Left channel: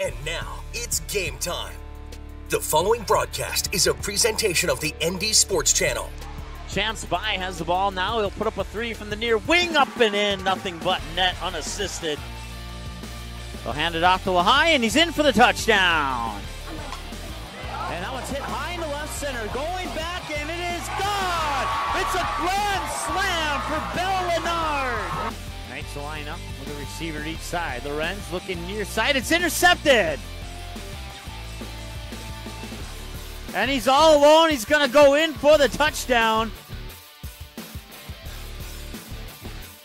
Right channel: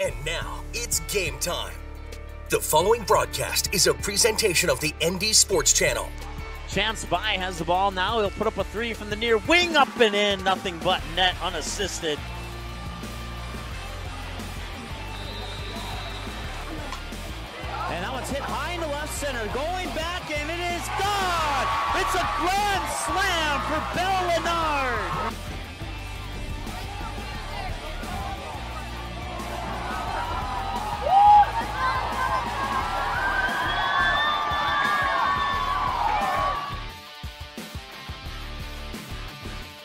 And now, it's game time. The following broadcast is a presentation of the ND Sports Channel. Chance By has the ball now. He'll put up a three from the near wing, up and in. Nothing but net, unassisted. He'll hand it off to Lehigh, and he's in for the touchdown. And that one's hit high in the left center. Going back, and it is gone. It's a grand slam for Bell Leonard. Makes the line up. The receiver each side. Lorenz looking near side. It's intercepted. And he's all alone. He's going to go in for the touchdown.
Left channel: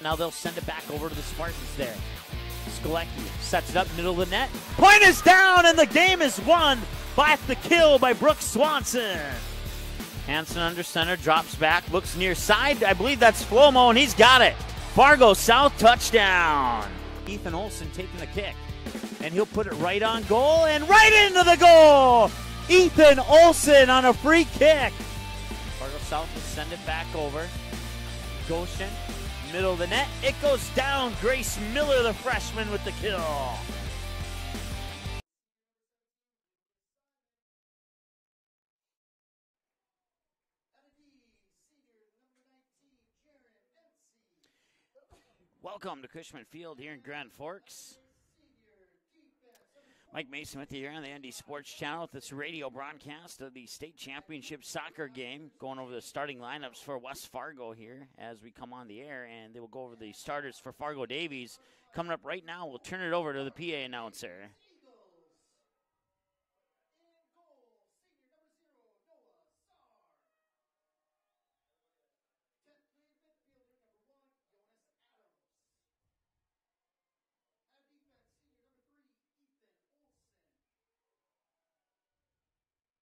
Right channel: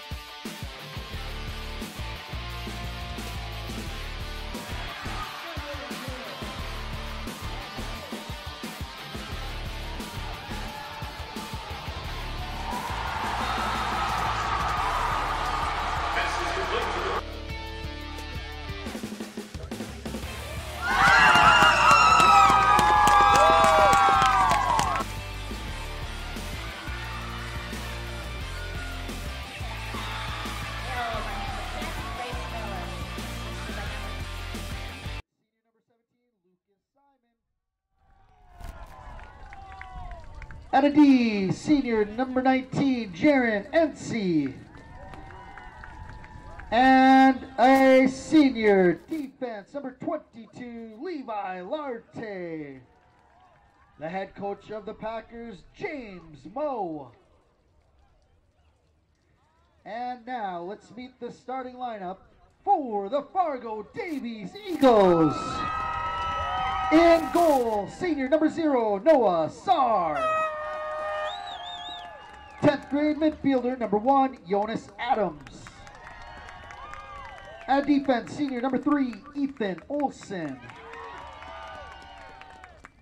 Now they'll send it back over to the Spartans there. Skolek sets it up middle of the net. Point is down, and the game is won by the kill by Brooks Swanson. Hansen under center, drops back, looks near side. I believe that's Flomo, and he's got it. Fargo South touchdown. Ethan Olson taking the kick. And he'll put it right on goal and right into the goal! Ethan Olson on a free kick. Fargo South will send it back over. Goshen, middle of the net. It goes down. Grace Miller, the freshman, with the kill. At a D, senior number 19, Jaron Ency. Welcome to Cushman Field. And a senior defense, number 22, Mike Mason with you here on the ND Sports Channel. This radio broadcast of the state championship soccer game. Going over the starting lineups for West Fargo here as we come on the air, and they will go over the starters for Fargo Davies. Coming up right now, we'll turn it over to the PA announcer. Davies Eagles. In goal, senior number 0, Noah Sarr. 10th grade midfielder, number 1, Jonas Adams. At defense, senior number 3, Ethan Olson.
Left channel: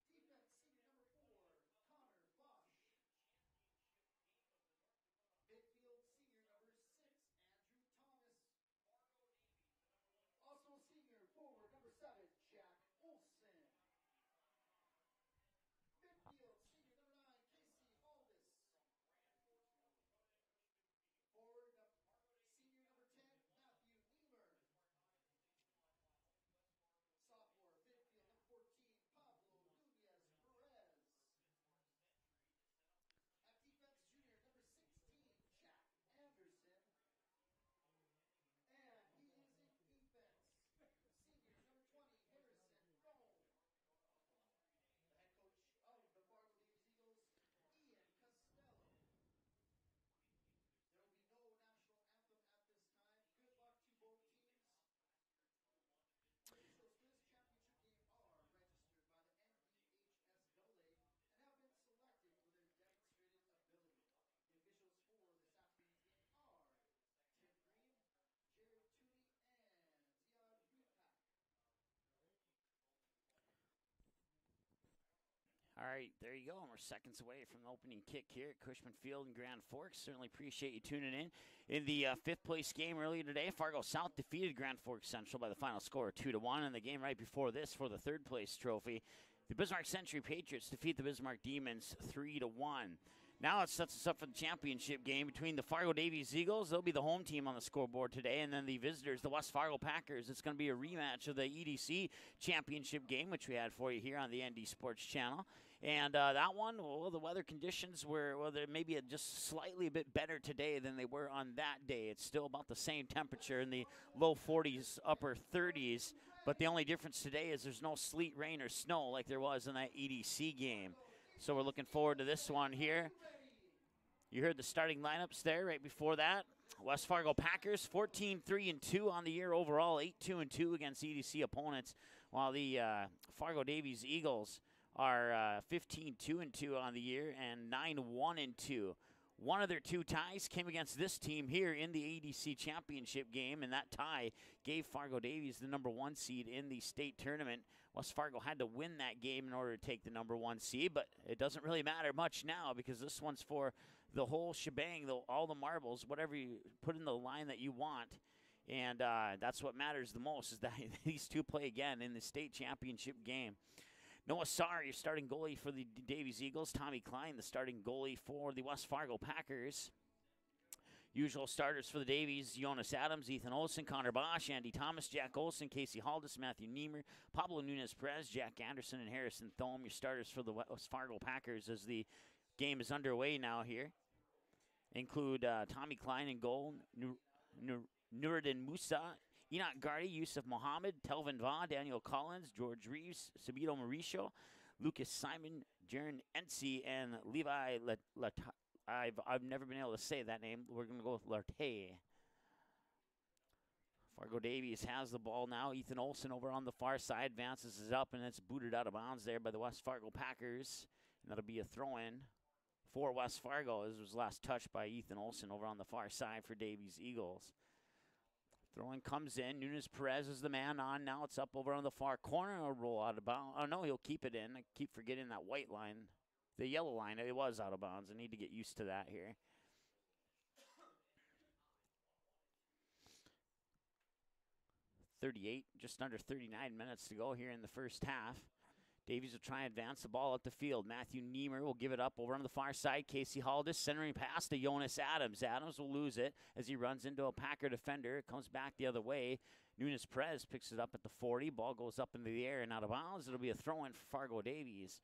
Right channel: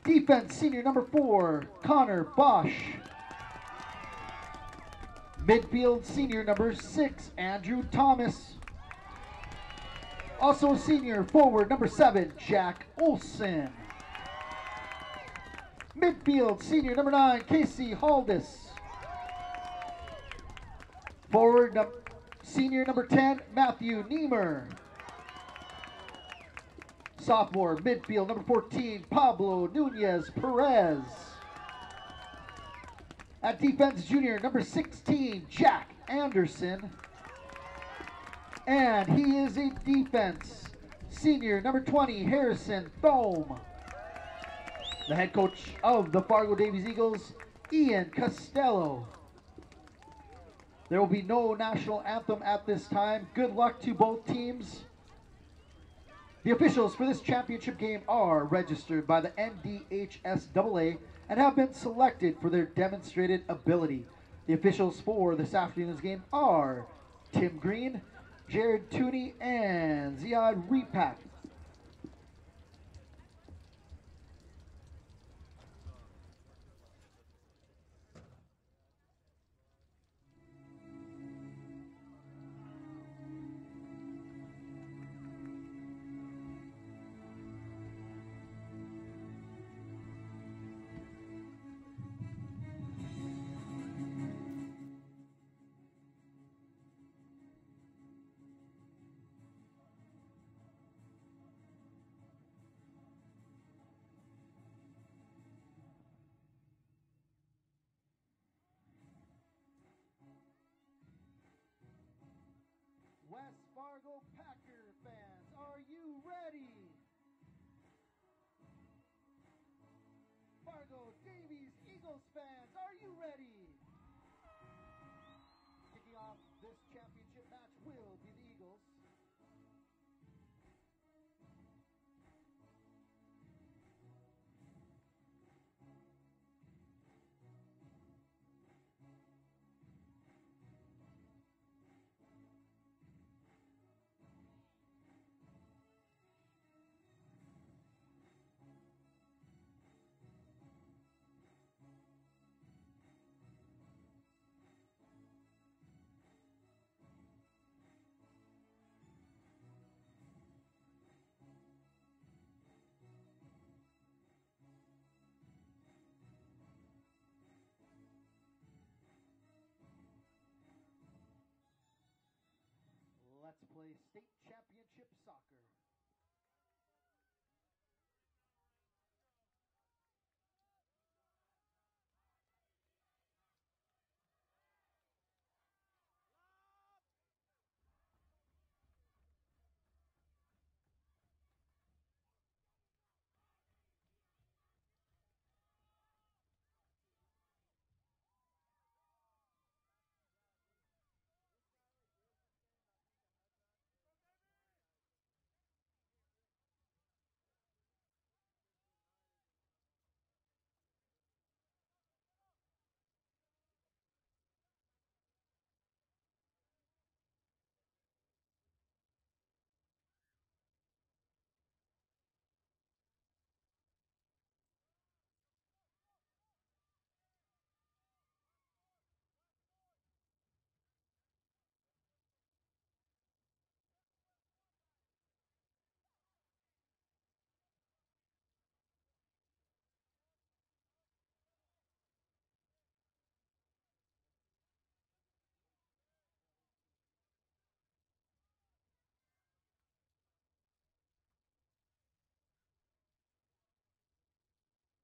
Defense, senior number 4, Connor Bosch. Midfield, senior number 6, Andrew Thomas. Also senior forward, number 7, Jack Olson. Midfield, senior number 9, Casey Haldis. Forward, senior number 10, Matthew Niemer. Sophomore, midfield, number 14, Pablo Nunez Perez. At defense, junior, number 16, Jack Anderson. And he is a defense, senior, number 20, Harrison Thome. The head coach of the Fargo Davies Eagles, Ian Costello. There will be no national anthem at this time. Good luck to both teams. The officials for this championship game are registered by the NDHSAA and have been selected for their demonstrated ability. The officials for this afternoon's game are Tim Green, Jared Tooney, and Ziad Repak. Cushman Field in Grand Forks. Certainly appreciate you tuning in. In the fifth place game earlier today, Fargo South defeated Grand Forks Central by the final score of 2-1. And the game right before this for the third place trophy, the Bismarck Century Patriots defeat the Bismarck Demons 3-1. Now it sets us up for the championship game between the Fargo Davies Eagles. They'll be the home team on the scoreboard today, and then the visitors, the West Fargo Packers. It's going to be a rematch of the EDC championship game, which we had for you here on the ND Sports Channel. And that one, well, the weather conditions were, well, they're maybe just slightly a bit better today than they were on that day. It's still about the same temperature in the low 40s, upper 30s. But the only difference today is there's no sleet, rain, or snow like there was in that EDC game. So we're looking forward to this one here. You heard the starting lineups there right before that. West Fargo Packers, 14-3-2 on the year overall, 8-2-2 against EDC opponents, while the Fargo Davies Eagles are 15-2-2 on the year and 9-1-2. One of their two ties came against this team here in the ADC championship game, and that tie gave Fargo Davies the number 1 seed in the state tournament. West Fargo had to win that game in order to take the number 1 seed, but it doesn't really matter much now because this one's for the whole shebang, all the marbles, whatever you put in the line that you want. And that's what matters the most, is that these two play again in the state championship game. Noah Sarr, your starting goalie for the Davies Eagles. Tommy Klein, the starting goalie for the West Fargo Packers. Usual starters for the Davies: Jonas Adams, Ethan Olson, Connor Bosch, Andy Thomas, Jack Olson, Casey Haldis, Matthew Niemer, Pablo Nunez-Perez, Jack Anderson, and Harrison Thome. Your starters for the West Fargo Packers as the game is underway now here include Tommy Klein in goal, Nuruddin Musa, Enoch Gardy, Yusuf Mohammed, Telvin Vaugh, Daniel Collins, George Reeves, Sabito Mauricio, Lucas Simon, Jaron Ensi, and Levi I've never been able to say that name. We're going to go with Larte. Fargo Davies has the ball now. Ethan Olson over on the far side advances it up, and it's booted out of bounds there by the West Fargo Packers. And that'll be a throw-in for West Fargo. This was last touched by Ethan Olson over on the far side for Davies Eagles. Throw-in comes in. Nunez-Perez is the man on. Now it's up over on the far corner. It'll roll out of bounds. Oh, no, he'll keep it in. I keep forgetting that white line. The yellow line, it was out of bounds. I need to get used to that here. Just under 39 minutes to go here in the first half. Davies will try and advance the ball up the field. Matthew Niemer will give it up over on the far side. Casey Haldis centering pass to Jonas Adams. Adams will lose it as he runs into a Packer defender. It comes back the other way. Nunez-Perez picks it up at the 40. Ball goes up into the air and out of bounds. It'll be a throw-in for Fargo Davies.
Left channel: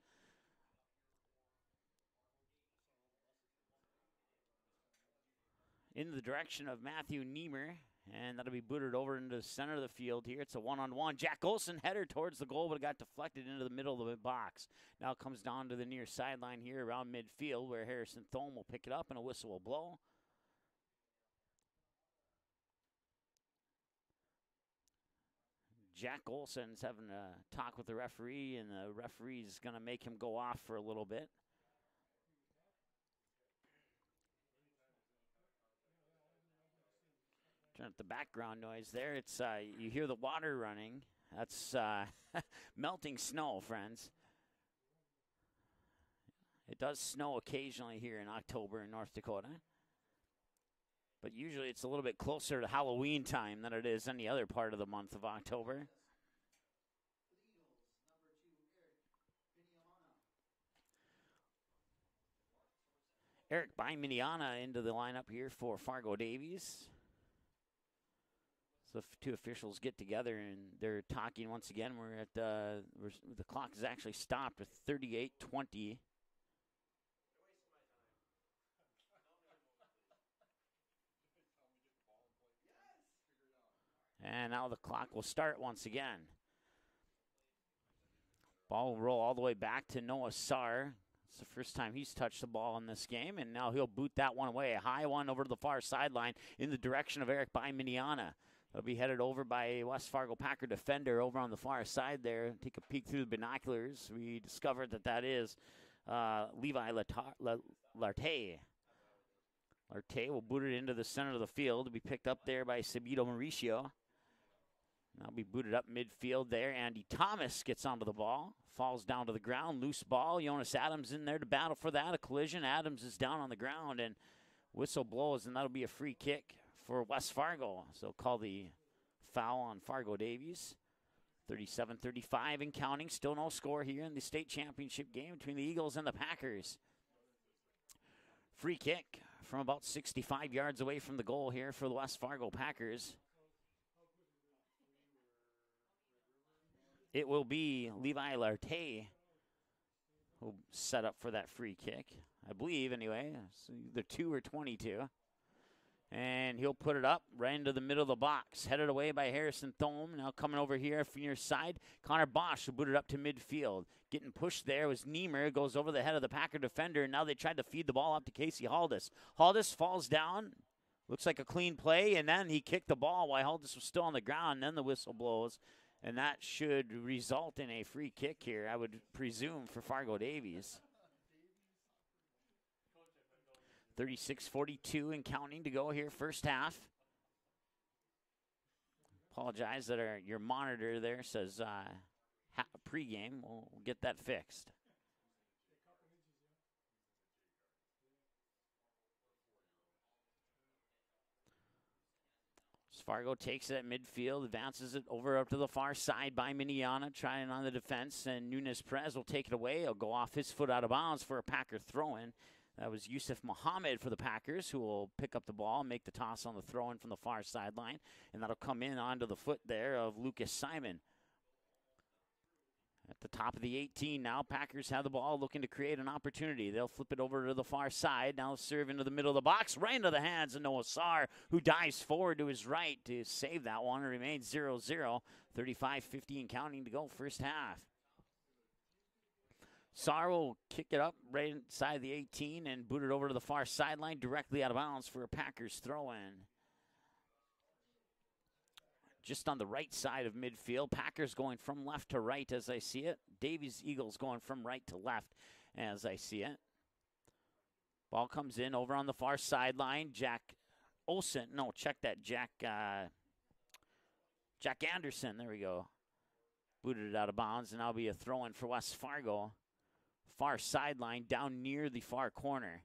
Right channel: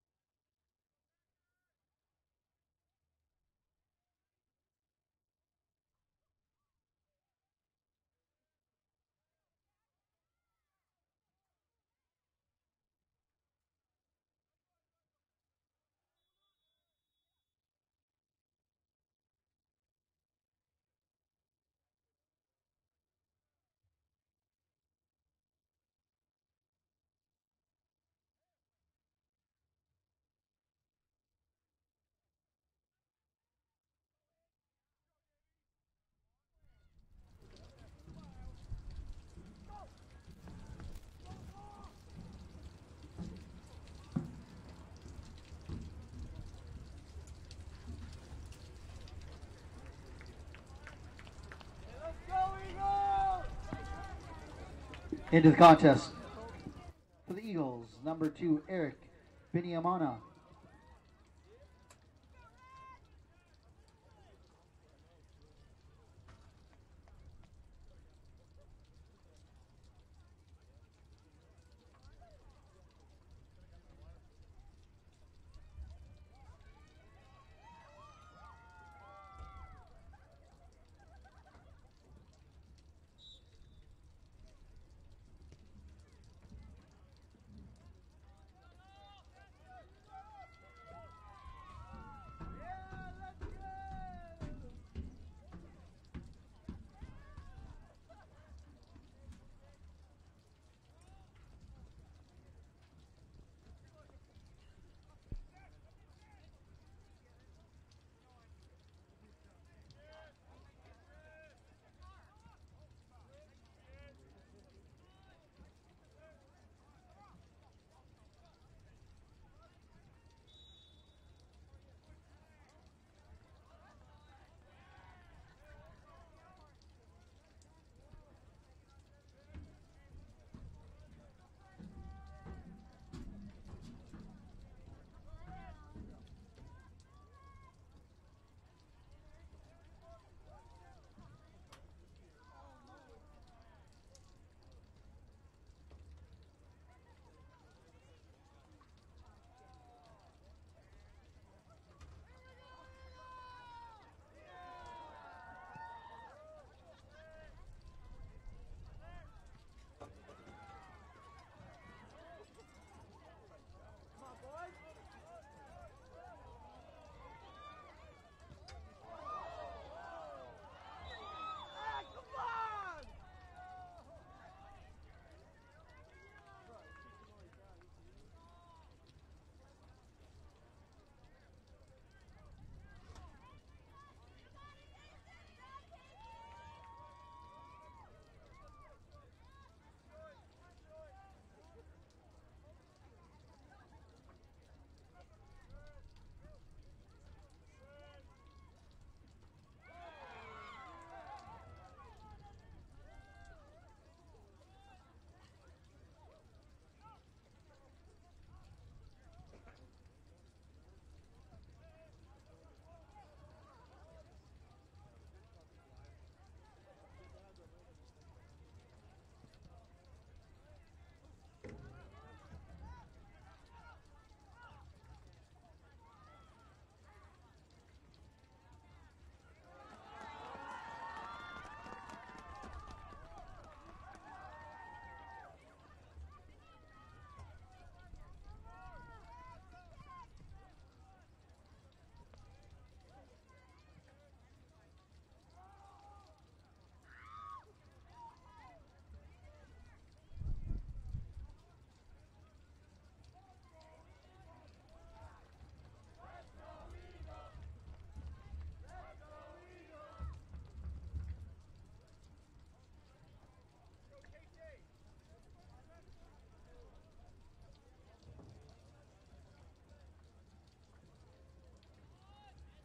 In the direction of Matthew Niemer, and that'll be booted over into the center of the field here. It's a one-on-one. Jack Olson header towards the goal, but it got deflected into the middle of the box. Now it comes down to the near sideline here around midfield where Harrison Thome will pick it up and a whistle will blow. Jack Olson's having a talk with the referee, and the referee's going to make him go off for a little bit. The background noise there, it's you hear the water running. That's melting snow, friends. It does snow occasionally here in October in North Dakota, but usually it's a little bit closer to Halloween time than it is any other part of the month of October. Into the contest for the Eagles, number 2, Eric Biniamana. Eric Biniamana into the lineup here for Fargo Davies. The two officials get together and they're talking once again. We're at the clock is actually stopped at 38:20. And now the clock will start once again. Ball will roll all the way back to Noah Sarr. It's the first time he's touched the ball in this game, and now he'll boot that one away. A high one over to the far sideline in the direction of Eric Biniamana. It'll be headed over by a West Fargo Packer defender over on the far side there. Take a peek through the binoculars. We discovered that is Levi Larte. Larte will boot it into the center of the field to be picked up there by Sabito Mauricio. That'll be booted up midfield there. Andy Thomas gets onto the ball. Falls down to the ground. Loose ball. Jonas Adams in there to battle for that. A collision. Adams is down on the ground, and whistle blows, and that'll be a free kick for West Fargo. So call the foul on Fargo Davies. 37-35 and counting. Still no score here in the state championship game between the Eagles and the Packers. Free kick from about 65 yards away from the goal here for the West Fargo Packers. It will be Levi Larte who will set up for that free kick, I believe, anyway. It's either 2 or 22. And he'll put it up right into the middle of the box. Headed away by Harrison Thome. Now coming over here from your side, Connor Bosch will boot it up to midfield. Getting pushed there was Niemer. Goes over the head of the Packer defender. And now they tried to feed the ball up to Casey Haldis. Haldis falls down. Looks like a clean play. And then he kicked the ball while Haldis was still on the ground. And then the whistle blows. And that should result in a free kick here, I would presume, for Fargo Davies. 36-42 and counting to go here first half. Apologize that your monitor there says pregame. We'll get that fixed. Fargo takes it at midfield, advances it over up to the far side by Biniamana, trying on the defense, and Nunez-Perez will take it away. He'll go off his foot out of bounds for a Packer throw-in. That was Yusuf Muhammad for the Packers, who will pick up the ball and make the toss on the throw-in from the far sideline. And that'll come in onto the foot there of Lucas Simon. At the top of the 18 now, Packers have the ball looking to create an opportunity. They'll flip it over to the far side. Now serve into the middle of the box, right into the hands of Noah Sarr, who dives forward to his right to save that one. It remains 0-0, 35-50 and counting to go first half. Sarr will kick it up right inside the 18 and boot it over to the far sideline, directly out of bounds for a Packers throw-in. Just on the right side of midfield, Packers going from left to right as I see it. Davies Eagles going from right to left as I see it. Ball comes in over on the far sideline. Jack Anderson, there we go. Booted it out of bounds, and that'll be a throw-in for West Fargo. Far sideline down near the far corner.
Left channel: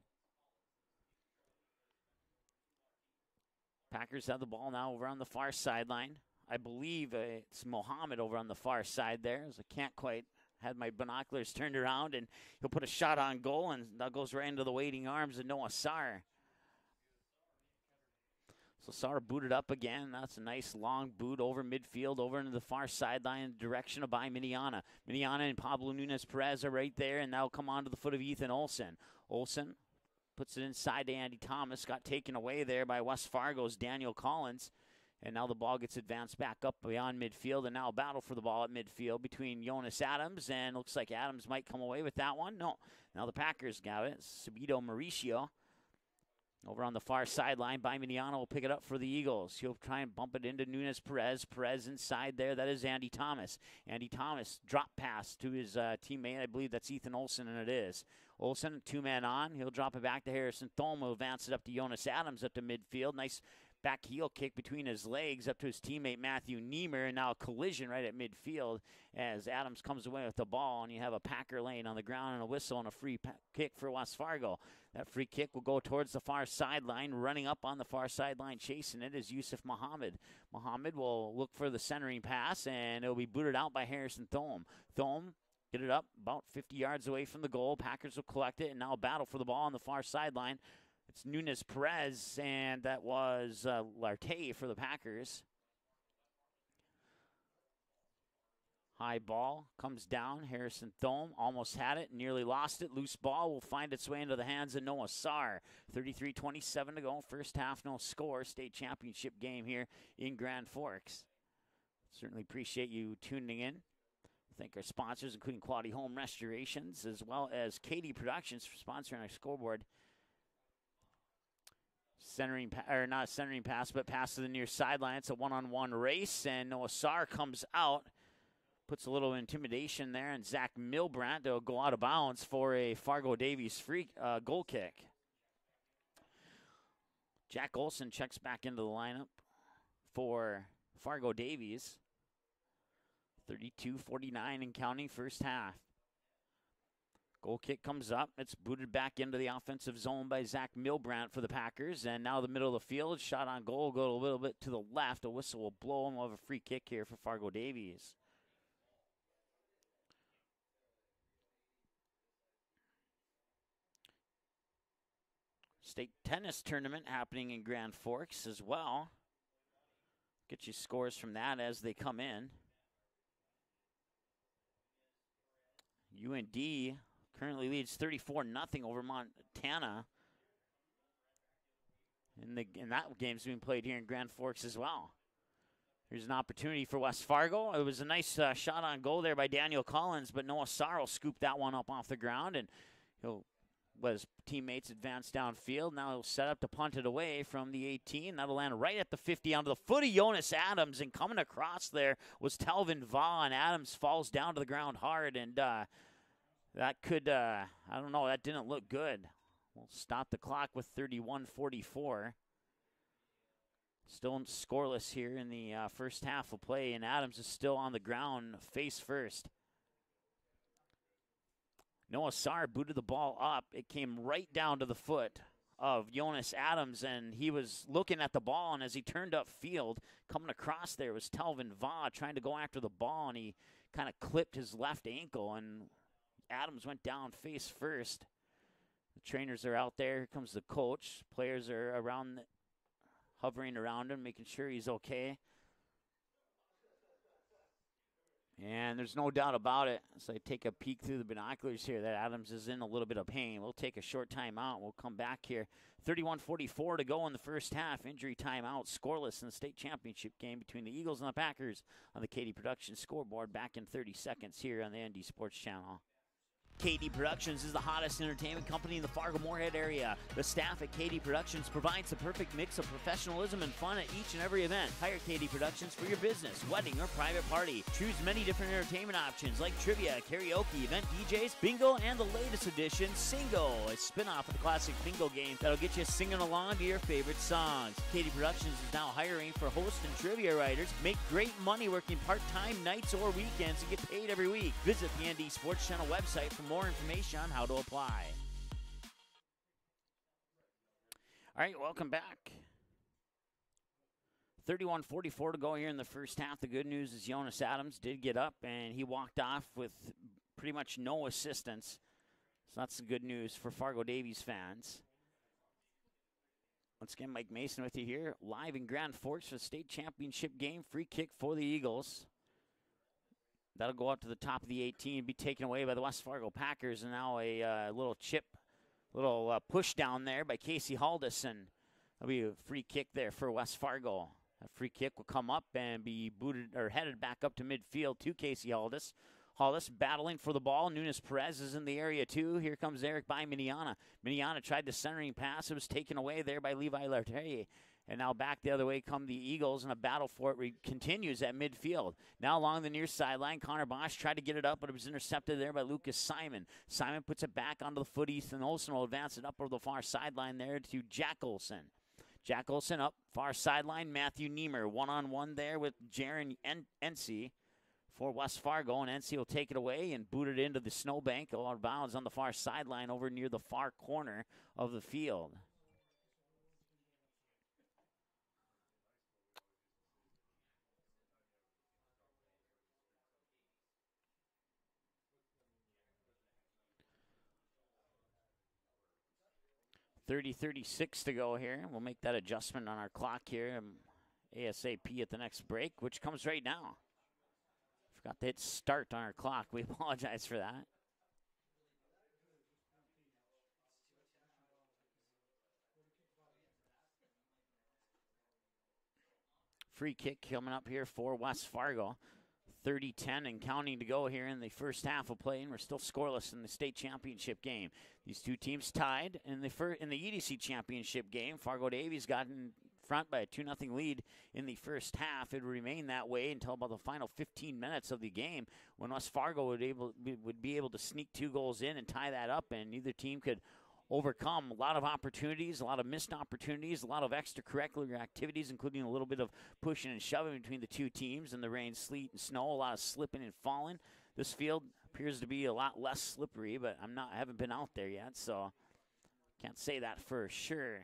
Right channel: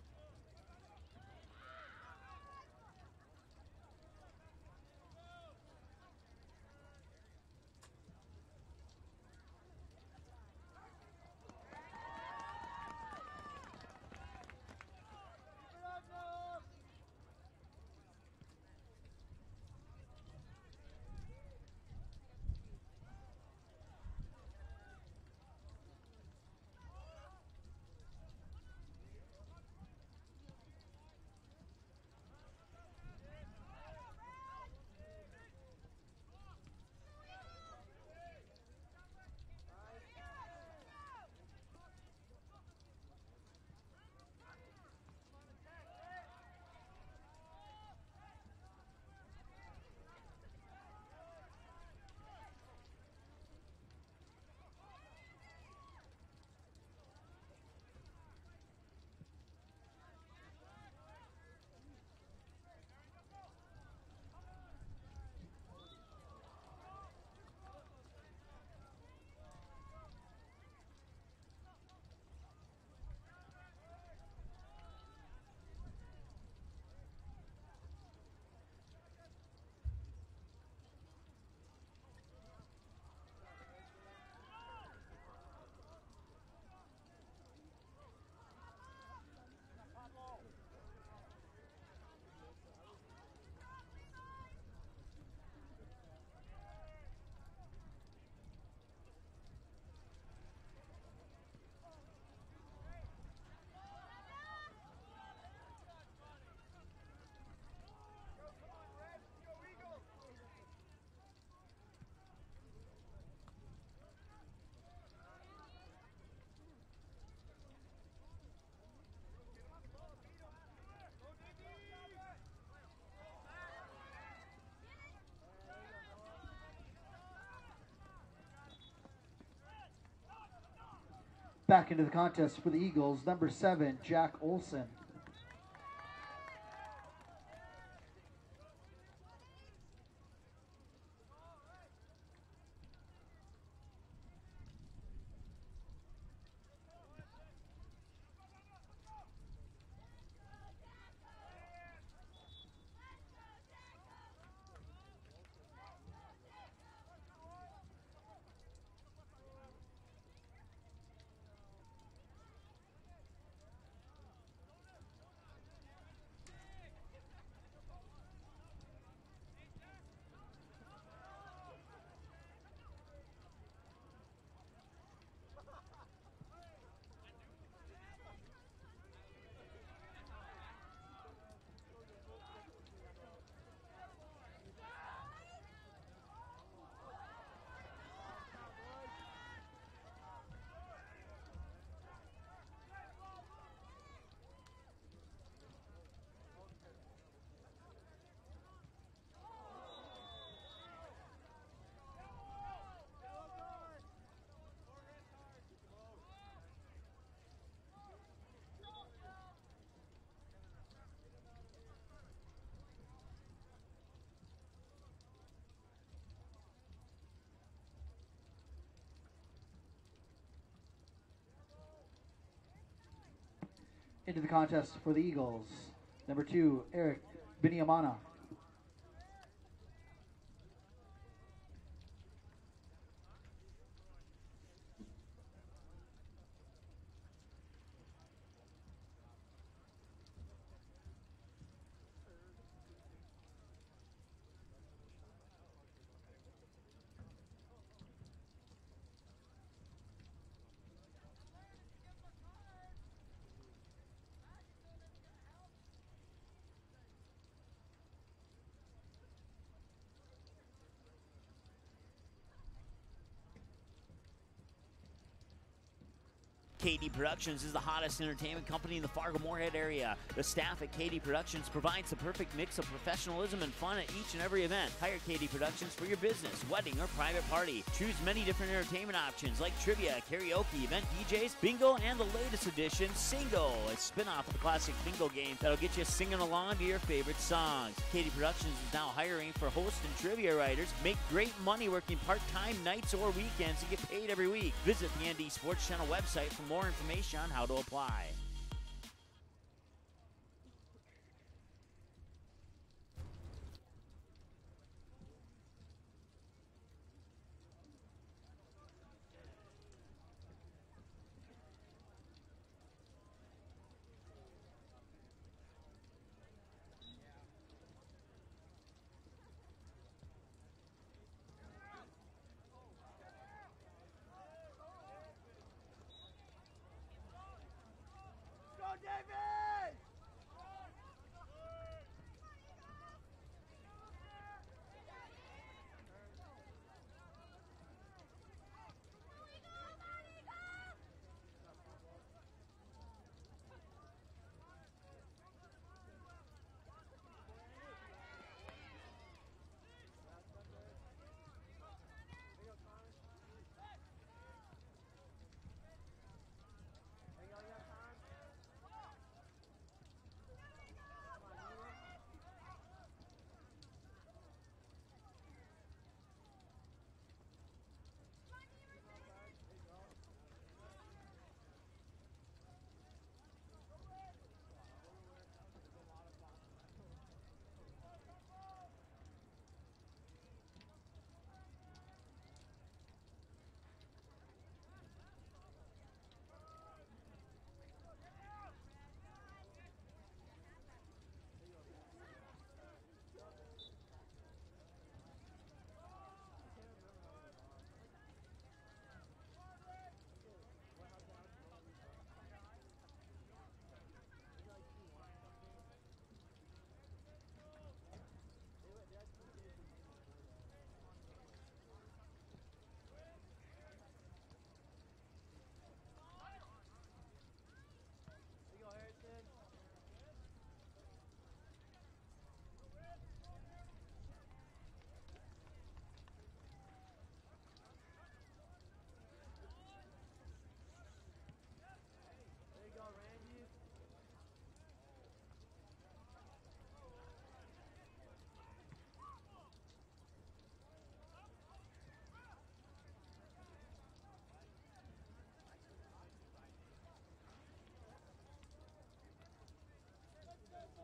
Packers have the ball now over on the far sideline. I believe it's Mohammed over on the far side there. So I can't quite have my binoculars turned around, and he'll put a shot on goal, and that goes right into the waiting arms of Noah Sarr. So Sarr booted up again. That's a nice long boot over midfield, over into the far sideline in the direction of by Miniana. Miniana and Pablo Nunez-Perez are right there, and now come on to the foot of Ethan Olsen. Olsen puts it inside to Andy Thomas. Got taken away there by West Fargo's Daniel Collins. And now the ball gets advanced back up beyond midfield, and now a battle for the ball at midfield between Jonas Adams, and looks like Adams might come away with that one. No, now the Packers got it. Subito Mauricio over on the far sideline. By Mediano will pick it up for the Eagles. He'll try and bump it into Nunez-Perez. Perez inside there. That is Andy Thomas. Andy Thomas drop pass to his teammate. I believe that's Ethan Olsen, and it is. Olsen, two-man on. He'll drop it back to Harrison Thome. Will advance it up to Jonas Adams up to midfield. Nice back heel kick between his legs up to his teammate Matthew Niemer, and now a collision right at midfield as Adams comes away with the ball, and you have a Packer lane on the ground and a whistle and a free kick for West Fargo. That free kick will go towards the far sideline. Running up on the far sideline, chasing it is Yusuf Muhammad. Muhammad will look for the centering pass, and it'll be booted out by Harrison Thome. Thome get it up about 50 yards away from the goal. Packers will collect it, and now battle for the ball on the far sideline. It's Nunez-Perez, and that was Lartey for the Packers. High ball comes down. Harrison Thome almost had it, nearly lost it. Loose ball will find its way into the hands of Noah Sarr. 33-27 to go. First half, no score. State championship game here in Grand Forks. Certainly appreciate you tuning in. Thank our sponsors, including Quality Home Restorations, as well as Katie Productions for sponsoring our scoreboard. Not centering pass, but pass to the near sideline. It's a one-on-one race, and Noah Sarr comes out. Puts a little intimidation there, and Zach Milbrandt will go out of bounds for a Fargo Davies free goal kick. Jack Olson checks back into the lineup for Fargo Davies. 32-49 and counting first half. Goal kick comes up. It's booted back into the offensive zone by Zach Milbrandt for the Packers. And now the middle of the field, shot on goal, go a little bit to the left. A whistle will blow, and we'll have a free kick here for Fargo Davies. State tennis tournament happening in Grand Forks as well. Get you scores from that as they come in. UND currently leads 34-0 over Montana. And that game's being played here in Grand Forks as well. Here's an opportunity for West Fargo. It was a nice shot on goal there by Daniel Collins, but Noah Sarr will scoop that one up off the ground, and he'll let his teammates advance downfield. Now he'll set up to punt it away from the 18. That'll land right at the 50 onto the foot of Jonas Adams, and coming across there was Telvin Vaugh, and Adams falls down to the ground hard, and that could, I don't know, that didn't look good. We'll stop the clock with 31-44. Still scoreless here in the first half of play, and Adams is still on the ground face first. Noah Sarr booted the ball up. It came right down to the foot of Jonas Adams, and he was looking at the ball, and as he turned upfield, coming across there was Telvin Vaugh trying to go after the ball, and he kind of clipped his left ankle, and Adams went down face first. Trainers are out there. Here comes the coach. Players are around, hovering around him, making sure he's okay. And there's no doubt about it. So I take a peek through the binoculars here that Adams is in a little bit of pain. We'll take a short timeout. We'll come back here. 31:44 to go in the first half. Injury timeout, scoreless in the state championship game between the Eagles and the Packers on the KD Productions scoreboard. Back in 30 seconds here on the ND Sports Channel. KD Productions is the hottest entertainment company in the Fargo-Moorhead area. The staff at KD Productions provides the perfect mix of professionalism and fun at each and every event. Hire KD Productions for your business, wedding, or private party. Choose many different entertainment options like trivia, karaoke, event DJs, bingo, and the latest edition, Singo, a spin-off of the classic bingo game that'll get you singing along to your favorite songs. KD Productions is now hiring for host and trivia writers. Make great money working part-time nights or weekends and get paid every week. Visit the ND Sports Channel website for more information on how to apply. All right, welcome back. 31:44 to go here in the first half. The good news is Jonas Adams did get up and he walked off with pretty much no assistance. So that's the good news for Fargo Davies fans. Once again, Mike Mason with you here, live in Grand Forks for the state championship game. Free kick for the Eagles. That'll go up to the top of the 18 and be taken away by the West Fargo Packers. And now a little chip, little push down there by Casey Haldison. That'll be a free kick there for West Fargo. A free kick will come up and be booted or headed back up to midfield to Casey Haldis. Haldis battling for the ball. Nunes Perez is in the area too. Here comes Eric by Miniana. Miniana tried the centering pass. It was taken away there by Levi Lartier. And now back the other way come the Eagles, and a battle for it continues at midfield. Now along the near sideline, Connor Bosch tried to get it up, but it was intercepted there by Lucas Simon. Simon puts it back onto the foot. Ethan Olsen will advance it up over the far sideline there to Jack Olsen. Jack Olsen up, far sideline, Matthew Niemer. One-on-one there with Jaron Ency for West Fargo, and Ency will take it away and boot it into the snowbank out of bounds on the far sideline over near the far corner of the field. .36 to go here. We'll make that adjustment on our clock here ASAP at the next break, which comes right now. Forgot to hit start on our clock. We apologize for that. Free kick coming up here for West Fargo. 30-10 and counting to go here in the first half of play, and we're still scoreless in the state championship game. These two teams tied in the EDC championship game. Fargo Davies got in front by a 2-0 lead in the first half. It would remain that way until about the final 15 minutes of the game, when West Fargo would be able to sneak 2 goals in and tie that up, and neither team could overcome. A lot of opportunities, a lot of missed opportunities, a lot of extracurricular activities, including a little bit of pushing and shoving between the two teams in the rain, sleet, and snow, a lot of slipping and falling. This field appears to be a lot less slippery, but I haven't been out there yet, so can't say that for sure.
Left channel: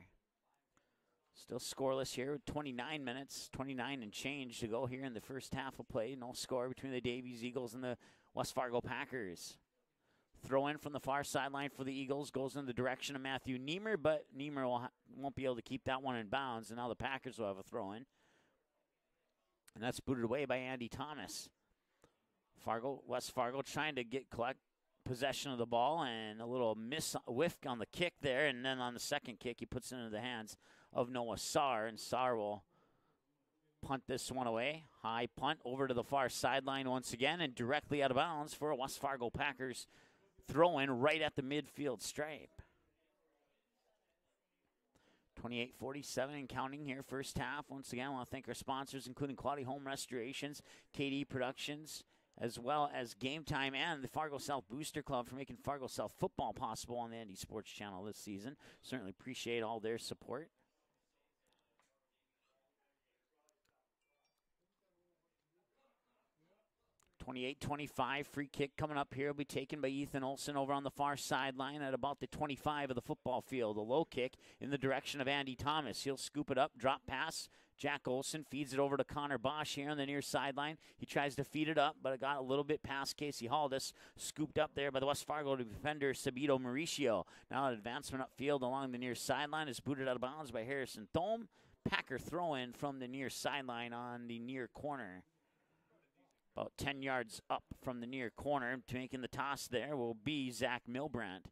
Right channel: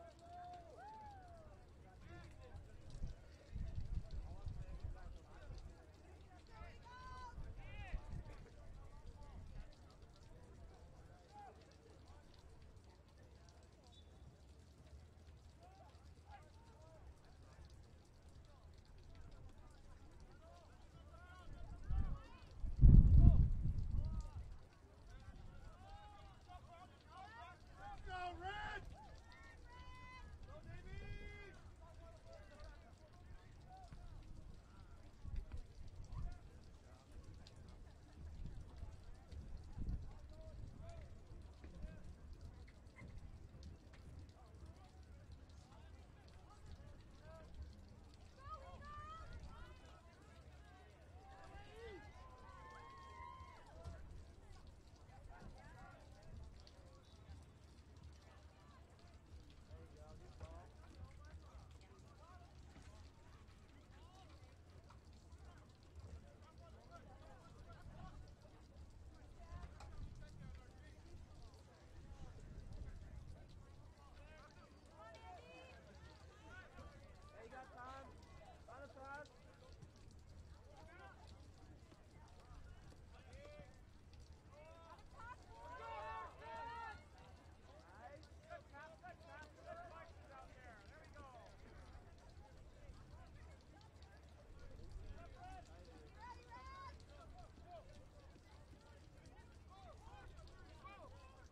Still scoreless here with 29 minutes, 29 and change to go here in the first half of play. No score between the Davies Eagles and the West Fargo Packers. Throw in from the far sideline for the Eagles goes in the direction of Matthew Niemer, but Niemer won't be able to keep that one in bounds, and now the Packers will have a throw in. And that's booted away by Andy Thomas. West Fargo trying to collect possession of the ball, and a little whiff on the kick there, and then on the second kick he puts it into the hands of Noah Saar, and Saar will punt this one away. High punt over to the far sideline once again, and directly out of bounds for a West Fargo Packers throw in right at the midfield stripe. 28:47 and counting here, first half. Once again, I want to thank our sponsors, including Quality Home Restorations, KD Productions, as well as Game Time and the Fargo South Booster Club for making Fargo South football possible on the ND Sports Channel this season. Certainly appreciate all their support. .28-25, free kick coming up here will be taken by Ethan Olsen over on the far sideline at about the 25 of the football field. A low kick in the direction of Andy Thomas. He'll scoop it up, drop pass, Jack Olson feeds it over to Connor Bosch here on the near sideline. He tries to feed it up, but it got a little bit past Casey Haldis. Scooped up there by the West Fargo defender, Sabito Mauricio. Now an advancement upfield along the near sideline is booted out of bounds by Harrison Thome. Packer throw in from the near sideline on the near corner. About 10 yards up from the near corner. Making the toss there will be Zach Milbrandt.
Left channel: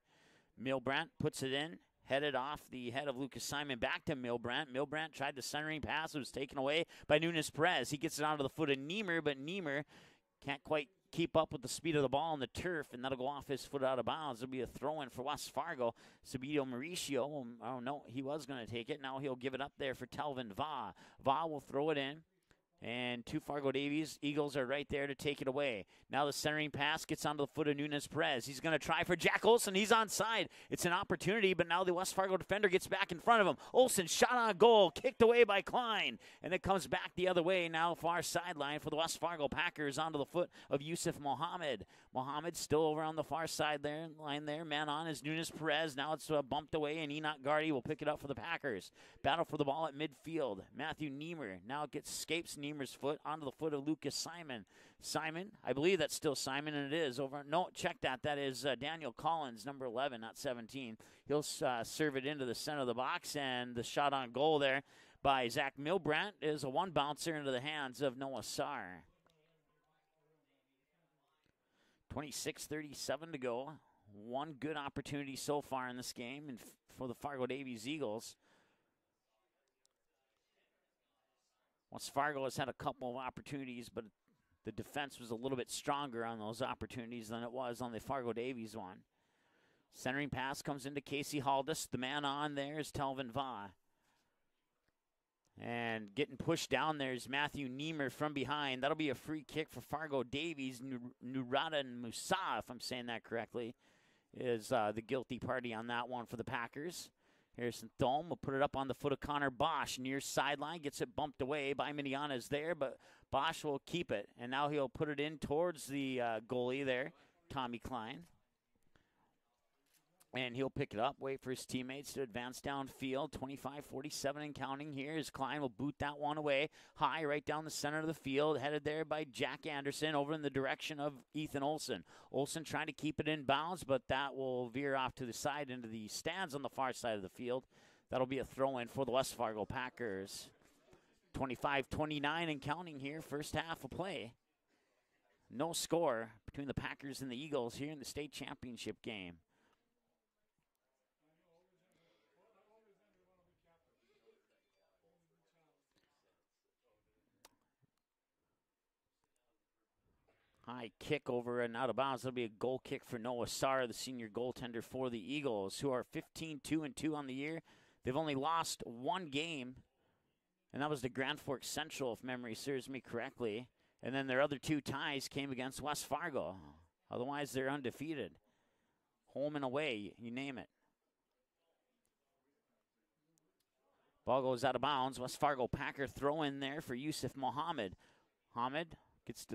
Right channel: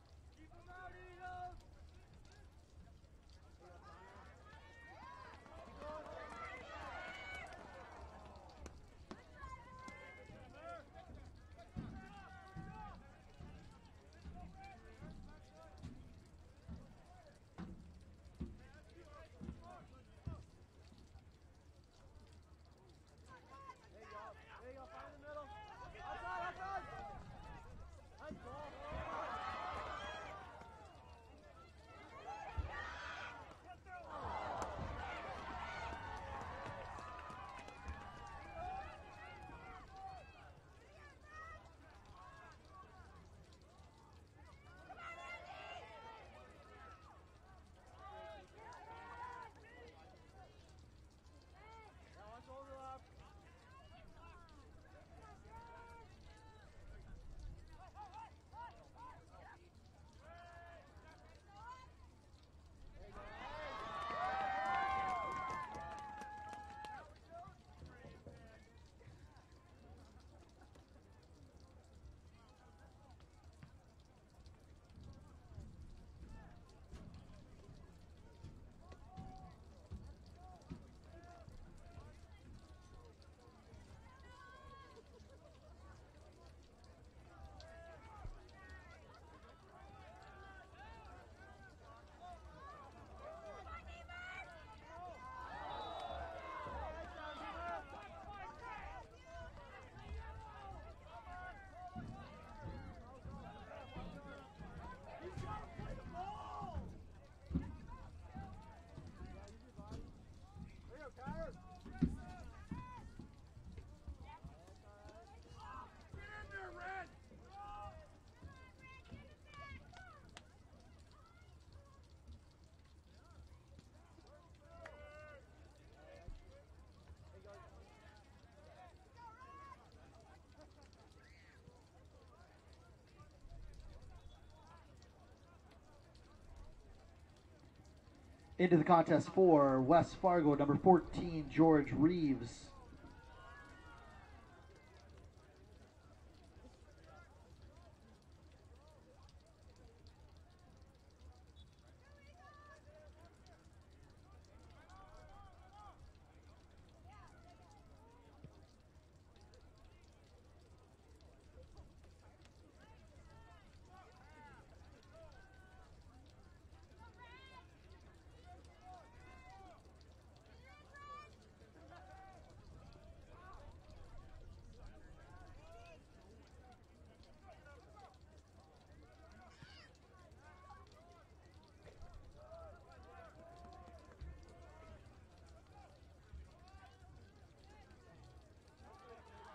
Milbrandt puts it in. Headed off the head of Lucas Simon back to Milbrandt. Milbrandt tried the centering pass. It was taken away by Nunes Perez. He gets it onto the foot of Niemer, but Niemer can't quite keep up with the speed of the ball on the turf, and that'll go off his foot out of bounds. It'll be a throw-in for West Fargo. Sabito Mauricio, oh no, he was going to take it. Now he'll give it up there for Telvin Va. Va will throw it in. And two Fargo Davies Eagles are right there to take it away. Now the centering pass gets onto the foot of Nunes Perez. He's going to try for Jack Olson. He's onside. It's an opportunity, but now the West Fargo defender gets back in front of him. Olson shot on goal, kicked away by Klein. And it comes back the other way now, far sideline for the West Fargo Packers onto the foot of Yusuf Mohammed. Mohammed still over on the far side there, line there. Man on is Nunes Perez. Now it's bumped away, and Enoch Gardy will pick it up for the Packers. Battle for the ball at midfield. Matthew Niemer now escapes Niemer's foot onto the foot of Lucas Simon. Simon, I believe that's still Simon, and it is over. No, check that. That is Daniel Collins, number 11, not 17. He'll serve it into the center of the box, and the shot on goal there by Zach Milbrandt is a one bouncer into the hands of Noah Sarr. 26:37 to go. One good opportunity so far in this game and for the Fargo Davies Eagles. West Fargo has had a couple of opportunities, but the defense was a little bit stronger on those opportunities than it was on the Fargo Davies one. Centering pass comes into Casey Haldis. The man on there is Telvin Vaughn. And getting pushed down there is Matthew Niemer from behind. That'll be a free kick for Fargo Davies. Nurada Musa, if I'm saying that correctly, is the guilty party on that one for the Packers. Harrison Thome will put it up on the foot of Connor Bosch. Near sideline, gets it bumped away by Mediana's there, but Bosch will keep it. And now he'll put it in towards the goalie there, Tommy Klein. And he'll pick it up, wait for his teammates to advance downfield. 25-47 and counting here as Klein will boot that one away. High right down the center of the field, headed there by Jack Anderson over in the direction of Ethan Olson. Olson trying to keep it in bounds, but that will veer off to the side into the stands on the far side of the field. That'll be a throw-in for the West Fargo Packers. West Fargo, number 14, 25-29 and counting here, first half of play. No score between the Packers and the Eagles here in the state championship game. High kick over and out of bounds. That'll be a goal kick for Noah Sarr, the senior goaltender for the Eagles, who are 15-2-2 on the year. They've only lost one game, and that was the Grand Forks Central, if memory serves me correctly. And then their other two ties came against West Fargo. Otherwise, they're undefeated. Home and away, you name it. Ball goes out of bounds. West Fargo Packer throw in there for Yusuf Mohammed. Mohammed gets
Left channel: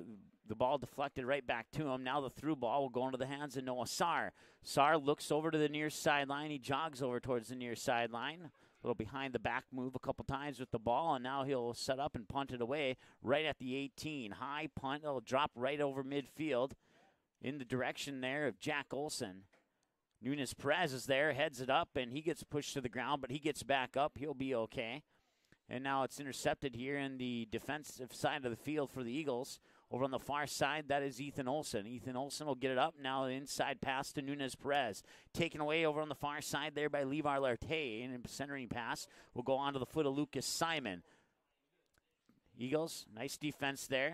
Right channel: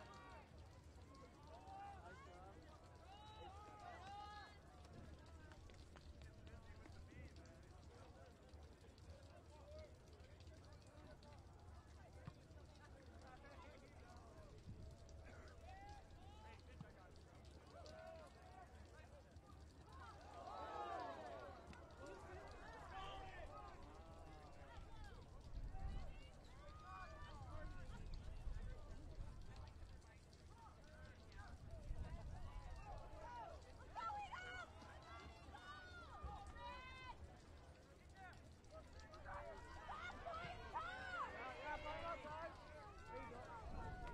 the ball deflected right back to him. Now the through ball will go into the hands of Noah Sarr. Sarr looks over to the near sideline. He jogs over towards the near sideline. A little behind the back move a couple times with the ball, and now he'll set up and punt it away right at the 18. High punt. It'll drop right over midfield in the direction there of Jack Olson. Nunes Perez is there, heads it up, and he gets pushed to the ground, but he gets back up. He'll be okay. And now it's intercepted here in the defensive side of the field for the Eagles. Over on the far side, that is Ethan Olson. Ethan Olson will get it up. Now the inside pass to Nunes Perez. Taken away over on the far side there by Levi Larte. And a centering pass will go onto the foot of Lucas Simon. Eagles, nice defense there.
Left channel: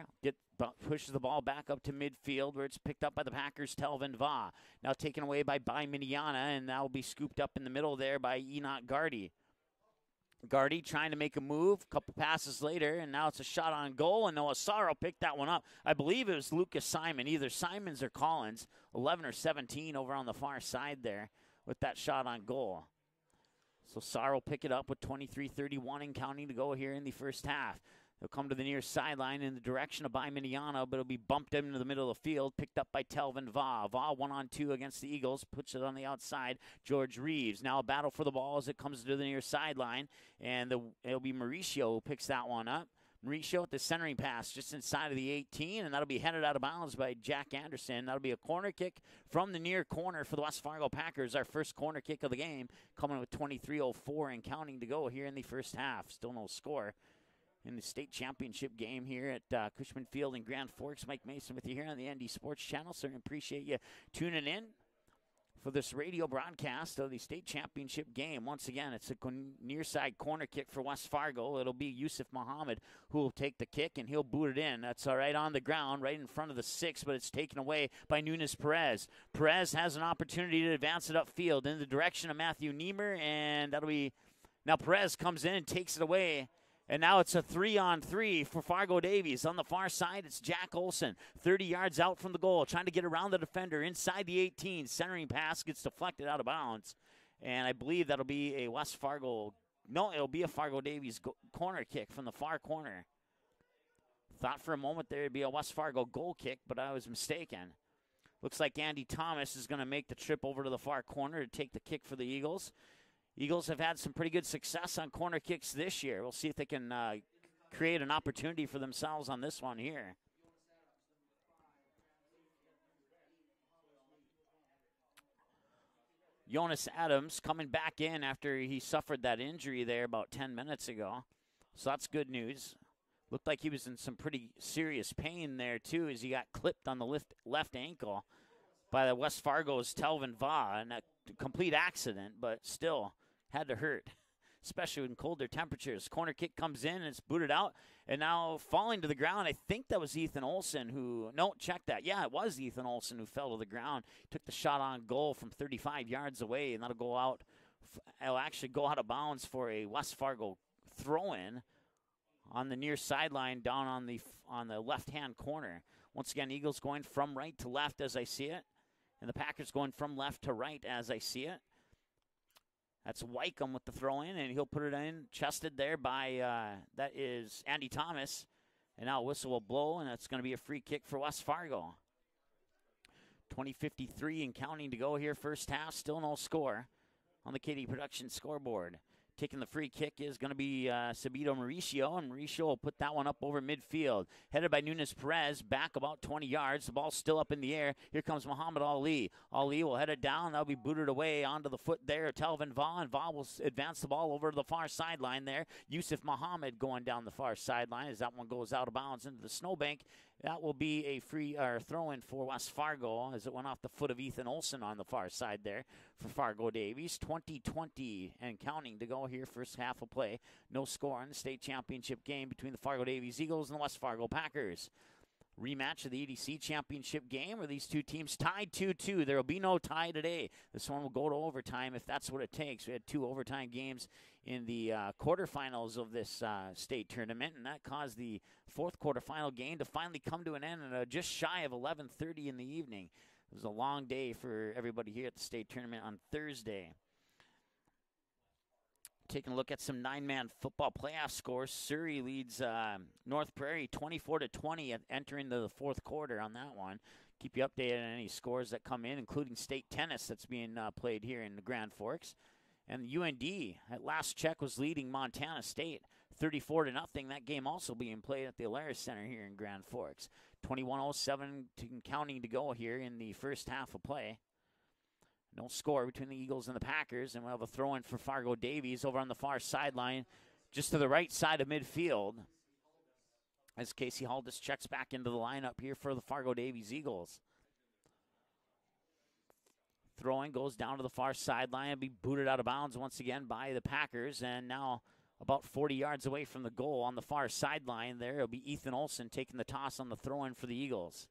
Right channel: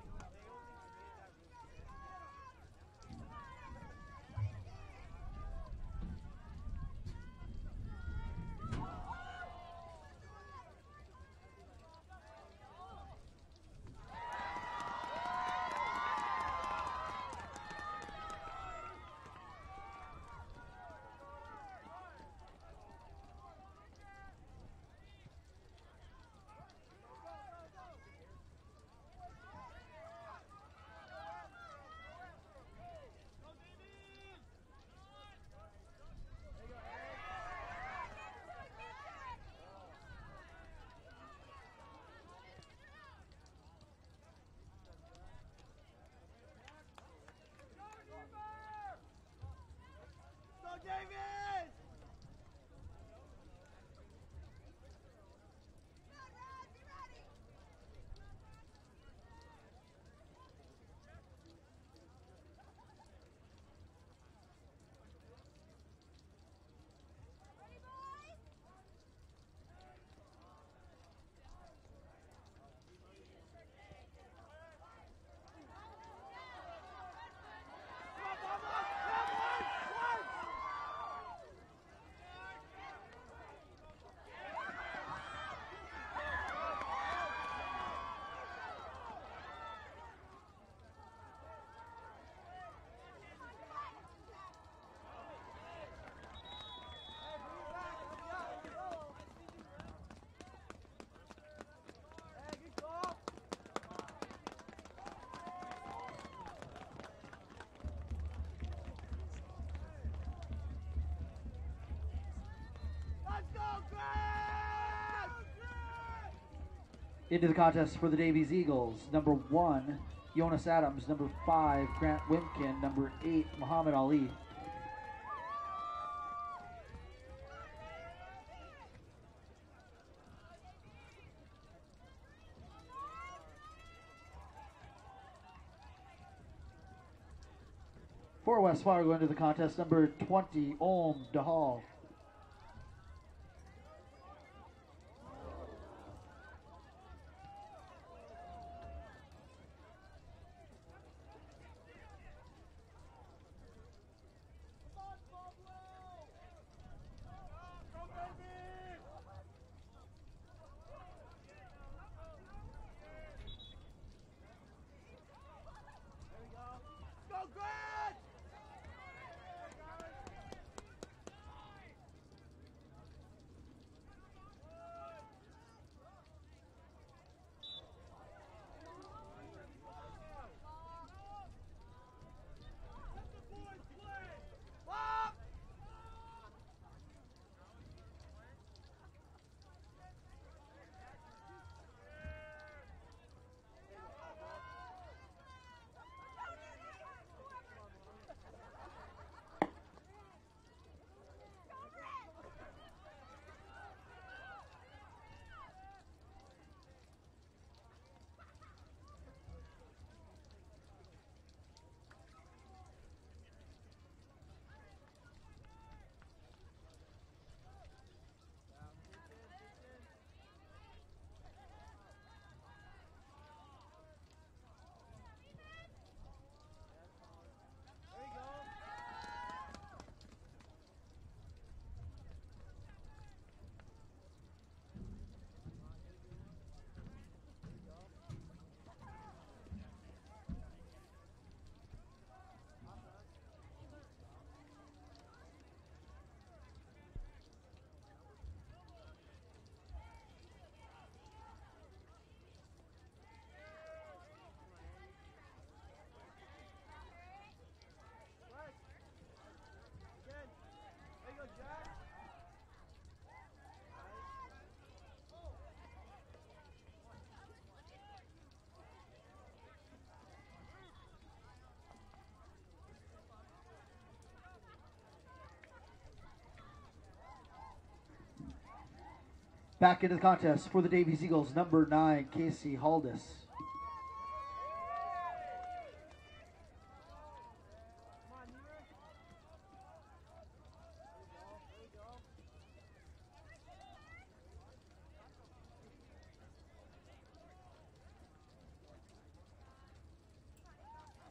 Pushes the ball back up to midfield where it's picked up by the Packers' Telvin Va. Now taken away by Miniana, and that will be scooped up in the middle there by Enoch Gardy. Gardy trying to make a move, a couple passes later, and now it's a shot on goal, and Noah Sarr picked that one up. I believe it was Lucas Simon, either Simons or Collins, 11 or 17 over on the far side there with that shot on goal. So Sarr will pick it up with 23-31 and counting to go here in the first half. He'll come to the near sideline in the direction of Miniano, but it'll be bumped into the middle of the field, picked up by Telvin Vaugh. Vaugh 1-on-2 against the Eagles, puts it on the outside. George Reeves now a battle for the ball as it comes to the near sideline, and it'll be Mauricio who picks that one up. Mauricio with the centering pass just inside of the 18, and that'll be headed out of bounds by Jack Anderson. That'll be a corner kick from the near corner for the West Fargo Packers, our first corner kick of the game, coming with 23:04 and counting to go here in the first half. Still no score in the state championship game here at Cushman Field in Grand Forks. Mike Mason with you here on the ND Sports Channel. Certainly appreciate you tuning in for this radio broadcast of the state championship game. Once again, it's a near side corner kick for West Fargo. It'll be Yusuf Muhammad who will take the kick, and he'll boot it in. That's all right on the ground, right in front of the 6, but it's taken away by Nunes Perez. Perez has an opportunity to advance it upfield in the direction of Matthew Niemer, and that'll be, now Perez comes in and takes it away. And now it's a 3-on-3 for Fargo Davies. On the far side, it's Jack Olson, 30 yards out from the goal, trying to get around the defender inside the 18. Centering pass gets deflected out of bounds. And I believe that'll be a West Fargo, no, it'll be a Fargo Davies corner kick from the far corner. Thought for a moment there'd be a West Fargo goal kick, but I was mistaken. Looks like Andy Thomas is going to make the trip over to the far corner to take the kick for the Eagles. Eagles have had some pretty good success on corner kicks this year. We'll see if they can into the contest create for an the Davies opportunity for Eagles. themselves Number on this 1, one here. Jonas Adams. Number 5, Grant Wimkin. Number 8, Muhammad Ali. Jonas Adams coming back in after he suffered that injury there about 10 minutes ago. So that's good news. Looked like he was in some pretty serious pain there, too, as he got clipped on the left ankle. For West Fargo, by West Fargo's Telvin Vaugh. Complete accident, but still had to hurt, especially in colder temperatures. Corner kick comes in, and it's booted out. And now falling to the ground, I think that was Ethan Olson who, no, check that. Yeah, it was Ethan Olson who fell to the ground. Took the shot on goal from 35 yards away, and that'll go out. It'll actually go out of bounds for a West Fargo throw-in on the near sideline down on the left-hand corner. Once again, Eagles going from right to left as I see it, and the Packers going from left to right as I see it. That's Wycombe with the throw-in, and he'll put it in, chested there by, that is Andy Thomas. And now a whistle will blow, and that's going to be a free kick for West Fargo. 20:53 and counting to go here first half, still no score on the KD Production scoreboard. Taking the free kick is going to be Sabito Mauricio, and Mauricio will put that one up over midfield. Headed by Nunes Perez, back about 20 yards. The ball's still up in the air. Here comes Muhammad Ali. Ali will head it down. That'll be booted away onto the foot there. Telvin Vaugh, and Vaugh will advance the ball over to the far sideline there. Yusuf Muhammad going down the far sideline as that one goes out of bounds into the snowbank. That will be a free throw-in for West Fargo as it went off the foot of Ethan Olson on the far side there for Fargo Davies. 20:20 and counting to go here first half of play. No score in the state championship game between the Fargo Davies Eagles and the West Fargo Packers. Rematch of the EDC championship game where these two teams tied 2-2. There will be no tie today. This one will go to overtime if that's what it takes. We had 2 overtime games in the quarterfinals of this state tournament, and that caused the 4th quarterfinal game to finally come to an end at just shy of 11:30 in the evening. It was a long day for everybody here at the state tournament on Thursday. Taking a look at some 9-man football playoff scores. Surrey leads North Prairie 24-20 entering the 4th quarter on that one. Keep you updated on any scores that come in, including state tennis that's being played here in the Grand Forks. And UND at last check was leading Montana State 34-0. That game also being played at the Alaris Center here in Grand Forks. 21:07 counting to go here in the first half of play. No score between the Eagles and the Packers, and we'll have a throw-in for Fargo Davies over on the far sideline. Back in the contest for just the to the Davies right Eagles, side of number 9, midfield. Casey Haldis. As Casey Haldis checks back into the lineup here for the Fargo Davies Eagles. Throwing goes down to the far sideline and be booted out of bounds once again by the Packers, and now about 40 yards away from the goal on the far sideline there, it'll be Ethan Olson taking the toss on the throw-in for the Eagles.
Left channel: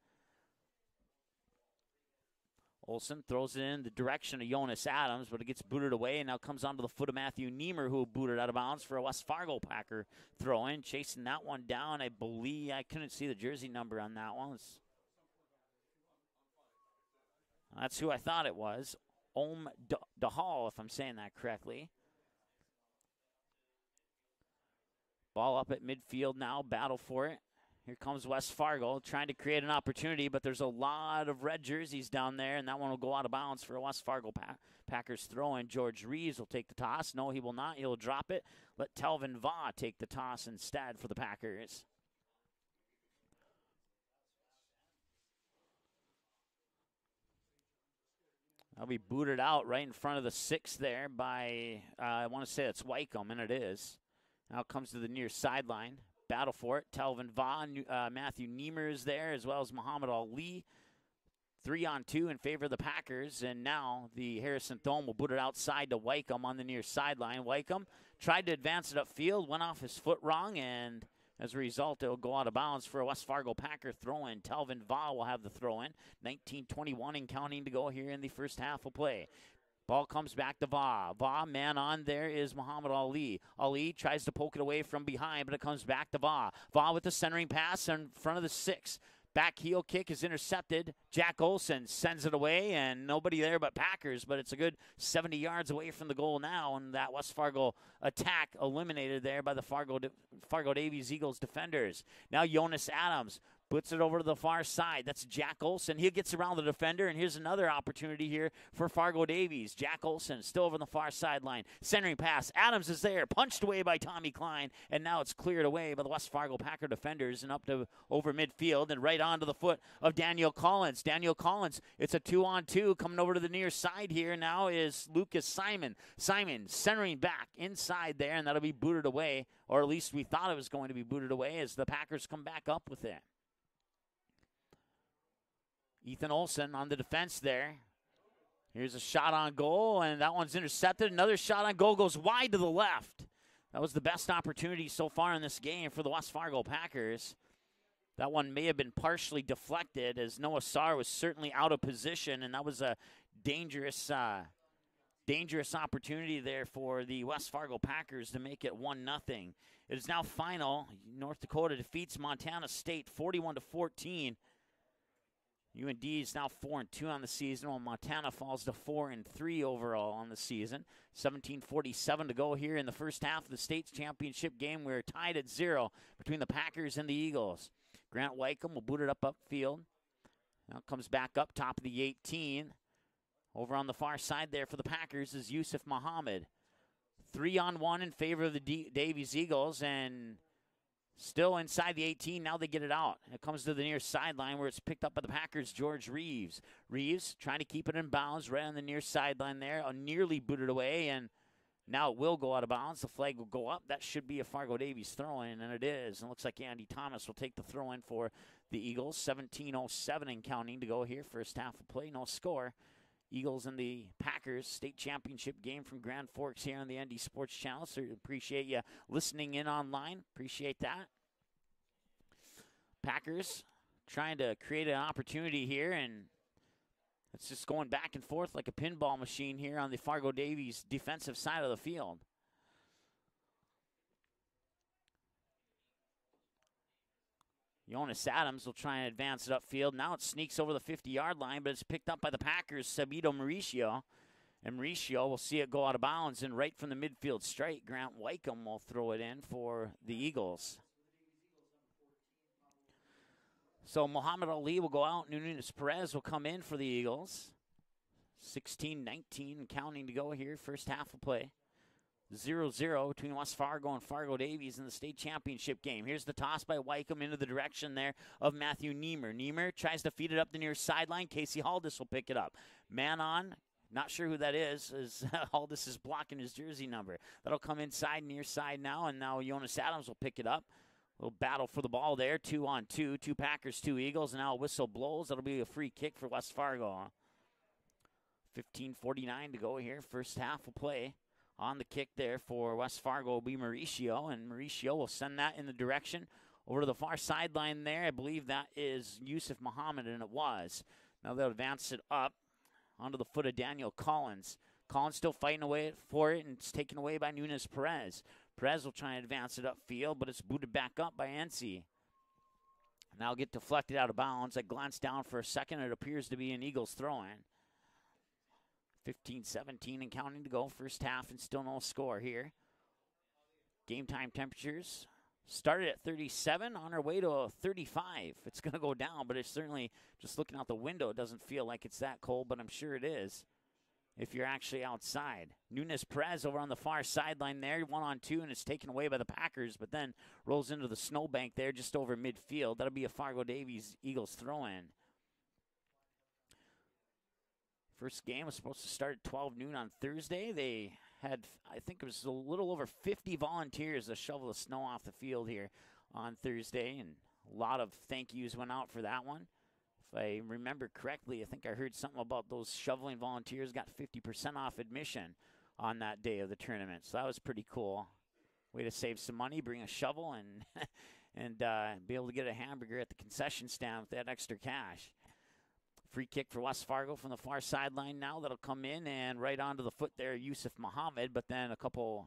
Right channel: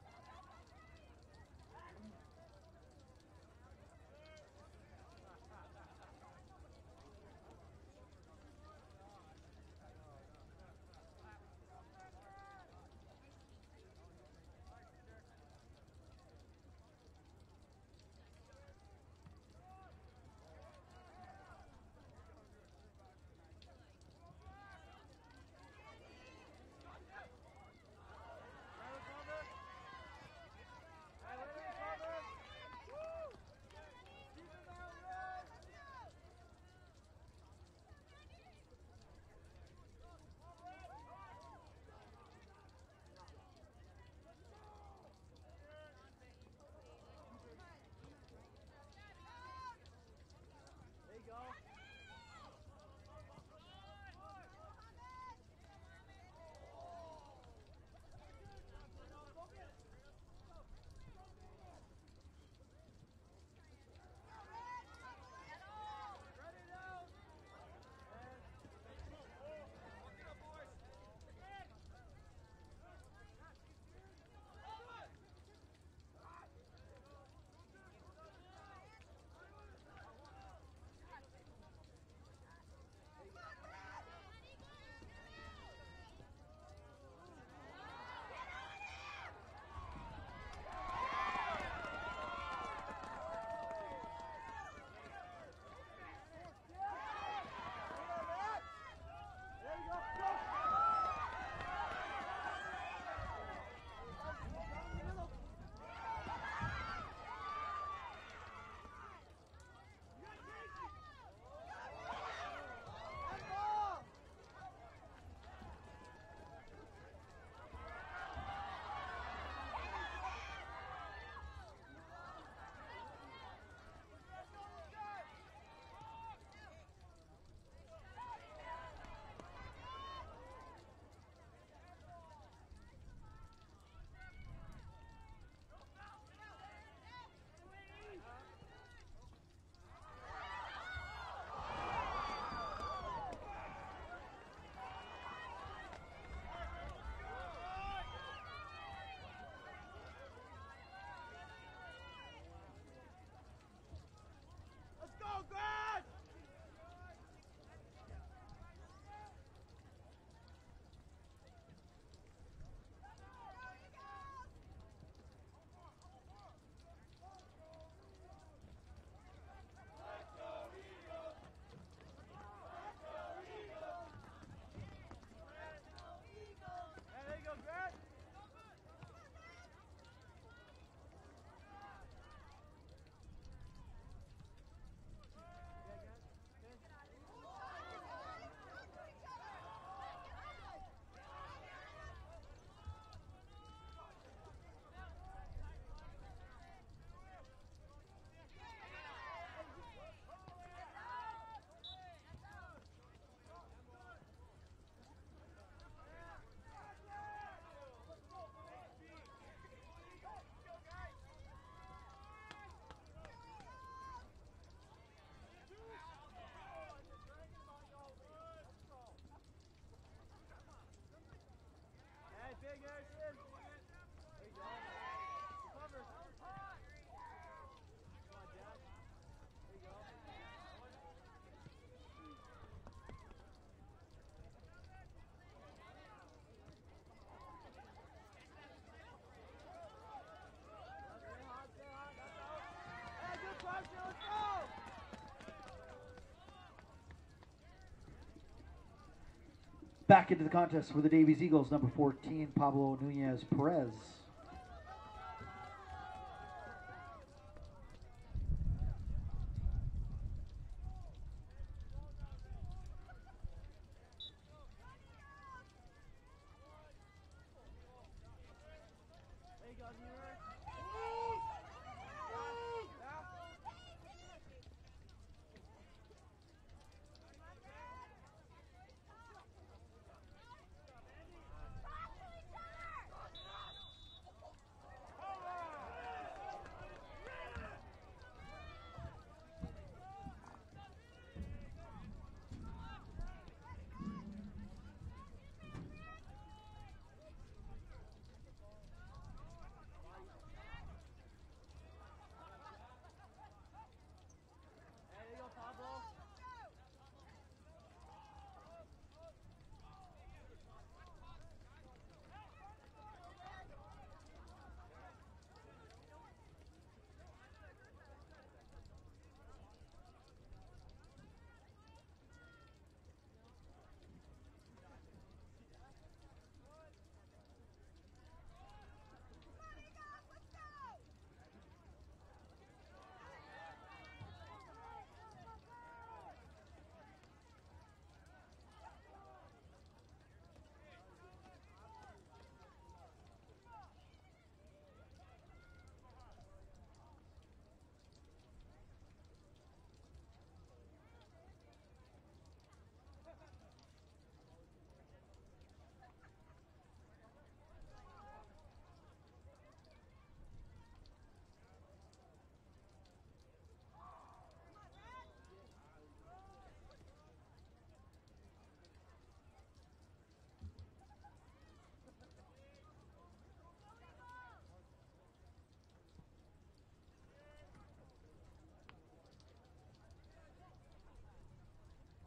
Olson throws it in the direction of Jonas Adams, but it gets booted away and now comes onto the foot of Matthew Niemer, who booted out of bounds for a West Fargo Packer throw-in. Chasing that one down, I believe, I couldn't see the jersey number on that one. That's who I thought it was. Dahal, if I'm saying that correctly. Ball up at midfield now, battle for it. Here comes West Fargo trying to create an opportunity, but there's a lot of red jerseys down there, and that one will go out of bounds for a West Fargo Packers throw-in. George Reeves will take the toss. No, he will not. He'll drop it. Let Telvin Vaugh take the toss instead for the Packers. I'll be booted out right in front of the 6 there by, I want to say that's Wycombe, and it is. Now comes to the near sideline. Battle for it. Telvin Vaugh, Matthew Niemer is there, as well as Muhammad Ali. 3-on-2 in favor of the Packers, and now the Harrison Thome will boot it outside to Wycombe on the near sideline. Wycombe tried to advance it upfield, went off his foot wrong, and as a result, it'll go out of bounds for a West Fargo Packer throw-in. Telvin Vaugh will have the throw-in. 19:21 and counting to go here in the first half of play. Ball comes back to Vaugh. Vaugh, man on there is Muhammad Ali. Ali tries to poke it away from behind, but it comes back to Vaugh. Vaugh with the centering pass in front of the 6. Back heel kick is intercepted. Jack Olson sends it away, and nobody there but Packers, but it's a good 70 yards away from the goal now, and that West Fargo attack eliminated there by the Fargo Davies Eagles defenders. Now Jonas Adams puts it over to the far side. That's Jack Olson. He gets around the defender, and here's another opportunity here for Fargo Davies. Jack Olson still over on the far sideline. Centering pass. Adams is there. Punched away by Tommy Klein, and now it's cleared away by the West Fargo Packer defenders and up to over midfield and right onto the foot of Daniel Collins. Daniel Collins, it's a 2-on-2 coming over to the near side here. Now is Lucas Simon. Simon centering back inside there, and that'll be booted away, or at least we thought it was going to be booted away as the Packers come back up with it. Ethan Olson on the defense there. Here's a shot on goal, and that one's intercepted. Another shot on goal goes wide to the left. That was the best opportunity so far in this game for the West Fargo Packers. That one may have been partially deflected as Noah Sarr was certainly out of position, and that was a dangerous opportunity there for the West Fargo Packers to make it 1-0. It is now final. North Dakota defeats Montana State 41-14. UND is now 4-2 on the season, while Montana falls to 4-3 overall on the season. 17:47 to go here in the first half of the state championship game. We're tied at 0 between the Packers and the Eagles. Grant Wycombe will boot it up upfield. Now comes back up top of the 18. Over on the far side there for the Packers is Yusuf Muhammad. 3-on-1 in favor of the Davies Eagles, and still inside the 18, now they get it out. It comes to the near sideline where it's picked up by the Packers' George Reeves. Reeves trying to keep it in bounds right on the near sideline there. Nearly booted away, and now it will go out of bounds. The flag will go up. That should be a Fargo Davies throw-in, and it is. And it looks like Andy Thomas will take the throw-in for the Eagles. 17:07 and counting to go here. First half of play, no score. Eagles and the Packers state championship game from Grand Forks here on the ND Sports Channel. So appreciate you listening in online. Appreciate that. Packers trying to create an opportunity here, and it's just going back and forth like a pinball machine here on the Fargo Davies defensive side of the field. Jonas Adams will try and advance it upfield. Now it sneaks over the 50-yard line, but it's picked up by the Packers' Sabito Mauricio. And Mauricio will see it go out of bounds, and right from the midfield straight, Grant Wycombe will throw it in for the Back Eagles. into the contest for the Davies Eagles, number 14, Pablo Nunez Perez. So Muhammad Ali will go out. Nunez Perez will come in for the Eagles. 16-19 counting to go here, first half of play. 0-0 between West Fargo and Fargo Davies in the state championship game. Here's the toss by Wycombe into the direction there of Matthew Niemer. Niemer tries to feed it up the near sideline. Casey Haldis will pick it up. Man on, not sure who that is, as Haldis is blocking his jersey number. That'll come inside, near side now, and now Jonas Adams will pick it up. Little battle for the ball there, 2-on-2, 2 Packers, 2 Eagles, and now a whistle blows. That'll be a free kick for West Fargo. 15:49 to go here, first half of play. On the kick there for West Fargo will be Mauricio, and Mauricio will send that in the direction over to the far sideline there. I believe that is Yusuf Muhammad, and it was. Now they'll advance it up onto the foot of Daniel Collins. Collins still fighting away for it, and it's taken away by Nunez Perez. Perez will try and advance it upfield, but it's booted back up by NC. Now get deflected out of bounds. I glanced down for a second. It appears to be an Eagles throw-in. 15-17 and counting to go, first half, and still no score here. Game time temperatures Started at 37, on our way to a 35. It's going to go down, but it's certainly, just looking out the window, it doesn't feel like it's that cold, but I'm sure it is if you're actually outside. Nunes Perez over on the far sideline there, 1-on-2, and it's taken away by the Packers, but then rolls into the snowbank there just over midfield. That'll be a Fargo Davies Eagles throw-in. First game was supposed to start at 12 noon on Thursday. They had, I think it was a little over 50 volunteers to shovel the snow off the field here on Thursday, and a lot of thank yous went out for that one. If I remember correctly, I think I heard something about those shoveling volunteers got 50% off admission on that day of the tournament, so that was pretty cool. Way to save some money, bring a shovel, and and be able to get a hamburger at the concession stand with that extra cash. Free kick for West Fargo from the far sideline now. That'll come in and right onto the foot there, Yusuf Muhammad, but then a couple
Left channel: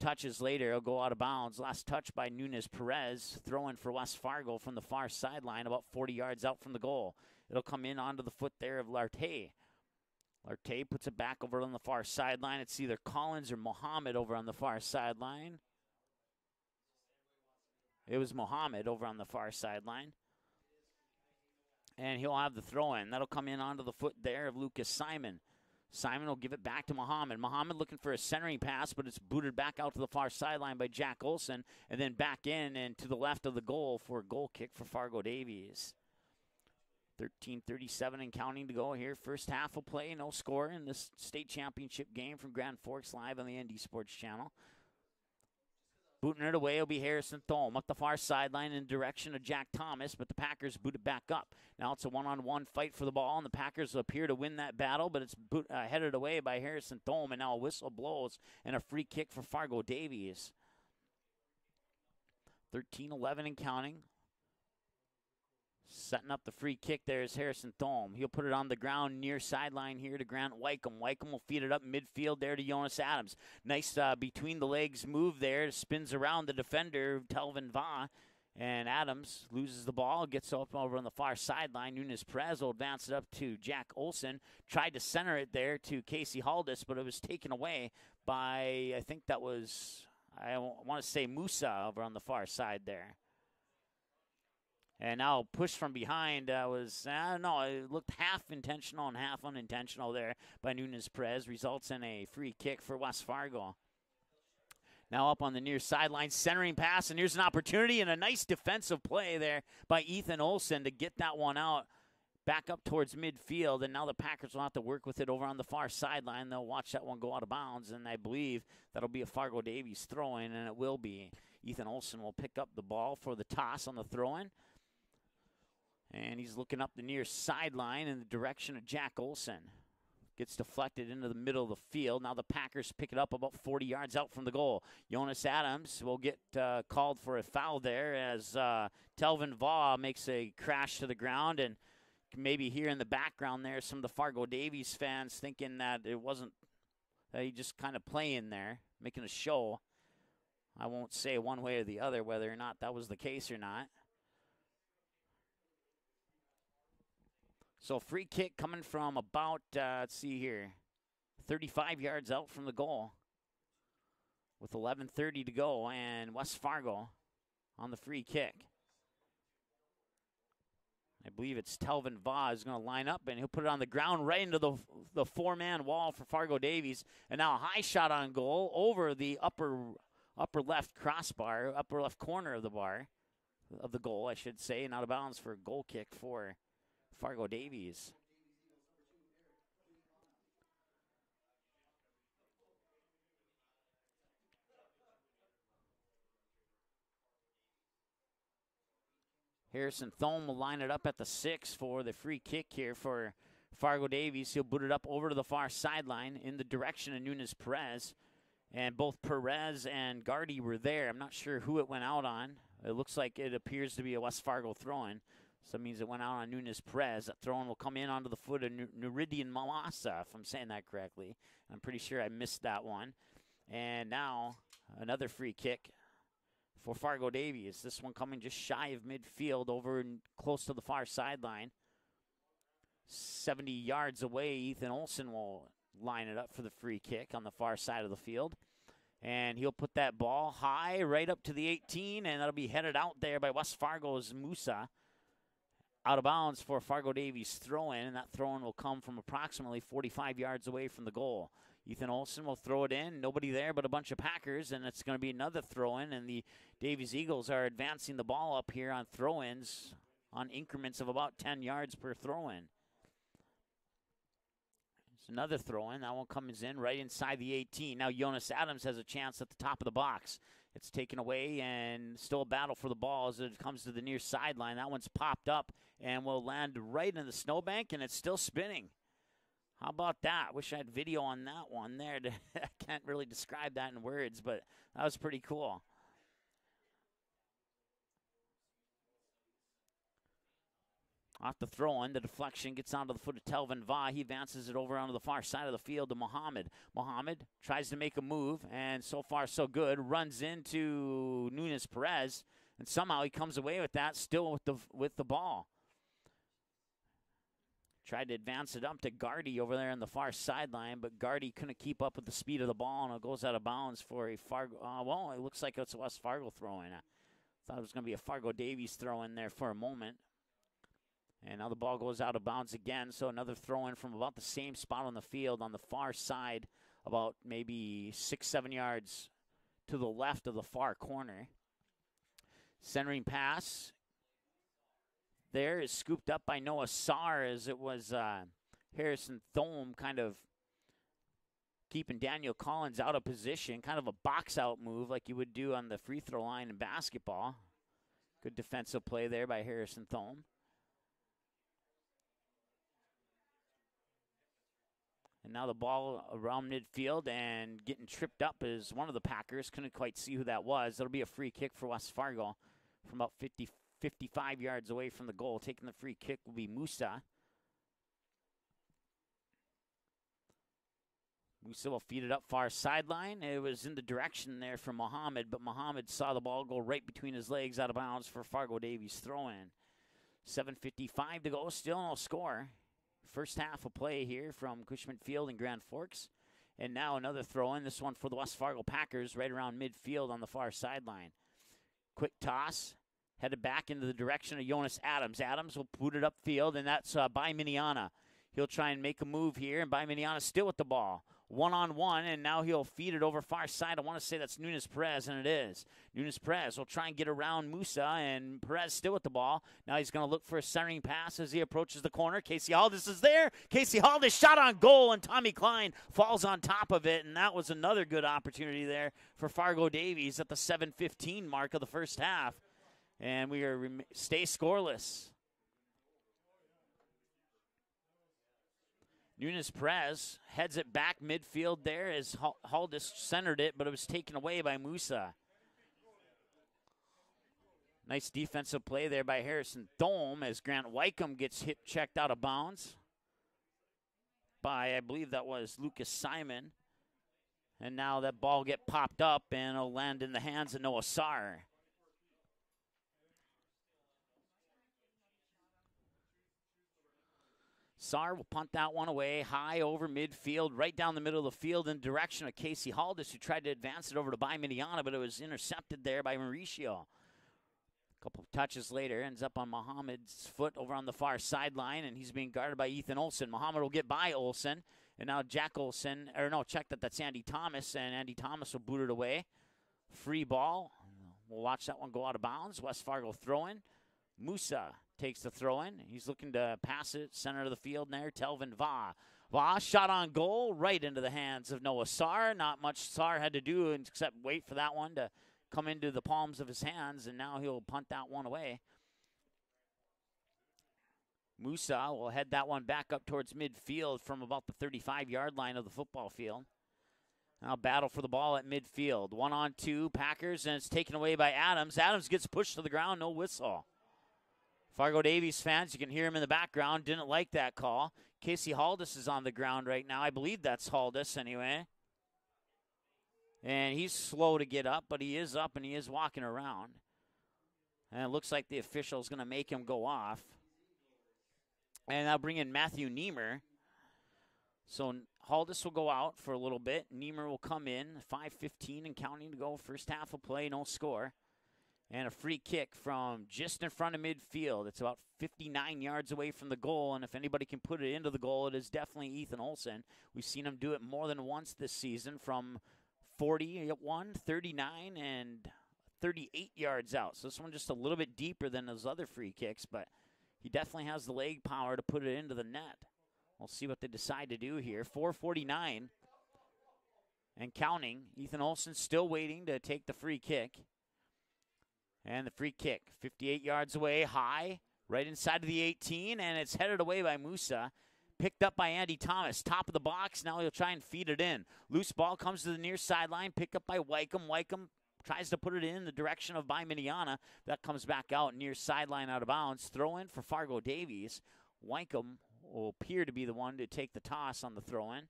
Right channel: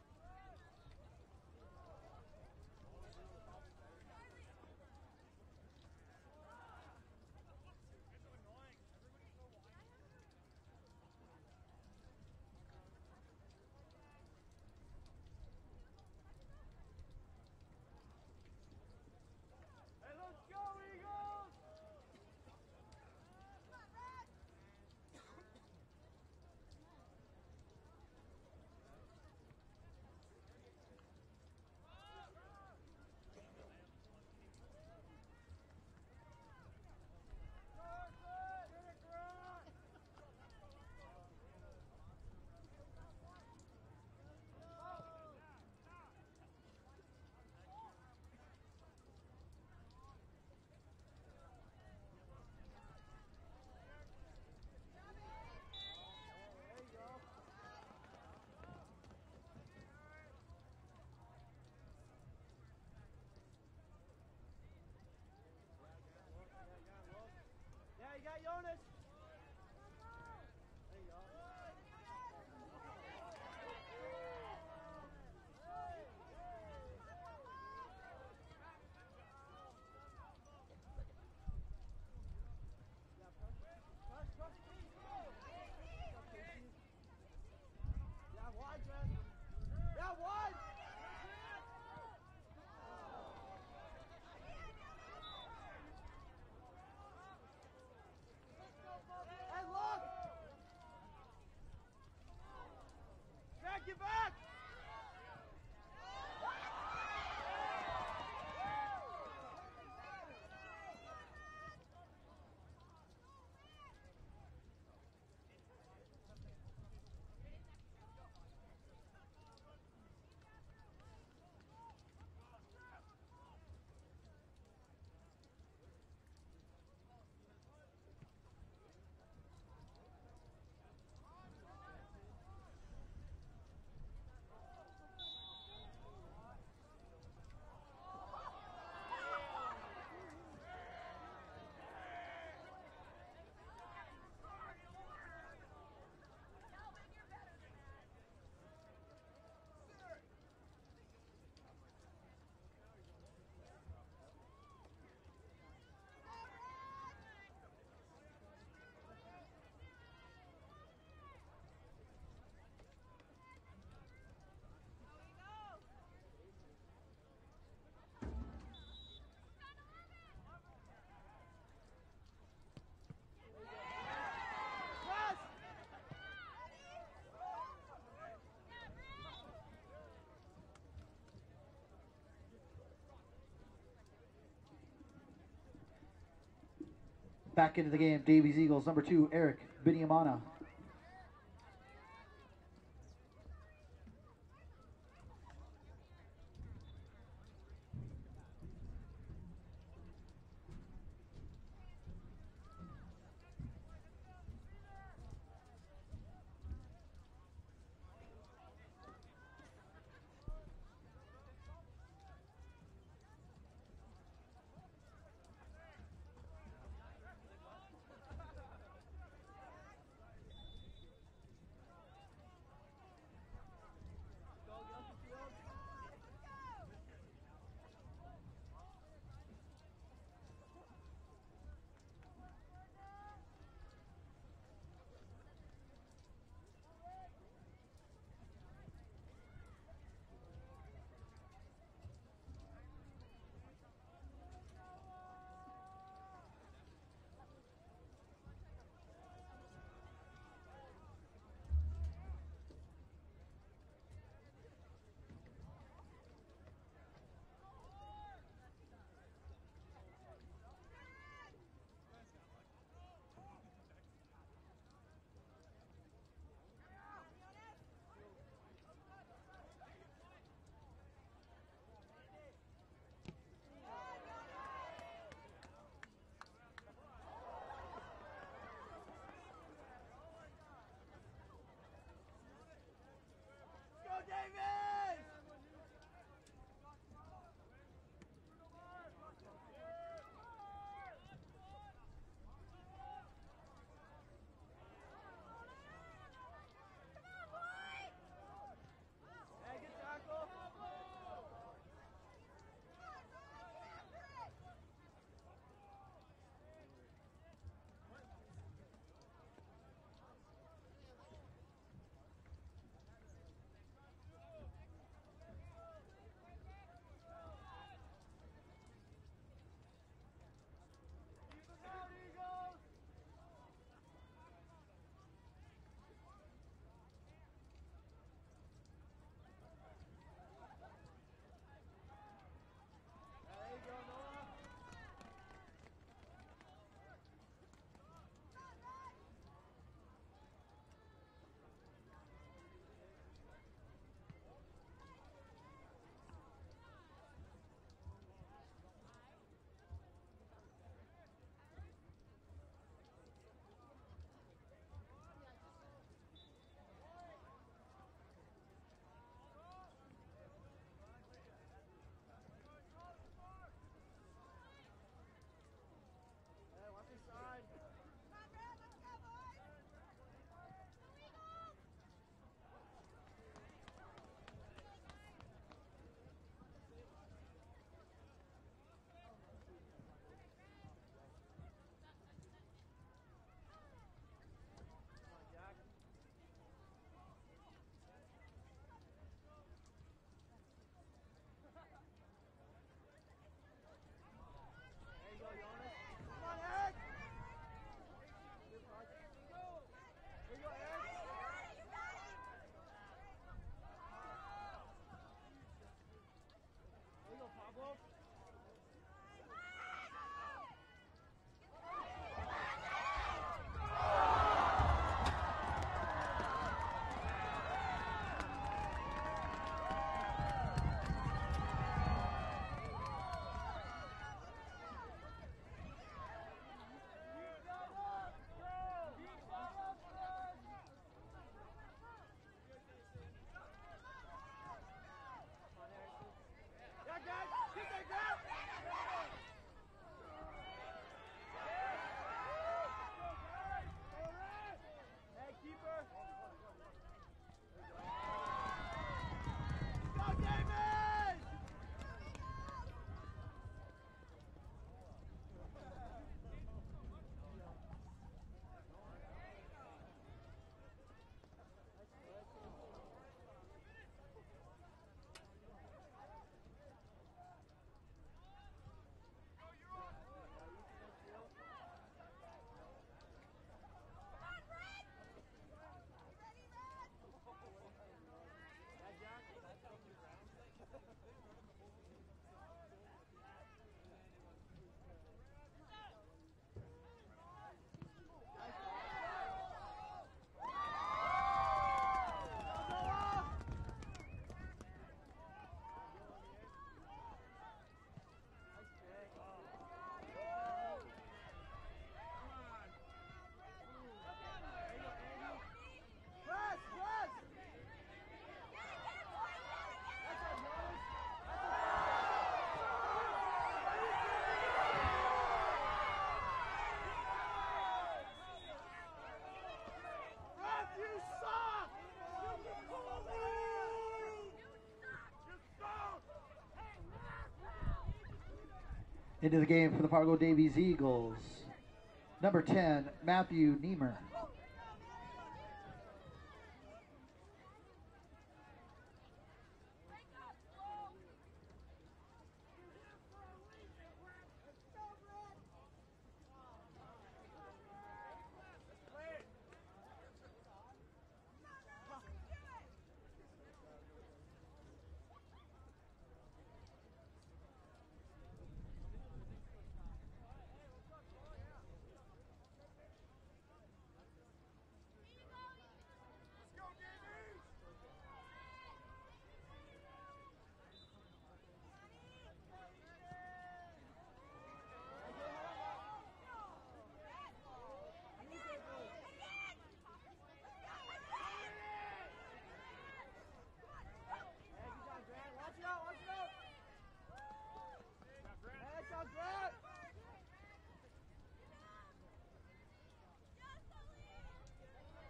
touches later, it'll go out of bounds. Last touch by Nunes Perez, throwing for West Fargo from the far sideline, about 40 yards out from the goal. It'll come in onto the foot there of Lartey. Lartey puts it back over on the far sideline. It's either Collins or Muhammad over on the far sideline. It was Muhammad over on the far sideline. And he'll have the throw-in. That'll come in onto the foot there of Lucas Simon. Simon will give it back to Muhammad. Muhammad looking for a centering pass, but it's booted back out to the far sideline by Jack Olson, and then back in and to the left of the goal for a goal kick for Fargo Davies. 13:37 and counting to go here. First half of play, no score in this state championship game from Grand Forks, live on the ND Sports Channel. Booting it away will be Harrison Thome up the far sideline in direction of Jack Thomas, but the Packers boot it back up. Now it's a one-on-one fight for the ball, and the Packers appear to win that battle, but it's headed away by Harrison Thome, and now a whistle blows and a free kick for Fargo Davies. 13-11 and counting. Setting up the free kick there is Harrison Thome. He'll put it on the ground near sideline here to Grant Wycombe. Wycombe will feed it up midfield there to Jonas Adams. Nice between the legs move there. Spins around the defender, Telvin Va. And Adams loses the ball, gets up over on the far sideline. Nunes Perez will advance it up to Jack Olson. Tried to center it there to Casey Haldis, but it was taken away by, I think that was, I want to say Musa over on the far side there. And now push from behind was, no, it looked half intentional and half unintentional there by Nunes Perez. Results in a free kick for West Fargo. Now up on the near sideline, centering pass, and here's an opportunity and a nice defensive play there by Ethan Olson to get that one out back up towards midfield. And now the Packers will have to work with it over on the far sideline. They'll watch that one go out of bounds, and I believe that'll be a Fargo Davies throw-in, and it will be. Ethan Olson will pick up the ball for the toss on the throw-in. And he's looking up the near sideline in the direction of Jack Olson. Gets deflected into the middle of the field. Now the Packers pick it up about 40 yards out from the goal. Jonas Adams will get called for a foul there as Telvin Va makes a crash to the ground. And maybe here in the background there, some of the Fargo Davies fans thinking that it wasn't, he just kind of playing there, making a show. I won't say one way or the other whether or not that was the case or not. So free kick coming from about, let's see here, 35 yards out from the goal with 11:30 to go, and West Fargo on the free kick. I believe it's Telvin Va is going to line up, and he'll put it on the ground right into the four-man wall for Fargo Davies. And now a high shot on goal over the upper left crossbar, upper left corner of the bar, of the goal, I should say, and out of bounds for a goal kick for Fargo Davies. Back into the game, Davies Eagles, number 2, Eric Binyamana. Harrison Thome will line it up at the 6 for the free kick here for Fargo Davies. He'll boot it up over to the far sideline in the direction of Nunes Perez. And both Perez and Gardy were there. I'm not sure who it went out on. It looks like it appears to be a West Fargo throw-in. So that means it went out on Nunes Perez. That throw-in will come in onto the foot of Nuridian Malasa, if I'm saying that correctly. I'm pretty sure I missed that one. And now another free kick for Fargo Davies. This one coming just shy of midfield over and close to the far sideline. 70 yards away, Ethan Olson will line it up for the free kick on the far side of the field. And he'll put that ball high right up to the 18, and that'll be headed out there by West Fargo's Musa. Out of bounds for Fargo Davies throw-in, and that throw-in will come from approximately 45 yards away from the goal. Ethan Olson will throw it in. Nobody there but a bunch of Packers, and it's going to be another throw-in, and the Davies Eagles are advancing the ball up here on throw-ins on increments of about 10 yards per throw-in. It's another throw-in. That one comes in right inside the 18. Now Jonas Adams has a chance at the top of the box. It's taken away, and still a battle for the ball as it comes to the near sideline. That one's popped up and will land right in the snowbank, and it's still spinning. How about that? Wish I had video on that one there. I can't really describe that in words, but that was pretty cool. Off the throw-in, the deflection gets onto the foot of Telvin Va. He advances it over onto the far side of the field to Mohammed. Mohammed tries to make a move, and so far so good. Runs into Nunes Perez, and somehow he comes away with that, still with the ball. Tried to advance it up to Gardy over there on the far sideline, but Gardy couldn't keep up with the speed of the ball, and it goes out of bounds for a Fargo. Well, it looks like it's a West Fargo throw-in. I thought it was going to be a Fargo Davies throw-in there for a moment. And now the ball goes out of bounds again, so another throw-in from about the same spot on the field on the far side, about maybe 6-7 yards to the left of the far corner. Centering pass there is scooped up by Noah Sarr, as it was Harrison Thome kind of keeping Daniel Collins out of position, kind of a box-out move like you would do on the free throw line in basketball. Good defensive play there by Harrison Thome. Now the ball around midfield and getting tripped up is one of the Packers. Couldn't quite see who that was. It'll be a free kick for West Fargo from about 55 yards away from the goal. Taking the free kick will be Musa. Musa will feed it up far sideline. It was in the direction there for Mohammed, but Mohammed saw the ball go right between his legs out of bounds for Fargo Davies throw-in. 7:55 to go, still no score. First half of play here from Cushman Field in Grand Forks. And now another throw-in, this one for the West Fargo Packers right around midfield on the far sideline. Quick toss, headed back into the direction of Jonas Adams. Adams will boot it upfield, and that's by Miniana. He'll try and make a move here, and by Miniana still with the ball. One-on-one, and now he'll feed it over far side. I want to say that's Nunes Perez, and it is. Nunes Perez will try and get around Musa, and Perez still with the ball. Now he's going to look for a centering pass as he approaches the corner. Casey Haldis is there. Casey Haldis shot on goal, and Tommy Klein falls on top of it, and that was another good opportunity there for Fargo Davies at the 7:15 mark of the first half. And we stay scoreless. Nunes Perez heads it back midfield there as Haldis centered it, but it was taken away by Musa. Nice defensive play there by Harrison Thome as Grant Wycombe gets checked out of bounds by, I believe that was Lucas Simon. And now that ball get popped up and it'll land in the hands of Noah Sarr. Sarr will punt that one away, high over midfield, right down the middle of the field in direction of Casey Haldis, who tried to advance it over to By Miniana, but it was intercepted there by Mauricio. A couple of touches later, ends up on Mohammed's foot over on the far sideline, and he's being guarded by Ethan Olson. Mohammed will get by Olson, and now Jack Olson, or no, check that's Andy Thomas, and Andy Thomas will boot it away. Free ball. We'll watch that one go out of bounds. West Fargo throw-in. Musa takes the throw-in. He's looking to pass it center of the field there. Telvin Va. Va shot on goal right into the hands of Noah Sarr. Not much Sarr had to do except wait for that one to come into the palms of his hands, and now he'll punt that one away. Musa will head that one back up towards midfield from about the 35-yard line of the football field. Now battle for the ball at midfield. 1-on-2 Packers, and it's taken away by Adams. Adams gets pushed to the ground, no whistle. Fargo Davies fans, you can hear him in the background, didn't like that call. Casey Haldis is on the ground right now. I believe that's Haldis anyway. And he's slow to get up, but he is up and he is walking around. And it looks like the official is going to make him go off. Fargo Davies Eagles. And that'll bring in Matthew Niemer. Matthew Niemer. So Haldis will go out for a little bit. Niemer will come in. 5:15 and counting to go. First half of play, no score. And a free kick from just in front of midfield. It's about 59 yards away from the goal, and if anybody can put it into the goal, it is definitely Ethan Olson. We've seen him do it more than once this season from 41, 39, and 38 yards out. So this one just a little bit deeper than those other free kicks, but he definitely has the leg power to put it into the net. We'll see what they decide to do here. 4:49 and counting. Ethan Olson still waiting to take the free kick. And the free kick, 58 yards away, high, right inside of the 18, and it's headed away by Musa. Picked up by Andy Thomas, top of the box. Now he'll try and feed it in. Loose ball comes to the near sideline, picked up by Wycombe. Wycombe tries to put it in the direction of Miniana. That comes back out near sideline, out of bounds. Throw in for Fargo Davies. Wycombe will appear to be the one to take the toss on the throw in.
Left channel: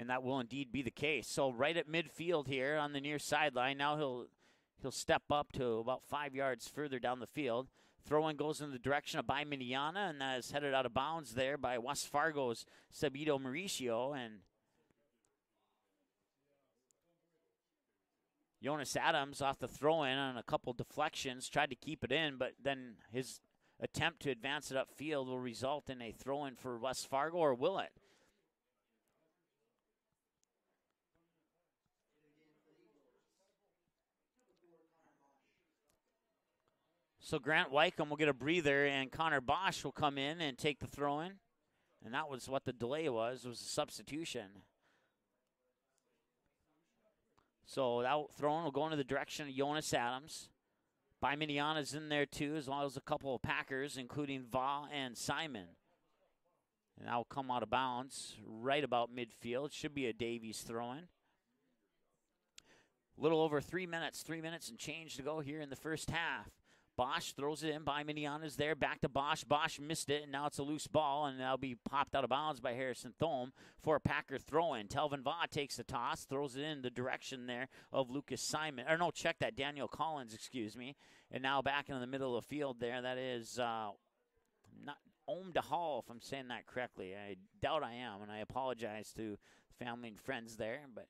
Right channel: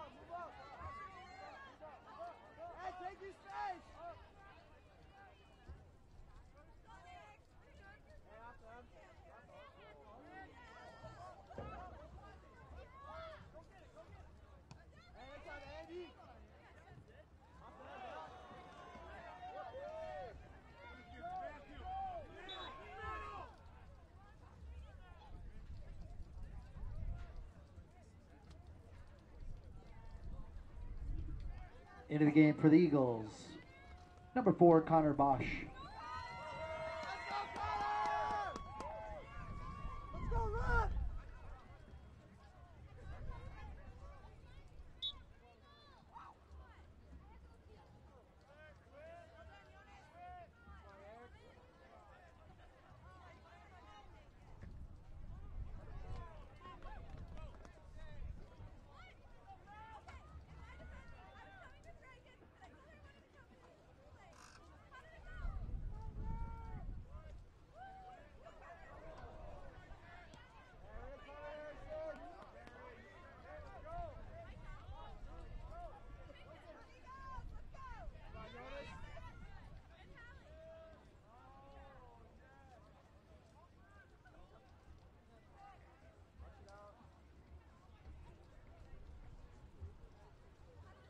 And that will indeed be the case. So right at midfield here on the near sideline. Now he'll step up to about 5 yards further down the field. Throw-in goes in the direction of Miniana, and that is headed out of bounds there by West Fargo's Sabito Mauricio. And Jonas Adams off the throw-in on a couple deflections, tried to keep it in, but then his attempt to advance it upfield will result in a throw-in for West Fargo, or will it? Into the game for the Eagles, number 4, Connor Bosch. So Grant Wycombe will get a breather, and Connor Bosch will come in and take the throw-in. And that was what the delay was a substitution. So that throw-in will go into the direction of Jonas Adams. Miniana's in there too, as well as a couple of Packers, including Va and Simon. And that will come out of bounds right about midfield. Should be a Davies throw-in. A little over 3 minutes and change to go here in the first half. Bosch throws it in. Miniana's there. Back to Bosch. Bosch missed it, and now it's a loose ball, and that'll be popped out of bounds by Harrison Thome for a Packer throw-in. Telvin Va takes the toss, throws it in the direction there of Lucas Simon. Or no, check that. Daniel Collins, excuse me. And now back in the middle of the field there. That is not Ohm DeHall, if I'm saying that correctly. I doubt I am, and I apologize to family and friends there, but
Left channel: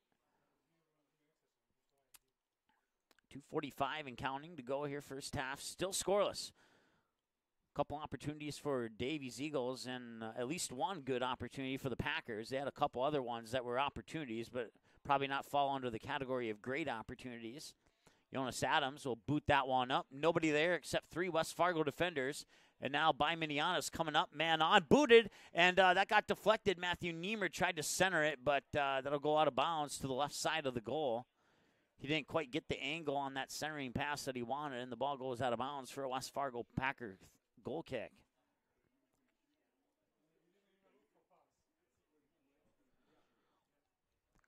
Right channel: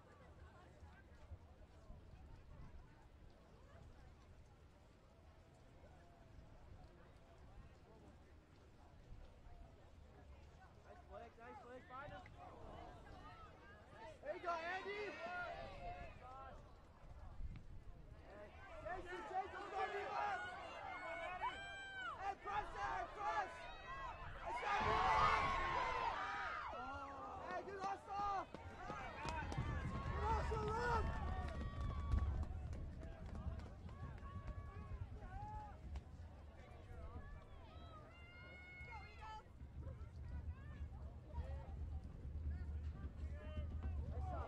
2:45 and counting to go here first half. Still scoreless. Couple opportunities for Davies Eagles, and at least one good opportunity for the Packers. They had a couple other ones that were opportunities, but probably not fall under the category of great opportunities. Jonas Adams will boot that one up. Nobody there except 3 West Fargo defenders. And now Miniana's coming up, man on, booted, and that got deflected. Matthew Niemer tried to center it, but that'll go out of bounds to the left side of the goal. He didn't quite get the angle on that centering pass that he wanted, and the ball goes out of bounds for a West Fargo Packer goal kick.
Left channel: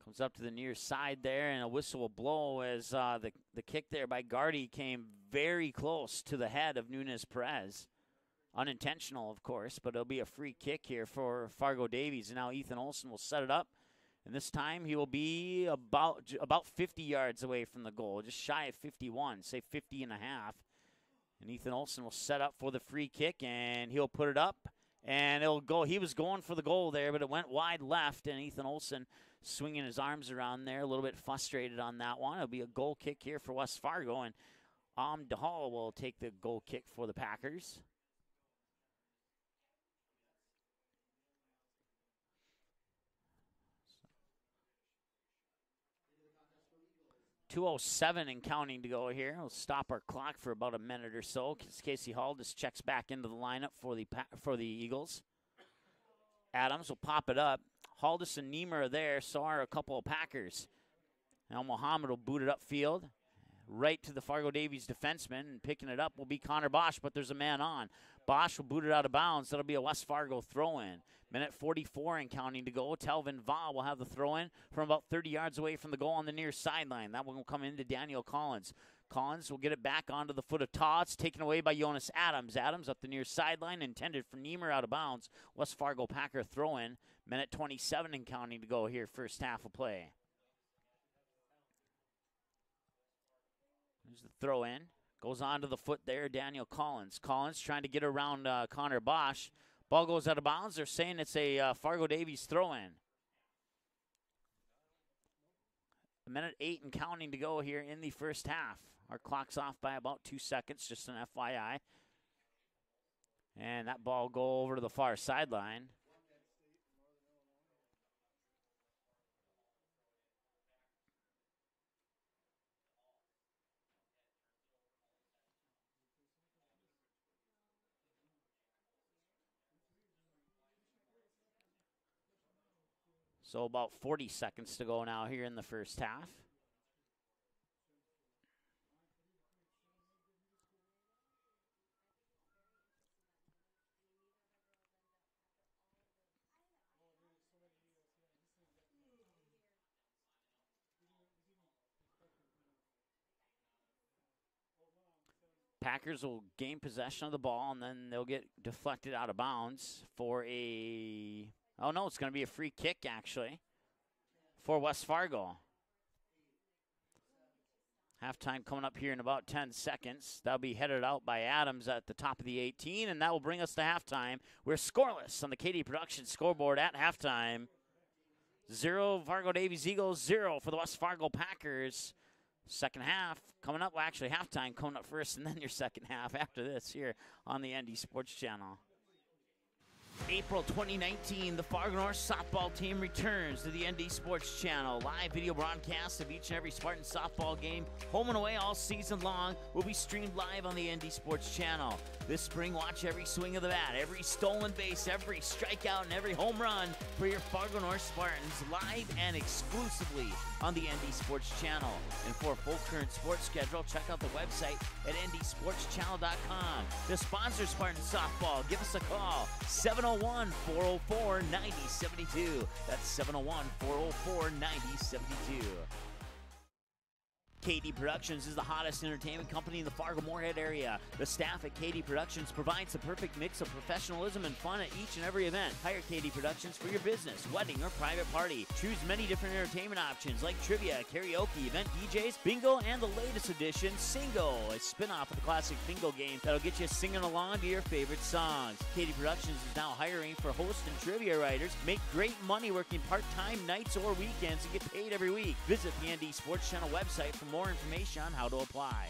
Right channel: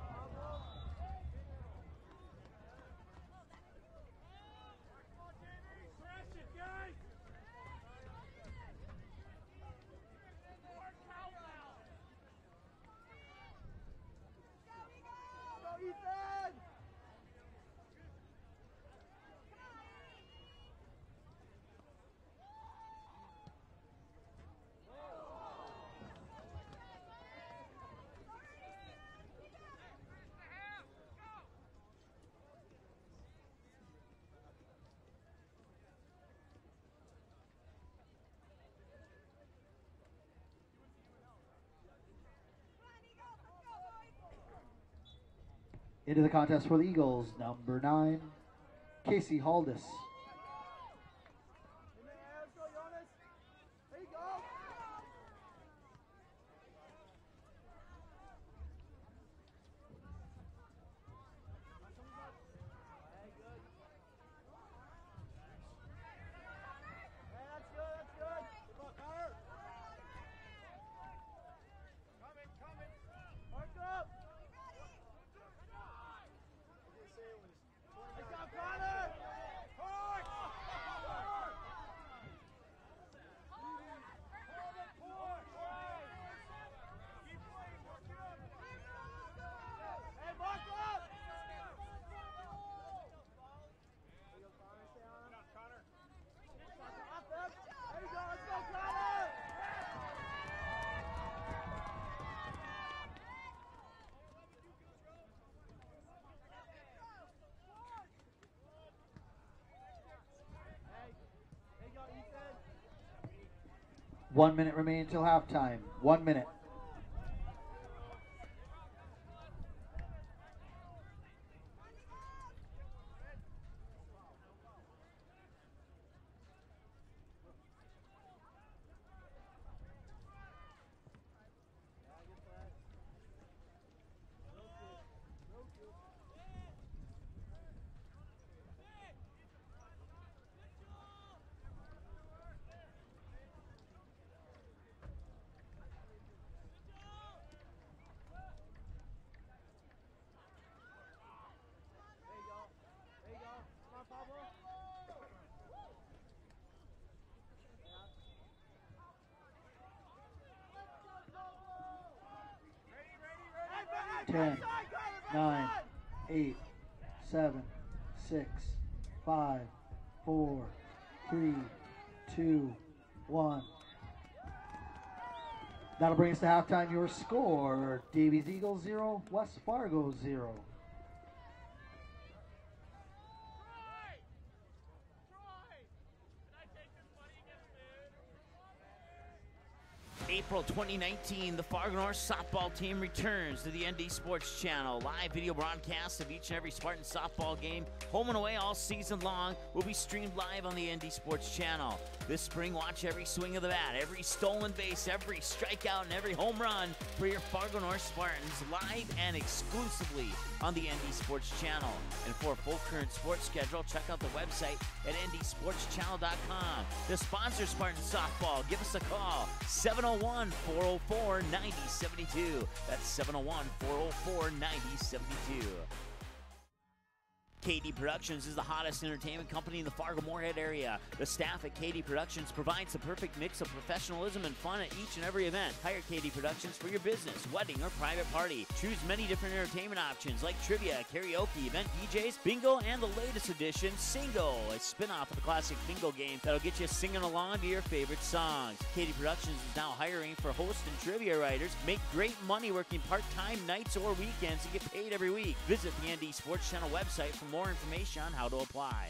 Comes up to the near side there, and a whistle will blow as the kick there by Gardy came very close to the head of Nunez Perez. Unintentional, of course, but it'll be a free kick here for Fargo Davies. And now Ethan Olson will set it up. And this time he will be about 50 yards away from the goal, just shy of 51, say 50 and a half. And Ethan Olson will set up for the free kick, and he'll put it up, and it'll go. He was going for the goal there, but it went wide left, and Ethan Olson swinging his arms around there, a little bit frustrated on that one. It'll be a goal kick here for West Fargo, and DeHall will take the goal kick for the Packers. Into the contest for the Eagles, number 2:07 and counting to go Casey here. We'll Haldis. stop our clock for about a minute or so. Casey Haldis checks back into the lineup for the Eagles. Adams will pop it up. Haldis and Niemer are there, so are a couple of Packers. Now Mohammed will boot it upfield, right to the Fargo Davies defenseman, and picking it up will be Connor Bosch, but there's a man on. Bosch will boot it out of bounds. That'll be a West Fargo throw-in. Minute 44 and counting to go. Telvin Va will have the throw-in from about 30 yards away from the goal on the near sideline. That one will come into Daniel Collins. Collins will get it back onto the foot of Todd. It's taken away by Jonas Adams. Adams up the near sideline, intended for Niemer, out of bounds. West Fargo Packer throw-in. Minute 27 and counting to go here, first half of play. Here's the throw-in. Goes onto the foot there, Daniel Collins. Collins trying to get around Connor Bosch. Ball goes out of bounds. They're saying it's a Fargo Davies throw-in. 1:08 and counting to go here in the first half. Our clock's off by about 2 seconds, just an FYI. And that ball goes over to the far sideline. 1 minute. So about 40 seconds to go now here in the first half. Packers will gain possession of the ball, and then they'll get deflected out of bounds for a, oh no, it's going to be a free kick actually. 10, for West Fargo. 9, 8, 7, Halftime 6, coming up here in about 5, 10 seconds. 4, That'll be headed out by 3, Adams at the top 2, of the 18, and that will bring 1. us to halftime. We're scoreless on the KD That'll Productions bring us to scoreboard halftime. at Your halftime. score, Davies Eagles 0, Fargo West Davies Fargo Eagles 0 0. for the West Fargo Packers. Second half coming up, well actually halftime coming up first, and then your second half after this here on the ND Sports Channel. April 2019, the Fargo North softball team returns to the ND Sports Channel. Live video broadcasts of each and every Spartan softball game, home and away all season long, will be streamed live on the ND Sports Channel. This spring, watch every swing of the bat, every stolen base, every strikeout, and every home run for your Fargo North Spartans live and exclusively on the ND Sports Channel. And for a full current sports schedule, check out the website at ndsportschannel.com. To sponsor Spartan softball, give us a call, 701-404-9072. That's 701-404-9072. KD Productions is the hottest entertainment company in the Fargo-Moorhead area. The staff at KD Productions provides the perfect mix of professionalism and fun at each and every event. Hire KD Productions for your business, wedding, or private party. Choose many different entertainment options like trivia, karaoke, event DJs, bingo, and the latest edition, Singo, a spin-off of the classic bingo game that'll get you singing along to your favorite songs. KD Productions is now hiring for host and trivia writers. Make great money working part-time nights or weekends and get paid every week. Visit the ND Sports Channel website for more information on how to apply.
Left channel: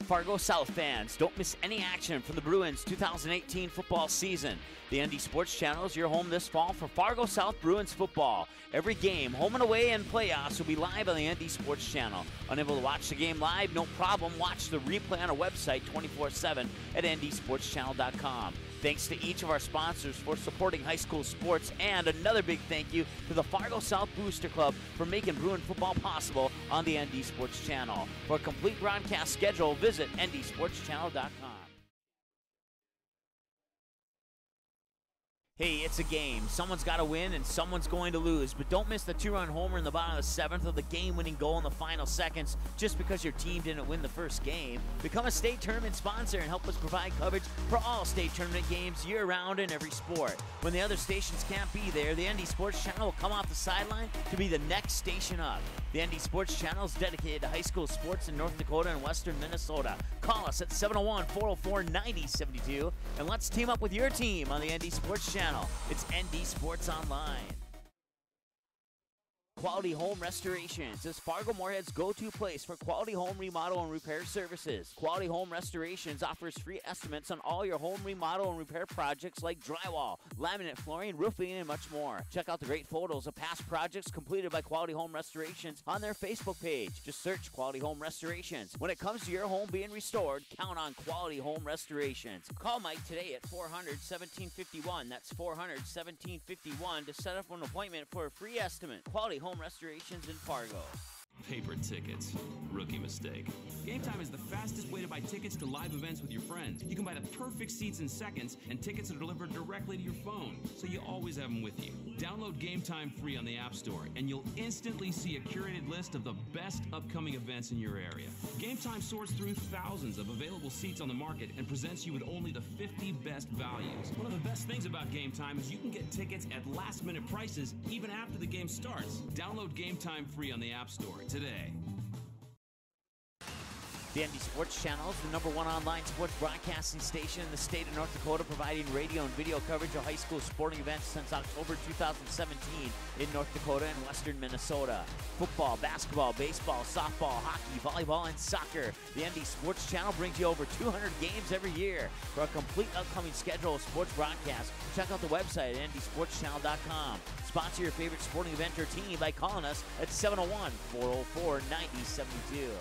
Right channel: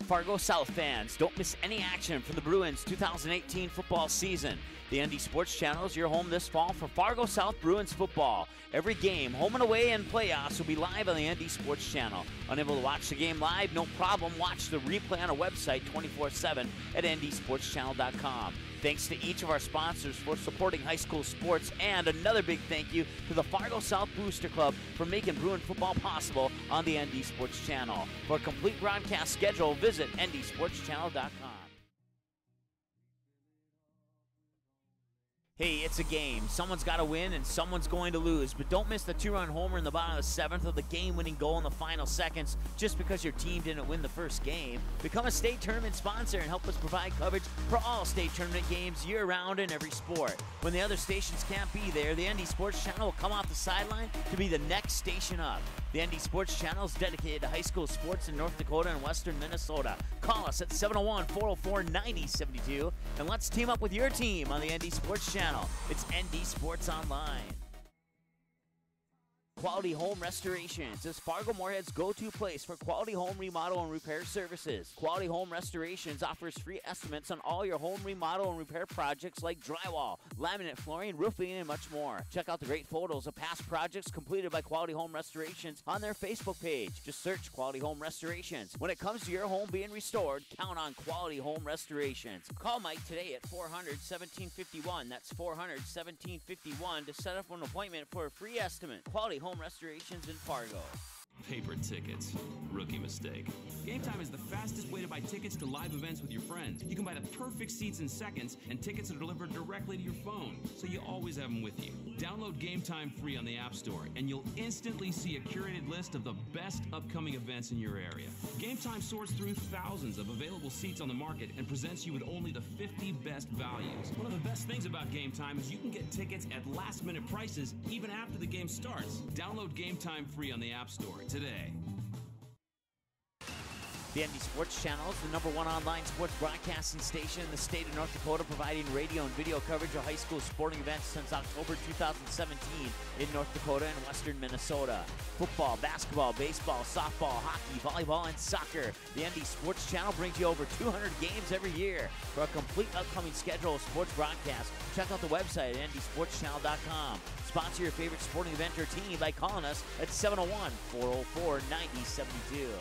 Fargo South fans, don't miss any action from the Bruins 2018 football season. The ND Sports Channel is your home this fall for Fargo South Bruins football. Every game, home and away, and playoffs will be live on the ND Sports Channel. Unable to watch the game live? No problem. Watch the replay on our website 24/7 at ndsportschannel.com. Thanks to each of our sponsors for supporting high school sports, and another big thank you to the Fargo South Booster Club for making Bruin football possible on the ND Sports Channel. For a complete broadcast schedule, visit ndsportschannel.com. Hey, it's a game. Someone's got to win and someone's going to lose. But don't miss the two-run homer in the bottom of the seventh or the game-winning goal in the final seconds just because your team didn't win the first game. Become a state tournament sponsor and help us provide coverage for all state tournament games year-round in every sport. When the other stations can't be there, the ND Sports Channel will come off the sideline to be the next station up. The ND Sports Channel is dedicated to high school sports in North Dakota and western Minnesota. Call us at 701-404-9072 and let's team up with your team on the ND Sports Channel. It's ND Sports Online. Quality Home Restorations is Fargo Moorhead's go-to place for quality home remodel and repair services. Quality Home Restorations offers free estimates on all your home remodel and repair projects like drywall, laminate flooring, roofing, and much more. Check out the great photos of past projects completed by Quality Home Restorations on their Facebook page. Just search Quality Home Restorations. When it comes to your home being restored, count on Quality Home Restorations. Call Mike today at 400-1751. That's 400-1751 to set up an appointment for a free estimate. Quality Home Restorations in Fargo. Paper tickets. Rookie mistake. Game Time is the fastest way to buy tickets to live events with your friends. You can buy the perfect seats in seconds, and tickets are delivered directly to your phone, so you always have them with you. Download Game Time free on the App Store, and you'll instantly see a curated list of the best upcoming events in your area. Game Time sorts through thousands of available seats on the market and presents you with only the 50 best values. One of the best things about Game Time is you can get tickets at last-minute prices even after the game starts. Download Game Time free on the App Store today. The ND Sports Channel is the #1 online sports broadcasting station in the state of North Dakota, providing radio and video coverage of high school sporting events since October 2017 in North Dakota and western Minnesota. Football, basketball, baseball, softball, hockey, volleyball, and soccer. The ND Sports Channel brings you over 200 games every year. For a complete upcoming schedule of sports broadcasts, check out the website at ndsportschannel.com. Sponsor your favorite sporting event or team by calling us at 701-404-9072.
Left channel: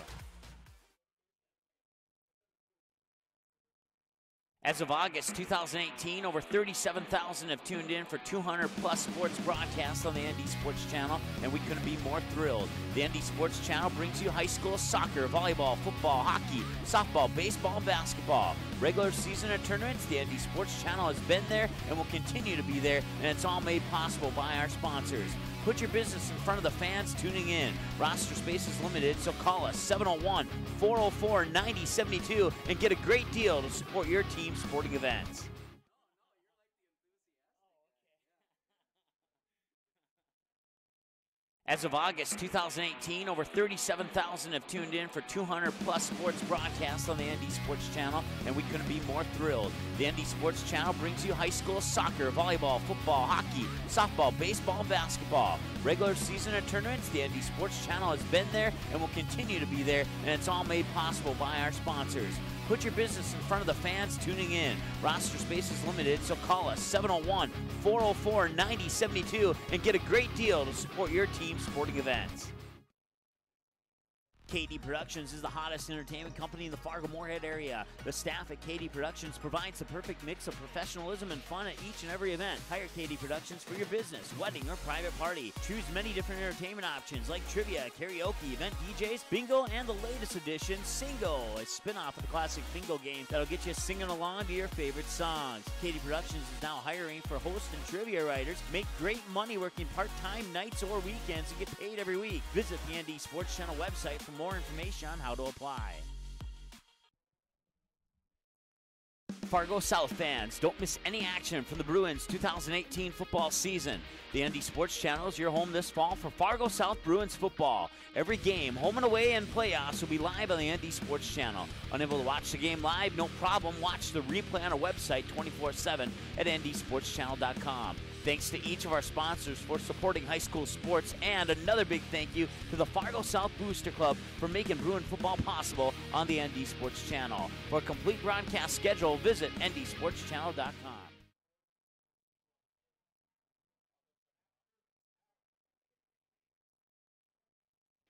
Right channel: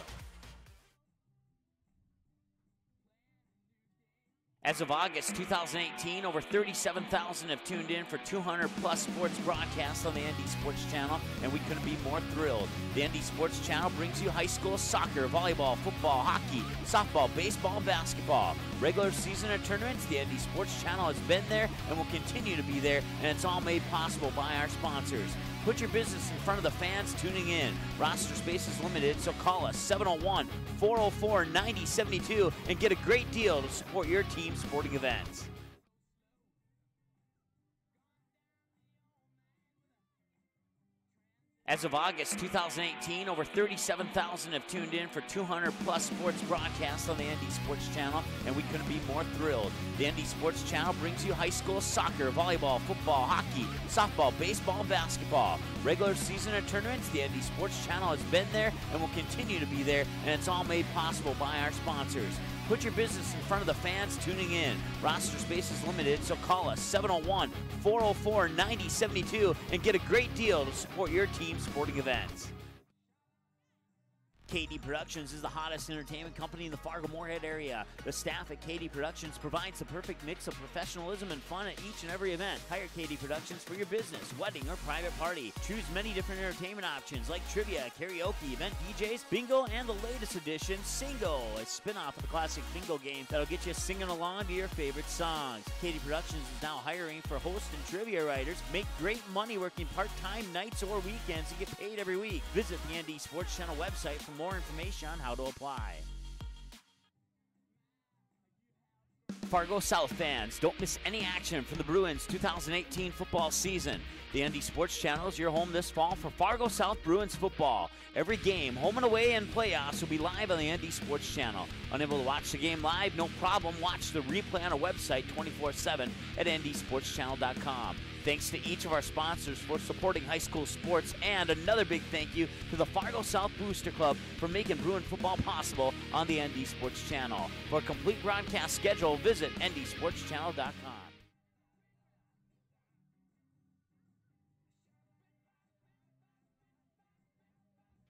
As of August 2018, over 37,000 have tuned in for 200-plus sports broadcasts on the ND Sports Channel, and we couldn't be more thrilled. The ND Sports Channel brings you high school soccer, volleyball, football, hockey, softball, baseball, and basketball. Regular season and tournaments, the ND Sports Channel has been there and will continue to be there, and it's all made possible by our sponsors. Put your business in front of the fans tuning in. Roster space is limited, so call us 701-404-9072 and get a great deal to support your team's sporting events. As of August 2018, over 37,000 have tuned in for 200-plus sports broadcasts on the ND Sports Channel, and we couldn't be more thrilled. The ND Sports Channel brings you high school soccer, volleyball, football, hockey, softball, baseball, and basketball. Regular season and tournaments, the ND Sports Channel has been there and will continue to be there, and it's all made possible by our sponsors. Put your business in front of the fans tuning in. Roster space is limited, so call us 701-404-9072 and get a great deal to support your team's sporting events. KD Productions is the hottest entertainment company in the Fargo-Moorhead area. The staff at KD Productions provides the perfect mix of professionalism and fun at each and every event. Hire KD Productions for your business, wedding, or private party. Choose many different entertainment options like trivia, karaoke, event DJs, bingo, and the latest edition, Singo, a spin-off of the classic bingo game that'll get you singing along to your favorite songs. KD Productions is now hiring for host and trivia writers. Make great money working part-time nights or weekends and get paid every week. Visit the ND Sports Channel website for more information on how to apply. Fargo South fans, don't miss any action from the Bruins 2018 football season. The ND Sports Channel is your home this fall for Fargo South Bruins football. Every game, home and away, and playoffs will be live on the ND Sports Channel. Unable to watch the game live? No problem. Watch the replay on our website 24/7 at ndsportschannel.com. Thanks to each of our sponsors for supporting high school sports, and another big thank you to the Fargo South Booster Club for making Bruin football possible on the ND Sports Channel. For a complete broadcast schedule, visit ndsportschannel.com.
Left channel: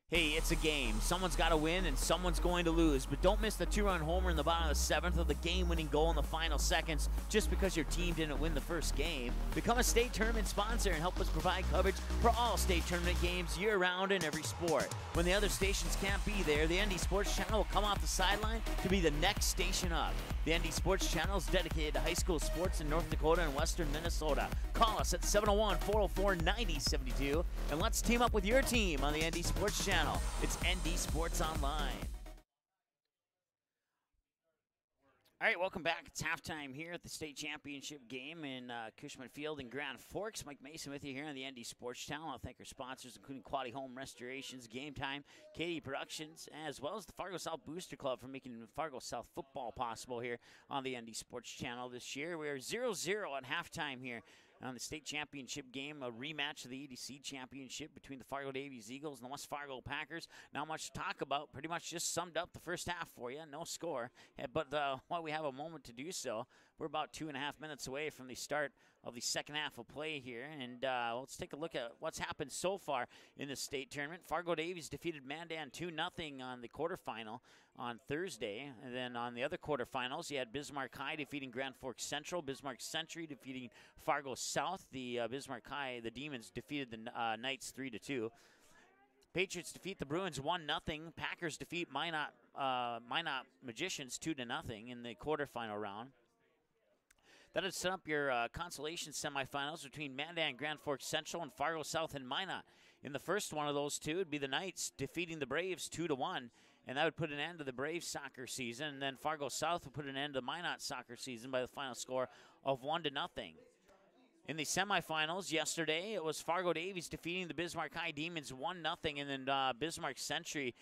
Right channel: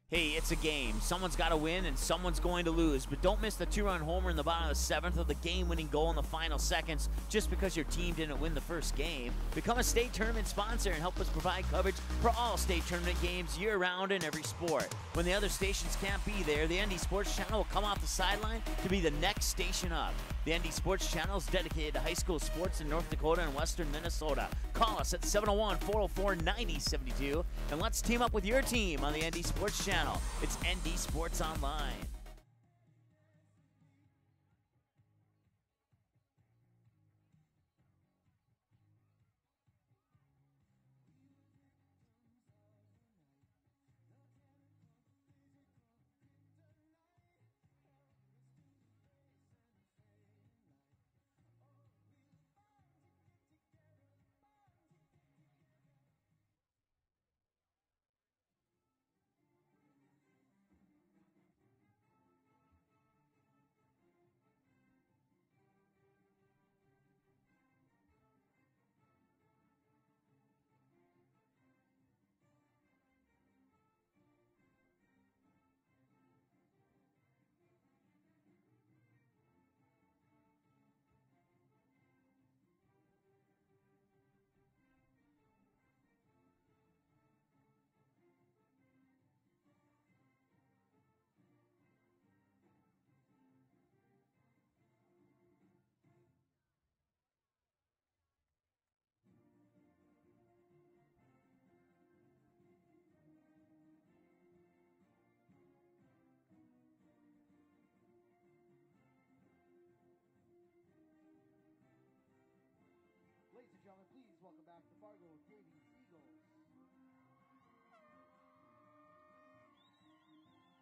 Hey, it's a game. Someone's got to win and someone's going to lose. But don't miss the 2-run homer in the bottom of the 7th or the game-winning goal in the final seconds just because your team didn't win the first game. Become a state tournament sponsor and help us provide coverage for all state tournament games year-round in every sport. When the other stations can't be there, the ND Sports Channel will come off the sideline to be the next station up. The ND Sports Channel is dedicated to high school sports in North Dakota and western Minnesota. Call us at 701-404-9072 and let's team up with your team on the ND Sports Channel. It's ND Sports Online. All right, welcome back. It's halftime here at the state championship game in Cushman Field in Grand Forks. Mike Mason with you here on the ND Sports Channel. I'll thank our sponsors, including Quality Home Restorations, Game Time, KD Productions, as well as the Fargo South Booster Club for making Fargo South football possible here on the ND Sports Channel this year. We are 0-0 at halftime here on the state championship game, a rematch of the EDC championship between the Fargo Davies Eagles and the West Fargo Packers. Not much to talk about. Pretty much just summed up the first half for you. No score. But while we have a moment to do so, we're about 2.5 minutes away from the start of the second half of play here. And let's take a look at what's happened so far in the state tournament. Fargo Davies defeated Mandan 2-0 on the quarterfinal on Thursday. And then on the other quarterfinals, you had Bismarck High defeating Grand Forks Central, Bismarck Century defeating Fargo South. The Bismarck High, the Demons, defeated the Knights 3-2. Patriots defeat the Bruins 1-0. Packers defeat Minot Magicians 2-0 in the quarterfinal round. That would set up your consolation semifinals between Mandan, Grand Forks Central, and Fargo South and Minot. In the first one of those two, it would be the Knights defeating the Braves 2-1, and that would put an end to the Braves soccer season. And then Fargo South would put an end to the Minot soccer season by the final score of 1-0. In the semifinals yesterday, it was Fargo Davies defeating the Bismarck High Demons 1-0, and then Bismarck Century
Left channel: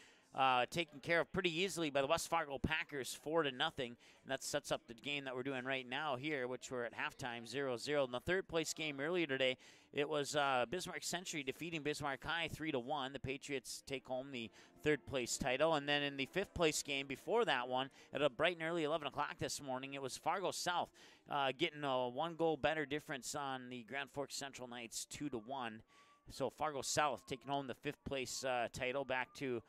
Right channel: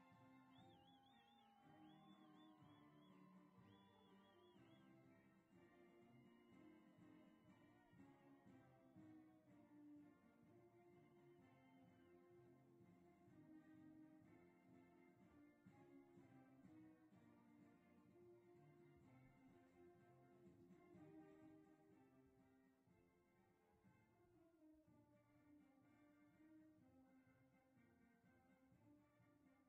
taken care of pretty easily by the West Fargo Packers, 4-0. And that sets up the game that we're doing right now here, which we're at halftime, 0-0. In the third place game earlier today, it was Bismarck Century defeating Bismarck High 3-1. The Patriots take home the third place title. And then in the fifth place game before that one, at a bright and early 11 o'clock this morning, it was Fargo South getting a 1 goal better difference on the Grand Forks Central Knights, 2-1. So Fargo South taking home the fifth place title, back to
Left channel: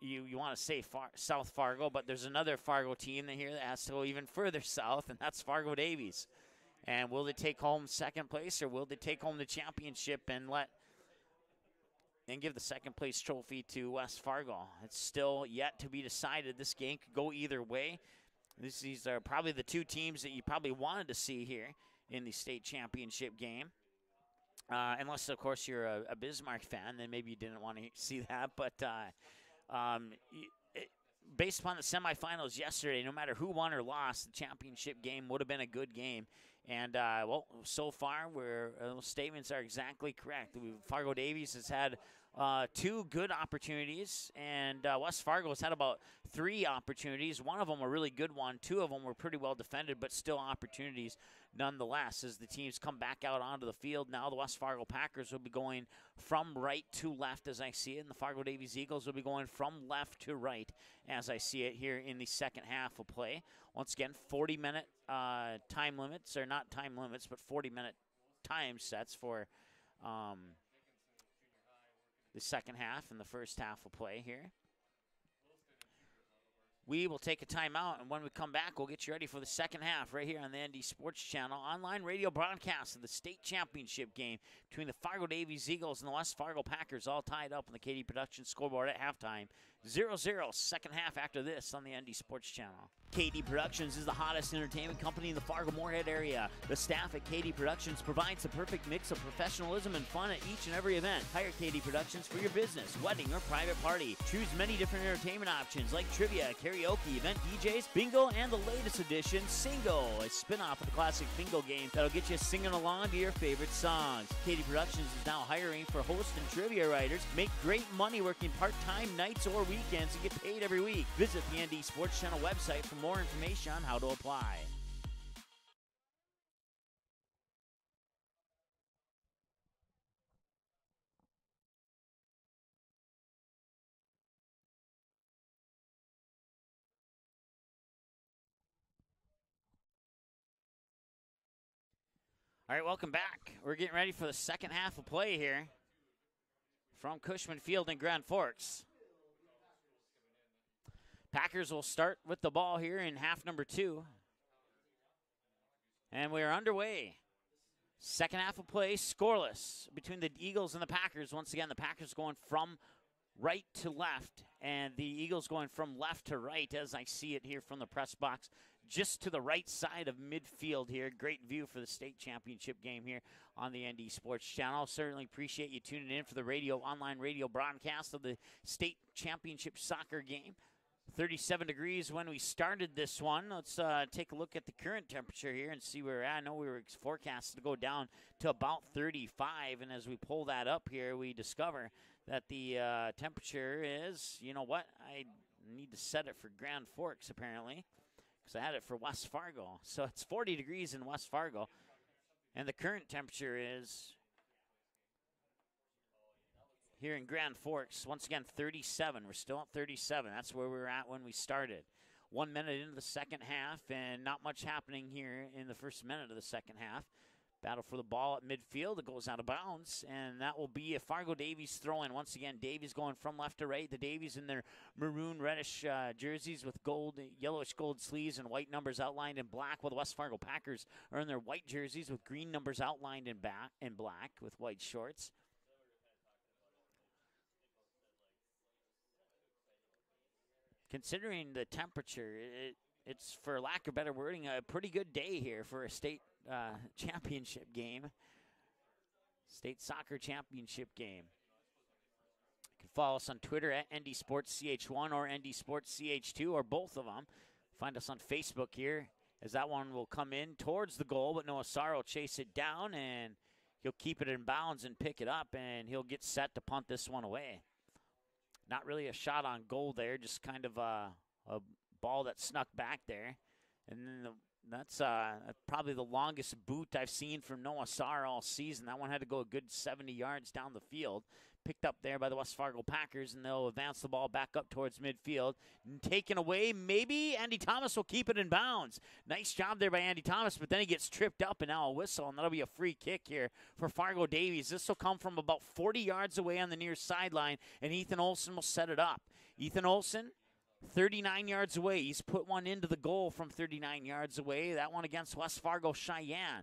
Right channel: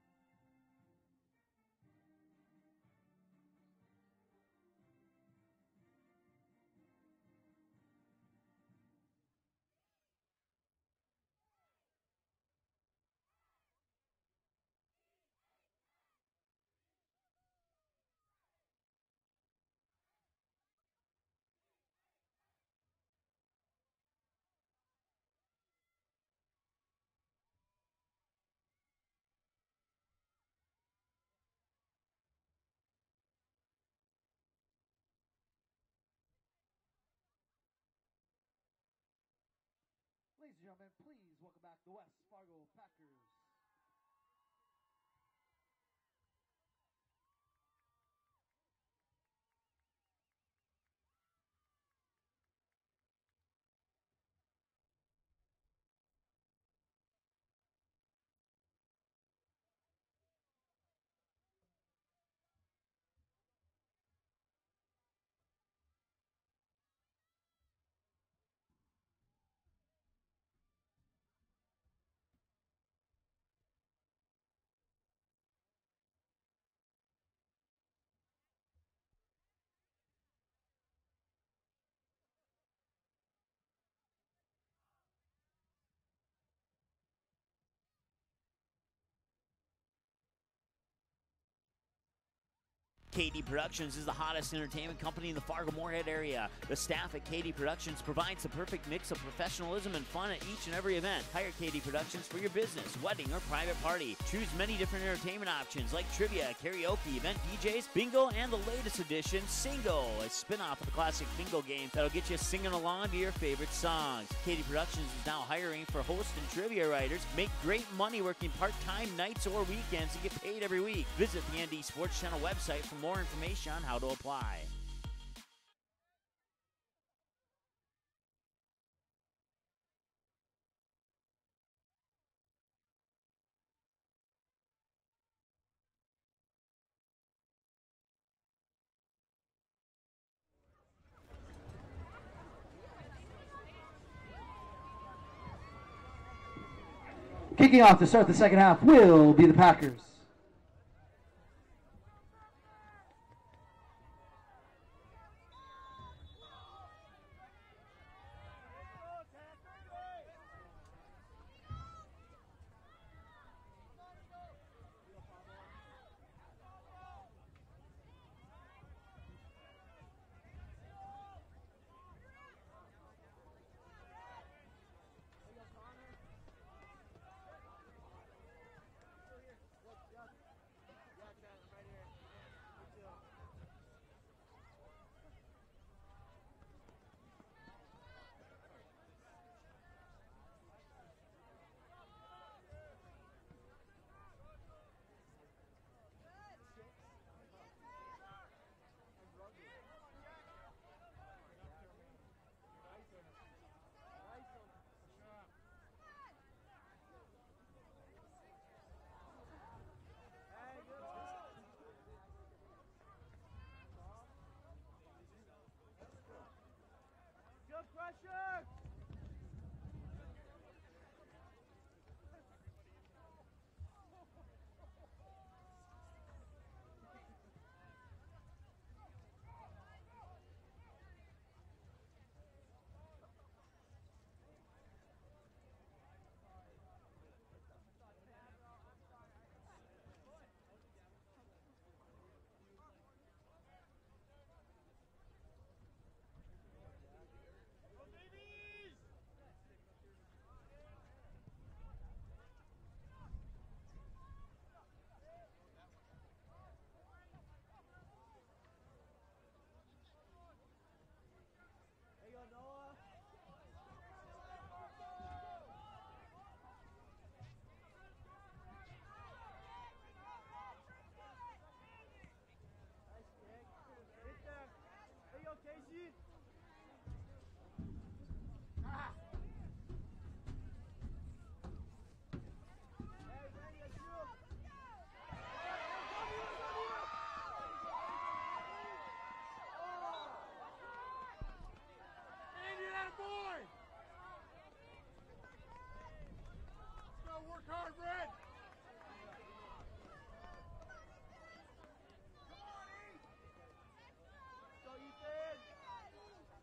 you want to say South Fargo, but there's another Fargo team here that has to go even further south, and that's Fargo Davies. And will they take home second place, or will they take home the championship and give the second place trophy to West Fargo? It's still yet to be decided. This game could go either way. These are probably the two teams that you probably wanted to see here in the state championship game. Unless, of course, you're a Bismarck fan, then maybe you didn't want to see that. But based upon the semifinals yesterday, no matter who won or lost, the championship game would have been a good game. And, well, so far, those statements are exactly correct. Fargo Davies has had 2 good opportunities, and West Fargo has had about 3 opportunities. One of them a really good one. 2 of them were pretty well defended, but still opportunities nonetheless as the teams come back out onto the field. Now the West Fargo Packers will be going from right to left as I see it, and the Fargo Davies Eagles will be going from left to right as I see it here in the second half of play. Once again, 40-minute time limits, or not time limits, but 40-minute time sets for the second half and the first half of play here. We will take a timeout, and when we come back, we'll get you ready for the second half right here on the ND Sports Channel. Online radio broadcast of the state championship game between the Fargo Davies Eagles and the West Fargo Packers, all tied up on the KD Productions scoreboard at halftime. 0-0, second half after this on the ND Sports Channel. KD Productions is the hottest entertainment company in the Fargo-Moorhead area. The staff at KD Productions provides the perfect mix of professionalism and fun at each and every event. Hire KD Productions for your business, wedding, or private party. Choose many different entertainment options like trivia, karaoke, event DJs, bingo, and the latest edition, Singo, a spin-off of the classic bingo game that'll get you singing along to your favorite songs. KD Productions is now hiring for host and trivia writers. Make great money working part-time nights or weekends and get paid every week. Visit the ND Sports Channel website for more information on how to apply. All right, welcome back. We're getting ready for the second half of play here from Cushman. Kicking off to start the second half will be the Packers. Packers will start with the ball here in half number 2. And we are underway. Second half of play, scoreless between the Eagles and the Packers. Once again, the Packers going from right to left, and the Eagles going from left to right as I see it here from the press box, just to the right side of midfield here. Great view for the state championship game here on the ND Sports Channel. Certainly appreciate you tuning in for the online radio broadcast of the state championship soccer game. 37 degrees when we started this one. Let's take a look at the current temperature here and see where we're at. I know we were forecasted to go down to about 35, and as we pull that up here, we discover that the temperature is, you know what, I need to set it for Grand Forks apparently, because I had it for West Fargo. So it's 40 degrees in West Fargo, and the current temperature is here in Grand Forks, once again, 37. We're still at 37. That's where we were at when we started. 1 minute into the second half, and not much happening here in the first minute of the second half. Battle for the ball at midfield. It goes out of bounds, and that will be a Fargo Davies throw-in. Once again, Davies going from left to right. The Davies in their maroon reddish jerseys with yellowish gold sleeves and white numbers outlined in black, while the West Fargo Packers are in their white jerseys with green numbers outlined in black with white shorts. Considering the temperature, it's, for lack of better wording, a pretty good day here for a state championship game. State soccer championship game. You can follow us on Twitter at ND Sports CH1 or ND Sports CH2 or both of them. Find us on Facebook here as that one will come in towards the goal, but Noah Sarr will chase it down and he'll keep it in bounds and pick it up, and he'll get set to punt this one away. Not really a shot on goal there, just kind of a ball that snuck back there. And then that's probably the longest boot I've seen from Noah Sarr all season. That one had to go a good 70 yards down the field. Picked up there by the West Fargo Packers, and they'll advance the ball back up towards midfield. And taken away, maybe Andy Thomas will keep it in bounds. Nice job there by Andy Thomas, but then he gets tripped up, and now a whistle, and that'll be a free kick here for Fargo Davies. This will come from about 40 yards away on the near sideline, and Ethan Olson will set it up. Ethan Olson, 39 yards away. He's put one into the goal from 39 yards away. That one against West Fargo Cheyenne.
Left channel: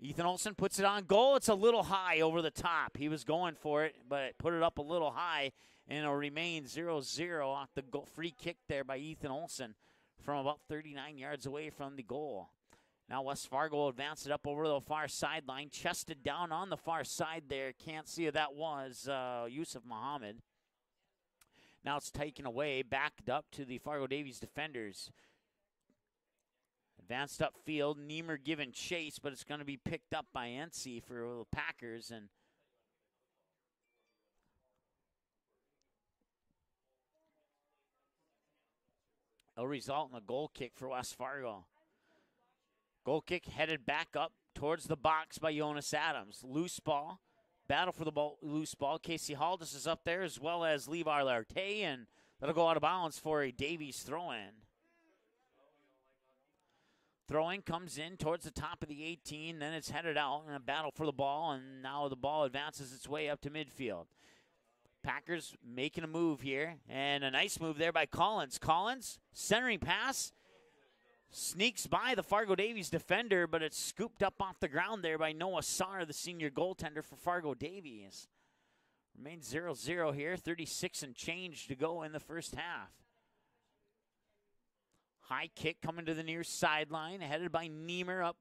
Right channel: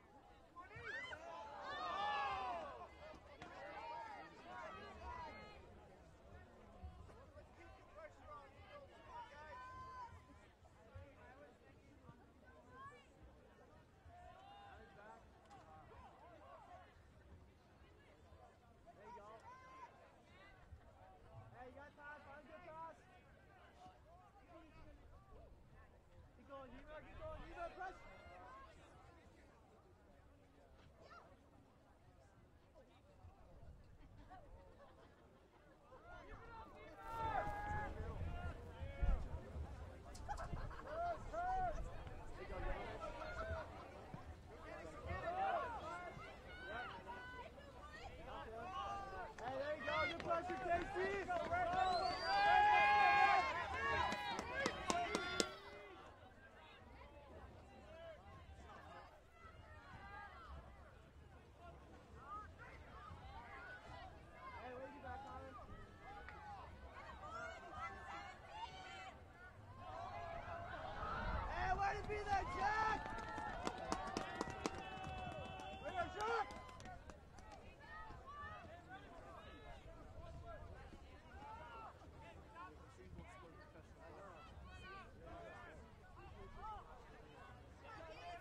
Ethan Olson puts it on goal. It's a little high over the top. He was going for it, but put it up a little high, and it'll remain 0-0 off the free kick there by Ethan Olson from about 39 yards away from the goal. Now West Fargo will advance it up over the far sideline, chested down on the far side there. Can't see who that was, Yusuf Muhammad. Now it's taken away, backed up to the Fargo Davies defenders. Advanced upfield, Niemer giving chase, but it's going to be picked up by NC for the Packers. And it'll result in a goal kick for West Fargo. Goal kick headed back up towards the box by Jonas Adams. Loose ball, battle for the ball, loose ball. Casey Haldis is up there, as well as Levi Larte, and it'll go out of bounds for a Davies throw-in. Throwing comes in towards the top of the 18, then it's headed out in a battle for the ball, and now the ball advances its way up to midfield. Packers making a move here, and a nice move there by Collins. Collins, centering pass, sneaks by the Fargo Davies defender, but it's scooped up off the ground there by Noah Sarr, the senior goaltender for Fargo Davies. Remains 0-0 here, 36 and change to go in the first half. High kick coming to the near sideline, headed by Niemer up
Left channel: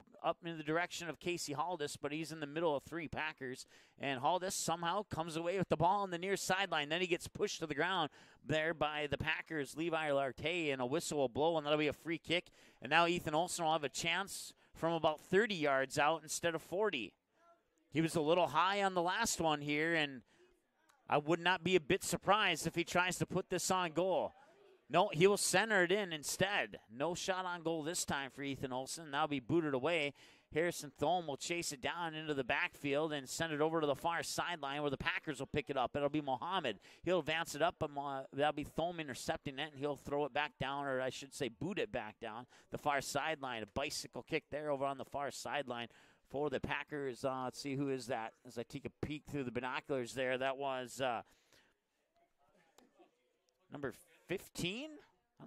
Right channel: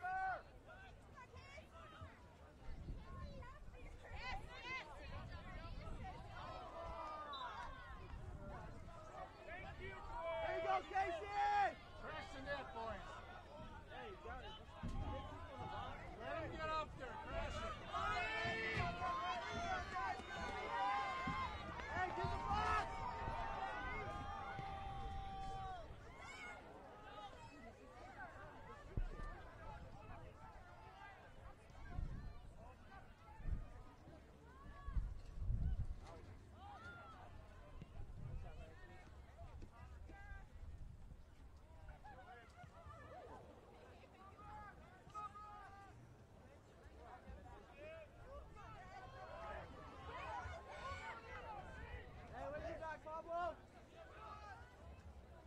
in the direction of Casey Haldis, but he's in the middle of three Packers. And Haldis somehow comes away with the ball on the near sideline. Then he gets pushed to the ground there by the Packers, Levi Larte, and a whistle will blow, and that'll be a free kick. And now Ethan Olson will have a chance from about 30 yards out instead of 40. He was a little high on the last one here, and I would not be a bit surprised if he tries to put this on goal. No, he will center it in instead. No shot on goal this time for Ethan Olson. Now be booted away. Harrison Thome will chase it down into the backfield and send it over to the far sideline where the Packers will pick it up. It'll be Mohammed. He'll advance it up, but that'll be Thome intercepting it, and he'll throw it back down, or I should say boot it back down the far sideline. A bicycle kick there over on the far sideline for the Packers. Let's see, who is that? As I take a peek through the binoculars there, that was number 15?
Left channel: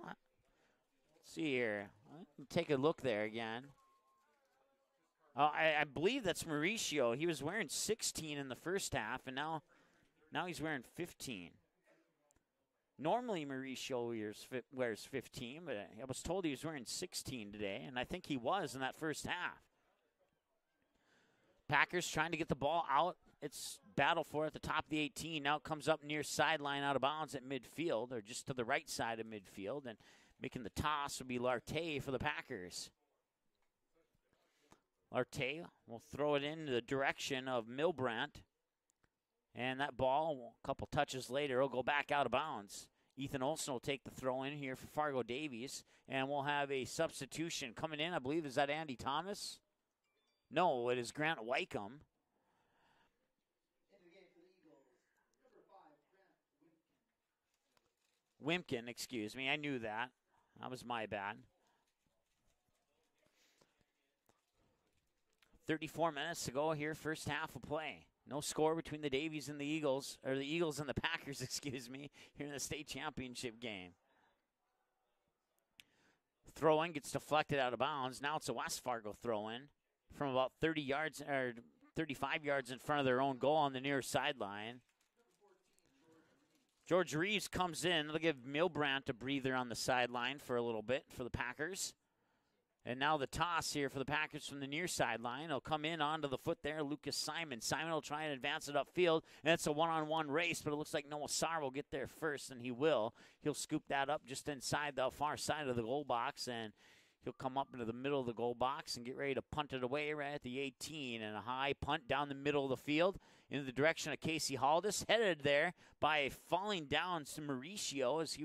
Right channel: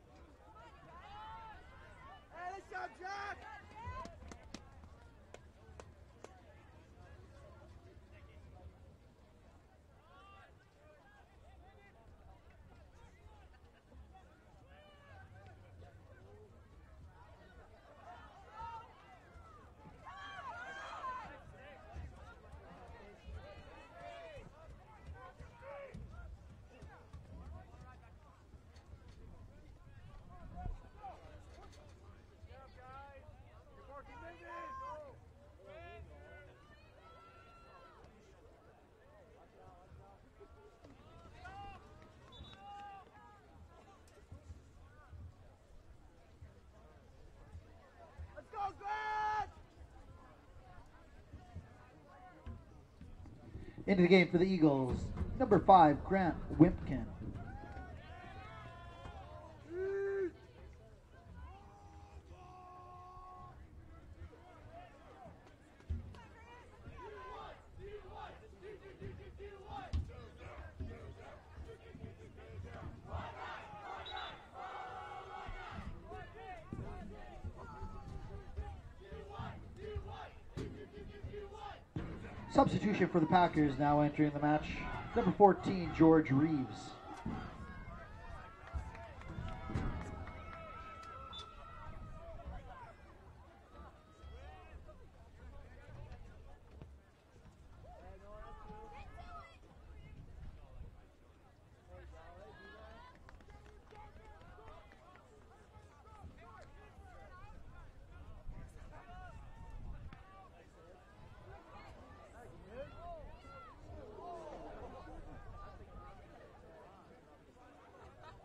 Let's see here. Take a look there again. I believe that's Mauricio. He was wearing 16 in the first half, and now he's wearing 15. Normally Mauricio wears 15, but I was told he was wearing 16 today, and I think he was in that first half. Packers trying to get the ball out. It's battle for it at the top of the 18. Now it comes up near sideline, out of bounds at midfield, or just to the right side of midfield, and making the toss would be Larte for the Packers. Larte will throw it in the direction of Milbrandt, and that ball, a couple touches later, will go back out of bounds. Ethan Olson will take the throw in here for Fargo Davies, and we'll have a substitution coming in. I believe, is that Andy Thomas? No, it is Grant Wycombe. Into the game for the Eagles, number 5, Grant Wimpkin. Wimpkin, excuse me. I knew that. That was my bad. 34 minutes to go here, first half of play. No score between the Davies and the Eagles, or the Eagles and the Packers, excuse me, here in the state championship game. Throw-in gets deflected out of bounds. Now it's a West Fargo throw-in from about 30 yards, or 35 yards in front of their own goal on the near sideline. Number 14, George Reeves. George Reeves comes in. It'll give Milbrandt a breather on the sideline for a little bit for the Packers. And now the toss here for the Packers from the near sideline. It'll come in onto the foot there, Lucas Simon. Simon will try and advance it upfield, and it's a one-on-one race, but it looks like Noah Sarr will get there first, and he will. He'll scoop that up just inside the far side of the goal box, and he'll come up into the middle of the goal box and get ready to punt it away right at the 18, and a high punt down the middle of the field. in the direction of Casey Haldis, headed there by falling down to Mauricio as he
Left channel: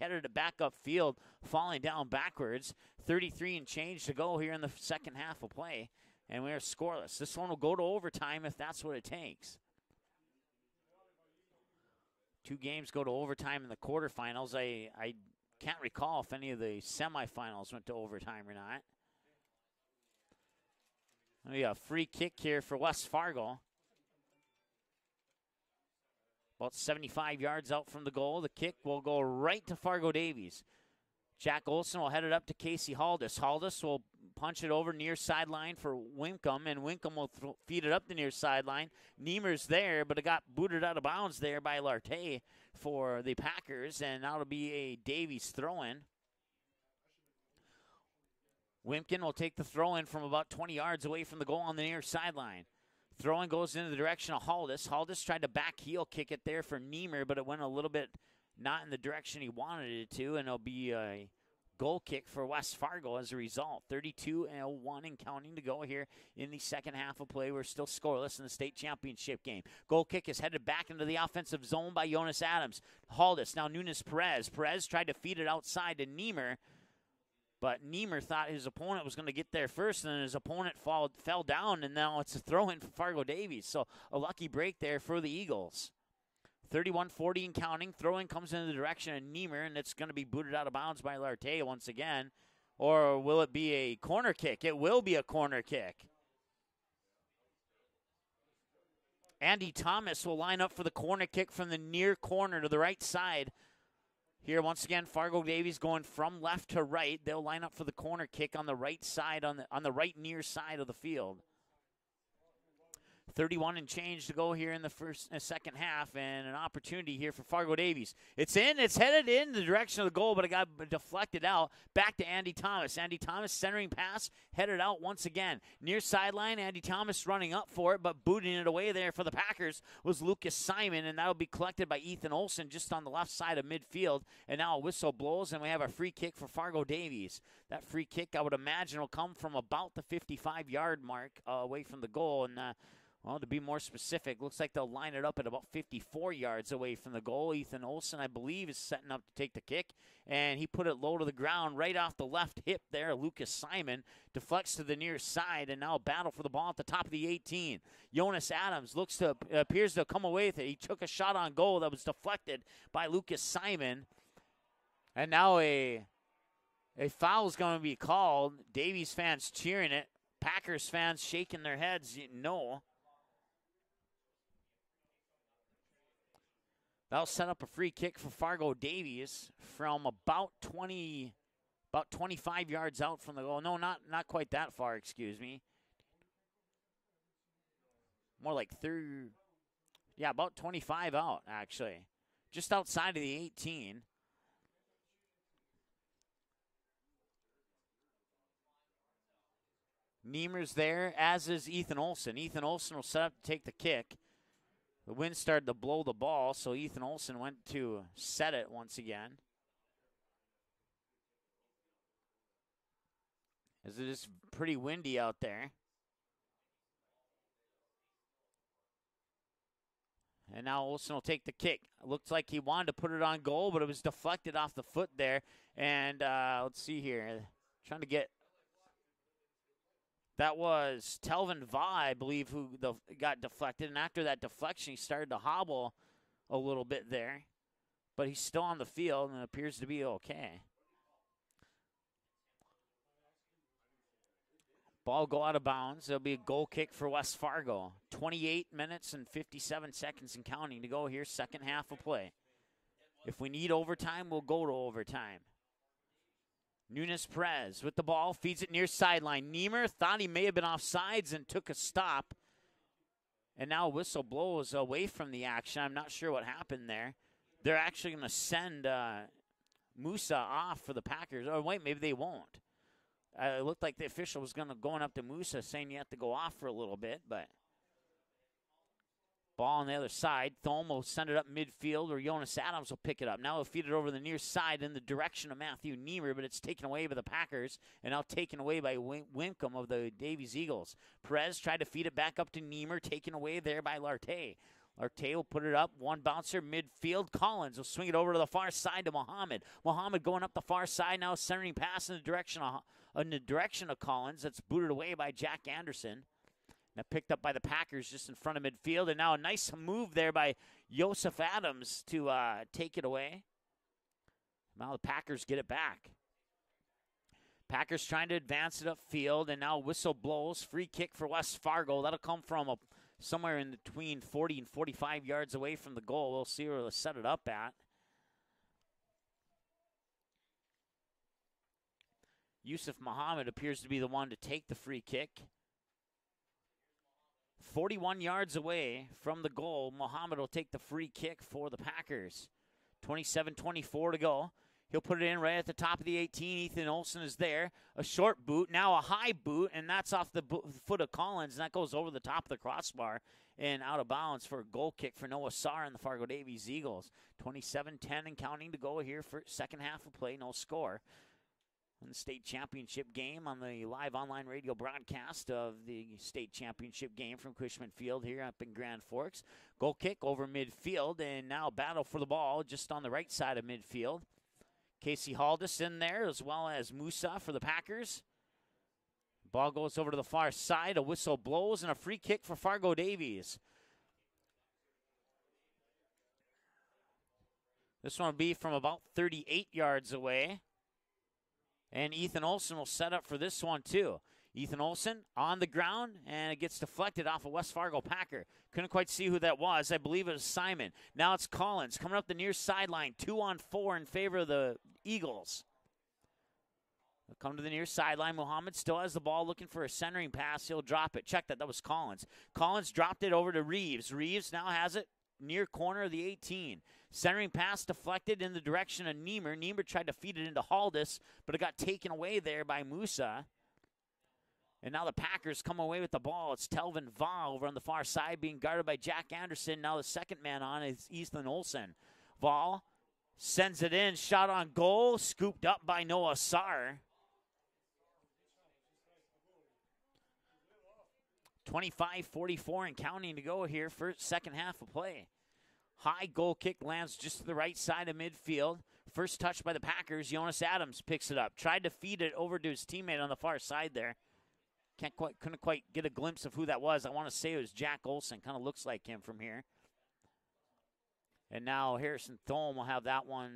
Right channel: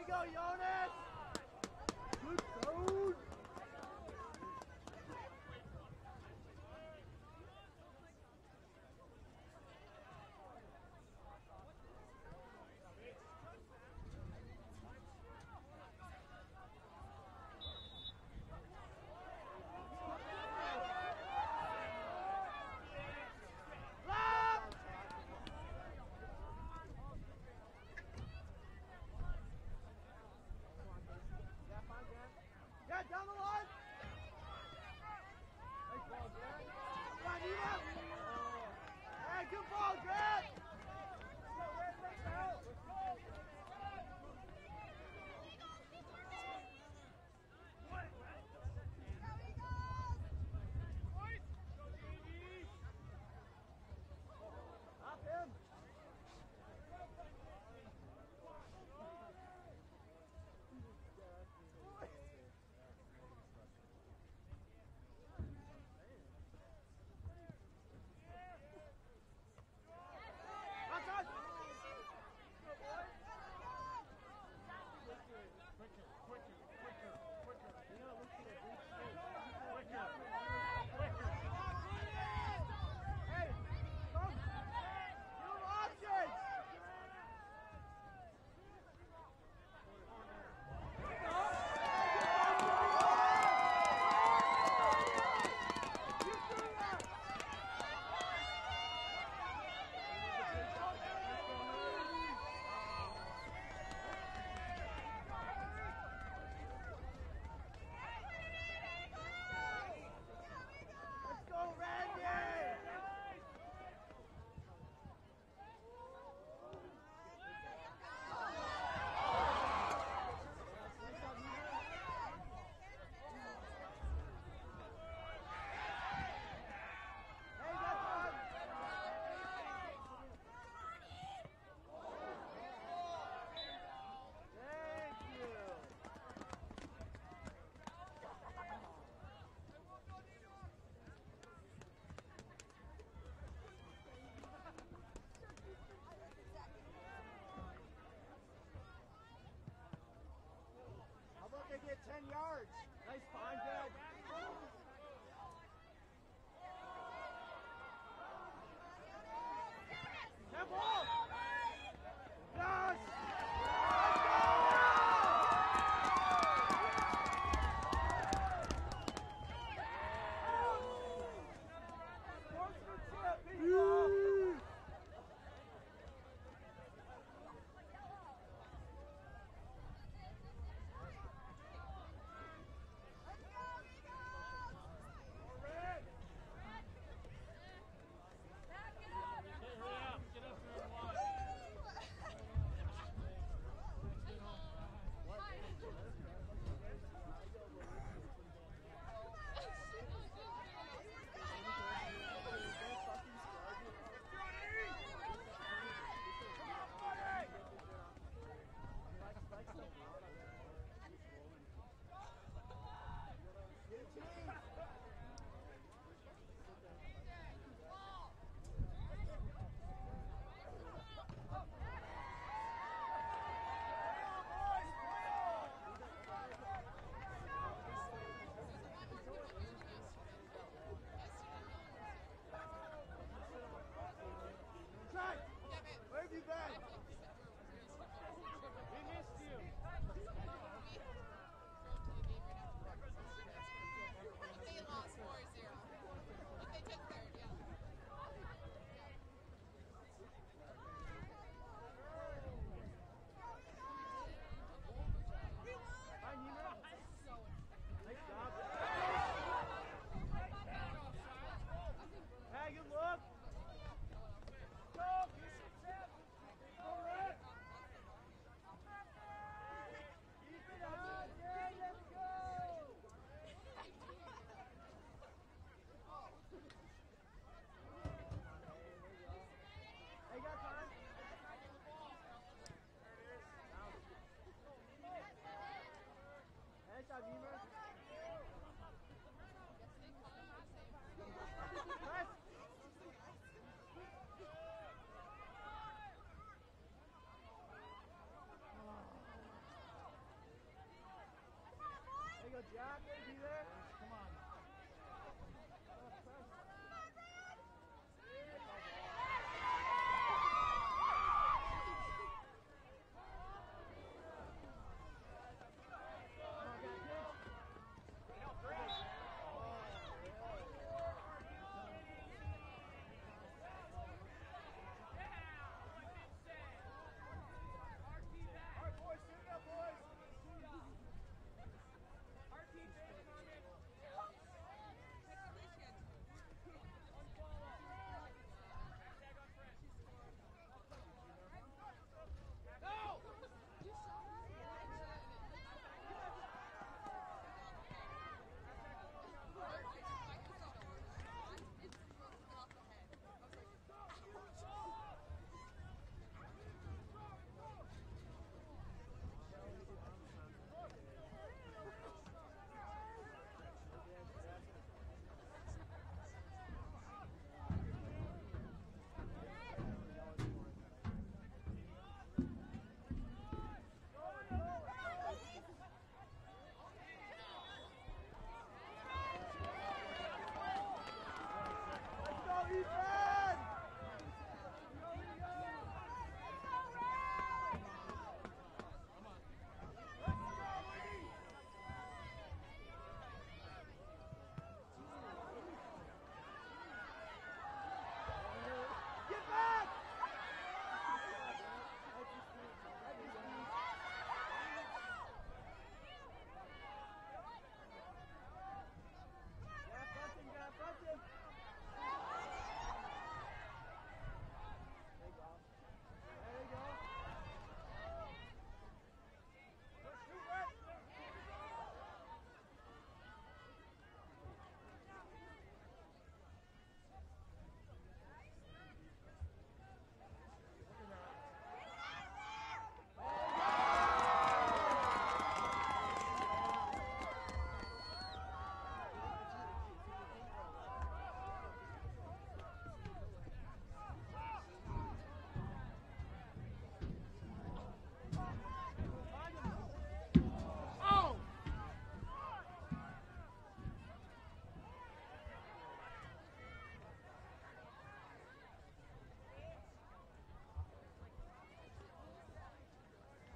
headed to back up field, falling down backwards. 33 and change to go here in the second half of play, and we're scoreless. This one will go to overtime if that's what it takes. 2 games go to overtime in the quarterfinals. I can't recall if any of the semifinals went to overtime or not. We got a free kick here for West Fargo. About 75 yards out from the goal. The kick will go right to Fargo Davies. Jack Olson will head it up to Casey Haldis. Haldis will punch it over near sideline for Winkum, and Winkum will feed it up the near sideline. Niemer's there, but it got booted out of bounds there by Larte for the Packers, and that'll be a Davies throw-in. Wimpkin will take the throw-in from about 20 yards away from the goal on the near sideline. Throw-in goes into the direction of Haldis. Haldis tried to back heel kick it there for Niemer, but it went a little bit not in the direction he wanted it to, and it'll be a goal kick for West Fargo as a result. 32-1 and counting to go here in the second half of play. We're still scoreless in the state championship game. Goal kick is headed back into the offensive zone by Jonas Adams. Haldis, now Nunes Perez. Perez tried to feed it outside to Niemer, but Niemer thought his opponent was going to get there first, and then his opponent fell down, and now it's a throw-in for Fargo Davies. So a lucky break there for the Eagles. 31-40 and counting. Throw-in comes in the direction of Niemer, and it's going to be booted out of bounds by Larte once again. Or will it be a corner kick? It will be a corner kick. Andy Thomas will line up for the corner kick from the near corner to the right side. Here once again, Fargo Davies going from left to right. They'll line up for the corner kick on the right side, on the right near side of the field. 31 and change to go here in the second half, and an opportunity here for Fargo Davies. It's in, it's headed in the direction of the goal, but it got deflected out. Back to Andy Thomas. Andy Thomas centering pass, headed out once again. Near sideline, Andy Thomas running up for it, but booting it away there for the Packers was Lucas Simon, and that'll be collected by Ethan Olson just on the left side of midfield. And now a whistle blows, and we have a free kick for Fargo Davies. That free kick, I would imagine, will come from about the 55-yard mark away from the goal, and well, to be more specific, looks like they'll line it up at about 54 yards away from the goal. Ethan Olson, I believe, is setting up to take the kick, and he put it low to the ground right off the left hip there. Lucas Simon deflects to the near side, and now battle for the ball at the top of the 18. Jonas Adams appears to come away with it. He took a shot on goal that was deflected by Lucas Simon, and now a foul is going to be called. Davies fans cheering it. Packers fans shaking their heads, no. That'll set up a free kick for Fargo Davies from about 25 yards out from the goal. No, not quite that far, excuse me. More like 30, yeah, about 25 out, actually. Just outside of the 18. Niemer's there, as is Ethan Olson. Ethan Olson will set up to take the kick. The wind started to blow the ball, so Ethan Olson went to set it once again. As it is pretty windy out there. And now Olson will take the kick. Looks like he wanted to put it on goal, but it was deflected off the foot there. And let's see here, trying to get, that was Telvin Va, I believe, who got deflected. And after that deflection, he started to hobble a little bit there. But he's still on the field and appears to be okay. Ball go out of bounds. There'll be a goal kick for West Fargo. 28 minutes and 57 seconds and counting to go here, second half of play. If we need overtime, we'll go to overtime. Nunes Perez with the ball, feeds it near sideline. Niemer thought he may have been offsides and took a stop. And now a whistle blows away from the action. I'm not sure what happened there. They're actually going to send Musa off for the Packers. Oh, wait, maybe they won't. It looked like the official was going up to Musa saying you have to go off for a little bit, but Ball on the other side. Thome will send it up midfield, or Jonas Adams will pick it up. Now he'll feed it over the near side in the direction of Matthew Niemer, but it's taken away by the Packers, and now taken away by Wincombe of the Davies Eagles. Perez tried to feed it back up to Niemer, taken away there by Lartey. Lartey will put it up, one bouncer midfield. Collins will swing it over to the far side to Mohammed. Mohammed going up the far side, now centering pass in the direction of Collins. That's booted away by Jack Anderson. Now picked up by the Packers just in front of midfield, and now a nice move there by Joseph Adams to take it away. Now the Packers get it back. Packers trying to advance it upfield, and now whistle blows. Free kick for West Fargo. That'll come from somewhere in between 40 and 45 yards away from the goal. We'll see where they'll set it up at. Yusuf Muhammad appears to be the one to take the free kick. 41 yards away from the goal, Muhammad will take the free kick for the Packers. 27-24 to go. He'll put it in right at the top of the 18. Ethan Olsen is there. A short boot, now a high boot, and that's off the foot of Collins, and that goes over the top of the crossbar and out of bounds for a goal kick for Noah Sarr and the Fargo Davies Eagles. 27-10 and counting to go here for second half of play, no score. State Championship game on the live online radio broadcast of the State Championship game from Cushman Field here up in Grand Forks. Goal kick over midfield, and now battle for the ball just on the right side of midfield. Casey Haldis in there, as well as Musa for the Packers. Ball goes over to the far side, a whistle blows, and a free kick for Fargo Davies. This one will be from about 38 yards away. And Ethan Olsen will set up for this one too. Ethan Olsen on the ground, and it gets deflected off a West Fargo Packer. Couldn't quite see who that was. I believe it was Simon. Now it's Collins coming up the near sideline. 2-on-4 in favor of the Eagles. They come to the near sideline. Muhammad still has the ball, looking for a centering pass. He'll drop it. Check that. That was Collins. Collins dropped it over to Reeves. Reeves now has it near corner of the 18. Centering pass deflected in the direction of Niemer. Niemer tried to feed it into Haldis, but it got taken away there by Musa. And now the Packers come away with the ball. It's Telvin Vaugh over on the far side being guarded by Jack Anderson. Now the second man on is Ethan Olsen. Vaugh sends it in, shot on goal, scooped up by Noah Sarr. 25-44 and counting to go here for second half of play. High goal kick lands just to the right side of midfield. First touch by the Packers. Jonas Adams picks it up. Tried to feed it over to his teammate on the far side there. Couldn't quite get a glimpse of who that was. I want to say it was Jack Olsen. Kind of looks like him from here. And now Harrison Thome will have that one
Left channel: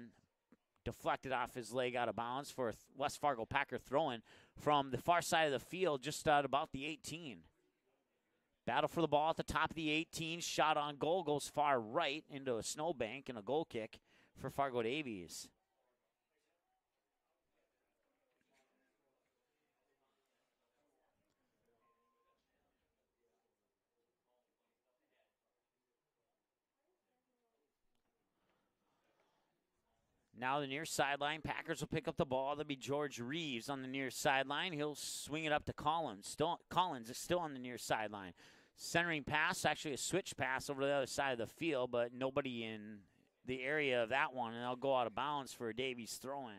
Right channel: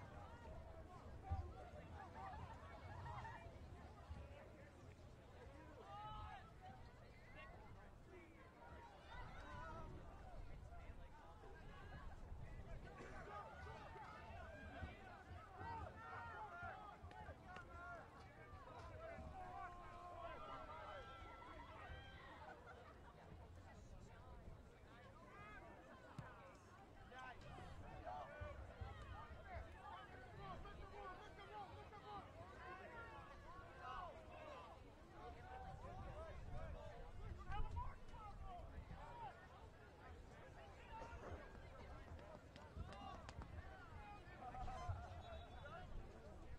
deflected off his leg out of bounds for a West Fargo Packer throw-in from the far side of the field, just at about the 18. Battle for the ball at the top of the 18. Shot on goal goes far right into a snowbank, and a goal kick for Fargo Davies. Now the near sideline, Packers will pick up the ball. That'll be George Reeves on the near sideline. He'll swing it up to Collins. Collins is still on the near sideline. Centering pass, actually a switch pass over to the other side of the field, but nobody in the area of that one, and they'll go out of bounds for a Davies throw-in.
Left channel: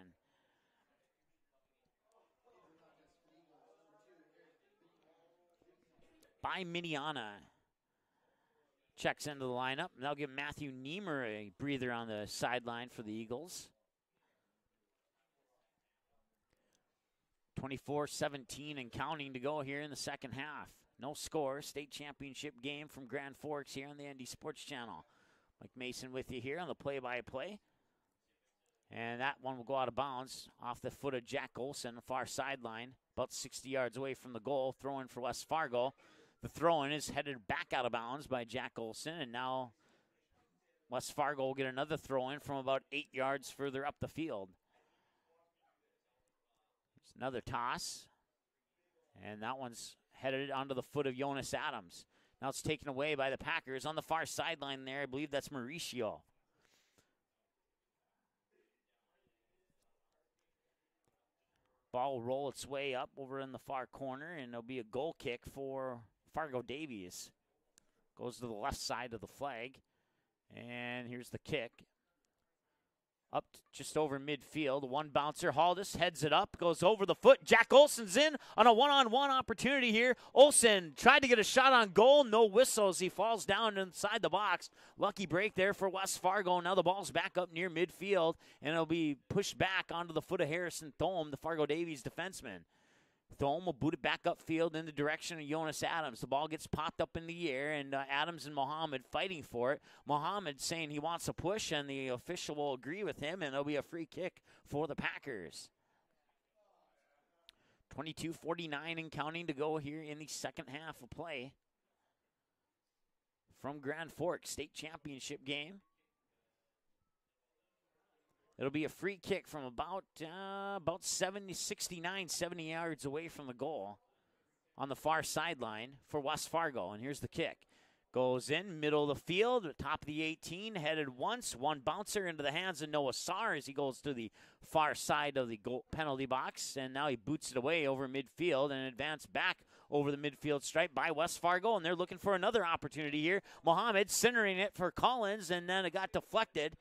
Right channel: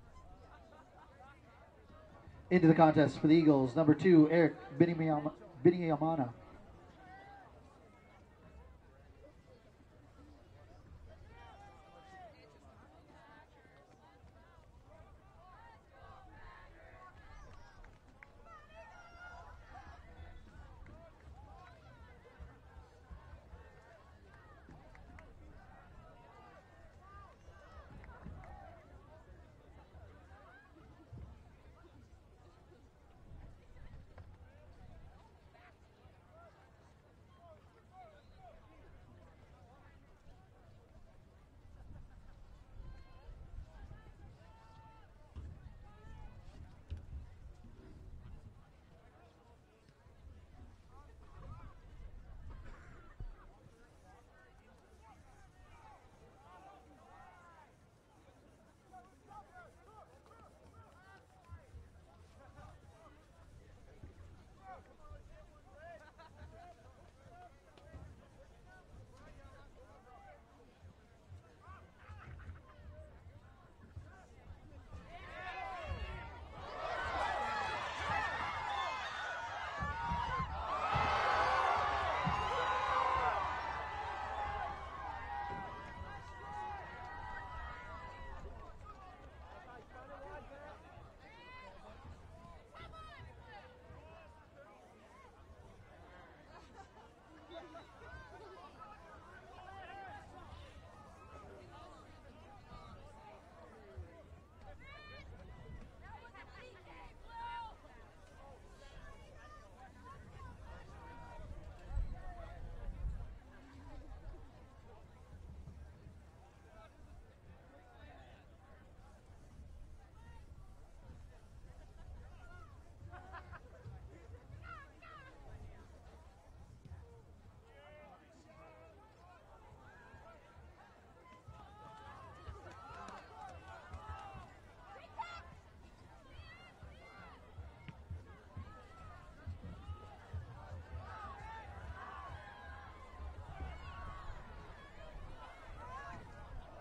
Into the contest for the Eagles, number 2, Eric Biniamana. By Miniana. Checks into the lineup. And they'll give Matthew Niemer a breather on the sideline for the Eagles. 24-17 and counting to go here in the second half. No score. State Championship game from Grand Forks here on the ND Sports Channel. Mike Mason with you here on the play-by-play. And that one will go out of bounds off the foot of Jack Olsen, the far sideline, about 60 yards away from the goal. Throw-in for West Fargo. The throw-in is headed back out of bounds by Jack Olsen, and now West Fargo will get another throw-in from about 8 yards further up the field. There's another toss, and that one's headed onto the foot of Jonas Adams. Now it's taken away by the Packers on the far sideline there. I believe that's Mauricio. Ball will roll its way up over in the far corner, and there'll be a goal kick for Fargo Davies. Goes to the left side of the flag. And here's the kick. Up just over midfield. One bouncer. Haldis heads it up. Goes over the foot. Jack Olson's in on a one-on-one opportunity here. Olson tried to get a shot on goal. No whistles. He falls down inside the box. Lucky break there for West Fargo. Now the ball's back up near midfield. And it'll be pushed back onto the foot of Harrison Thome, the Fargo Davies defenseman. Thome will boot it back upfield in the direction of Jonas Adams. The ball gets popped up in the air, and Adams and Mohammed fighting for it. Mohammed saying he wants a push, and the official will agree with him, and it'll be a free kick for the Packers. 22:49 and counting to go here in the second half of play from Grand Forks State Championship game. It'll be a free kick from about 69, 70 yards away from the goal on the far sideline for West Fargo. And here's the kick. Goes in, middle of the field, top of the 18, headed once. One bouncer into the hands of Noah Saar as he goes to the far side of the goal penalty box. And now he boots it away over midfield and advanced back over the midfield stripe by West Fargo. And they're looking for another opportunity here. Mohammed centering it for Collins, and then it got deflected.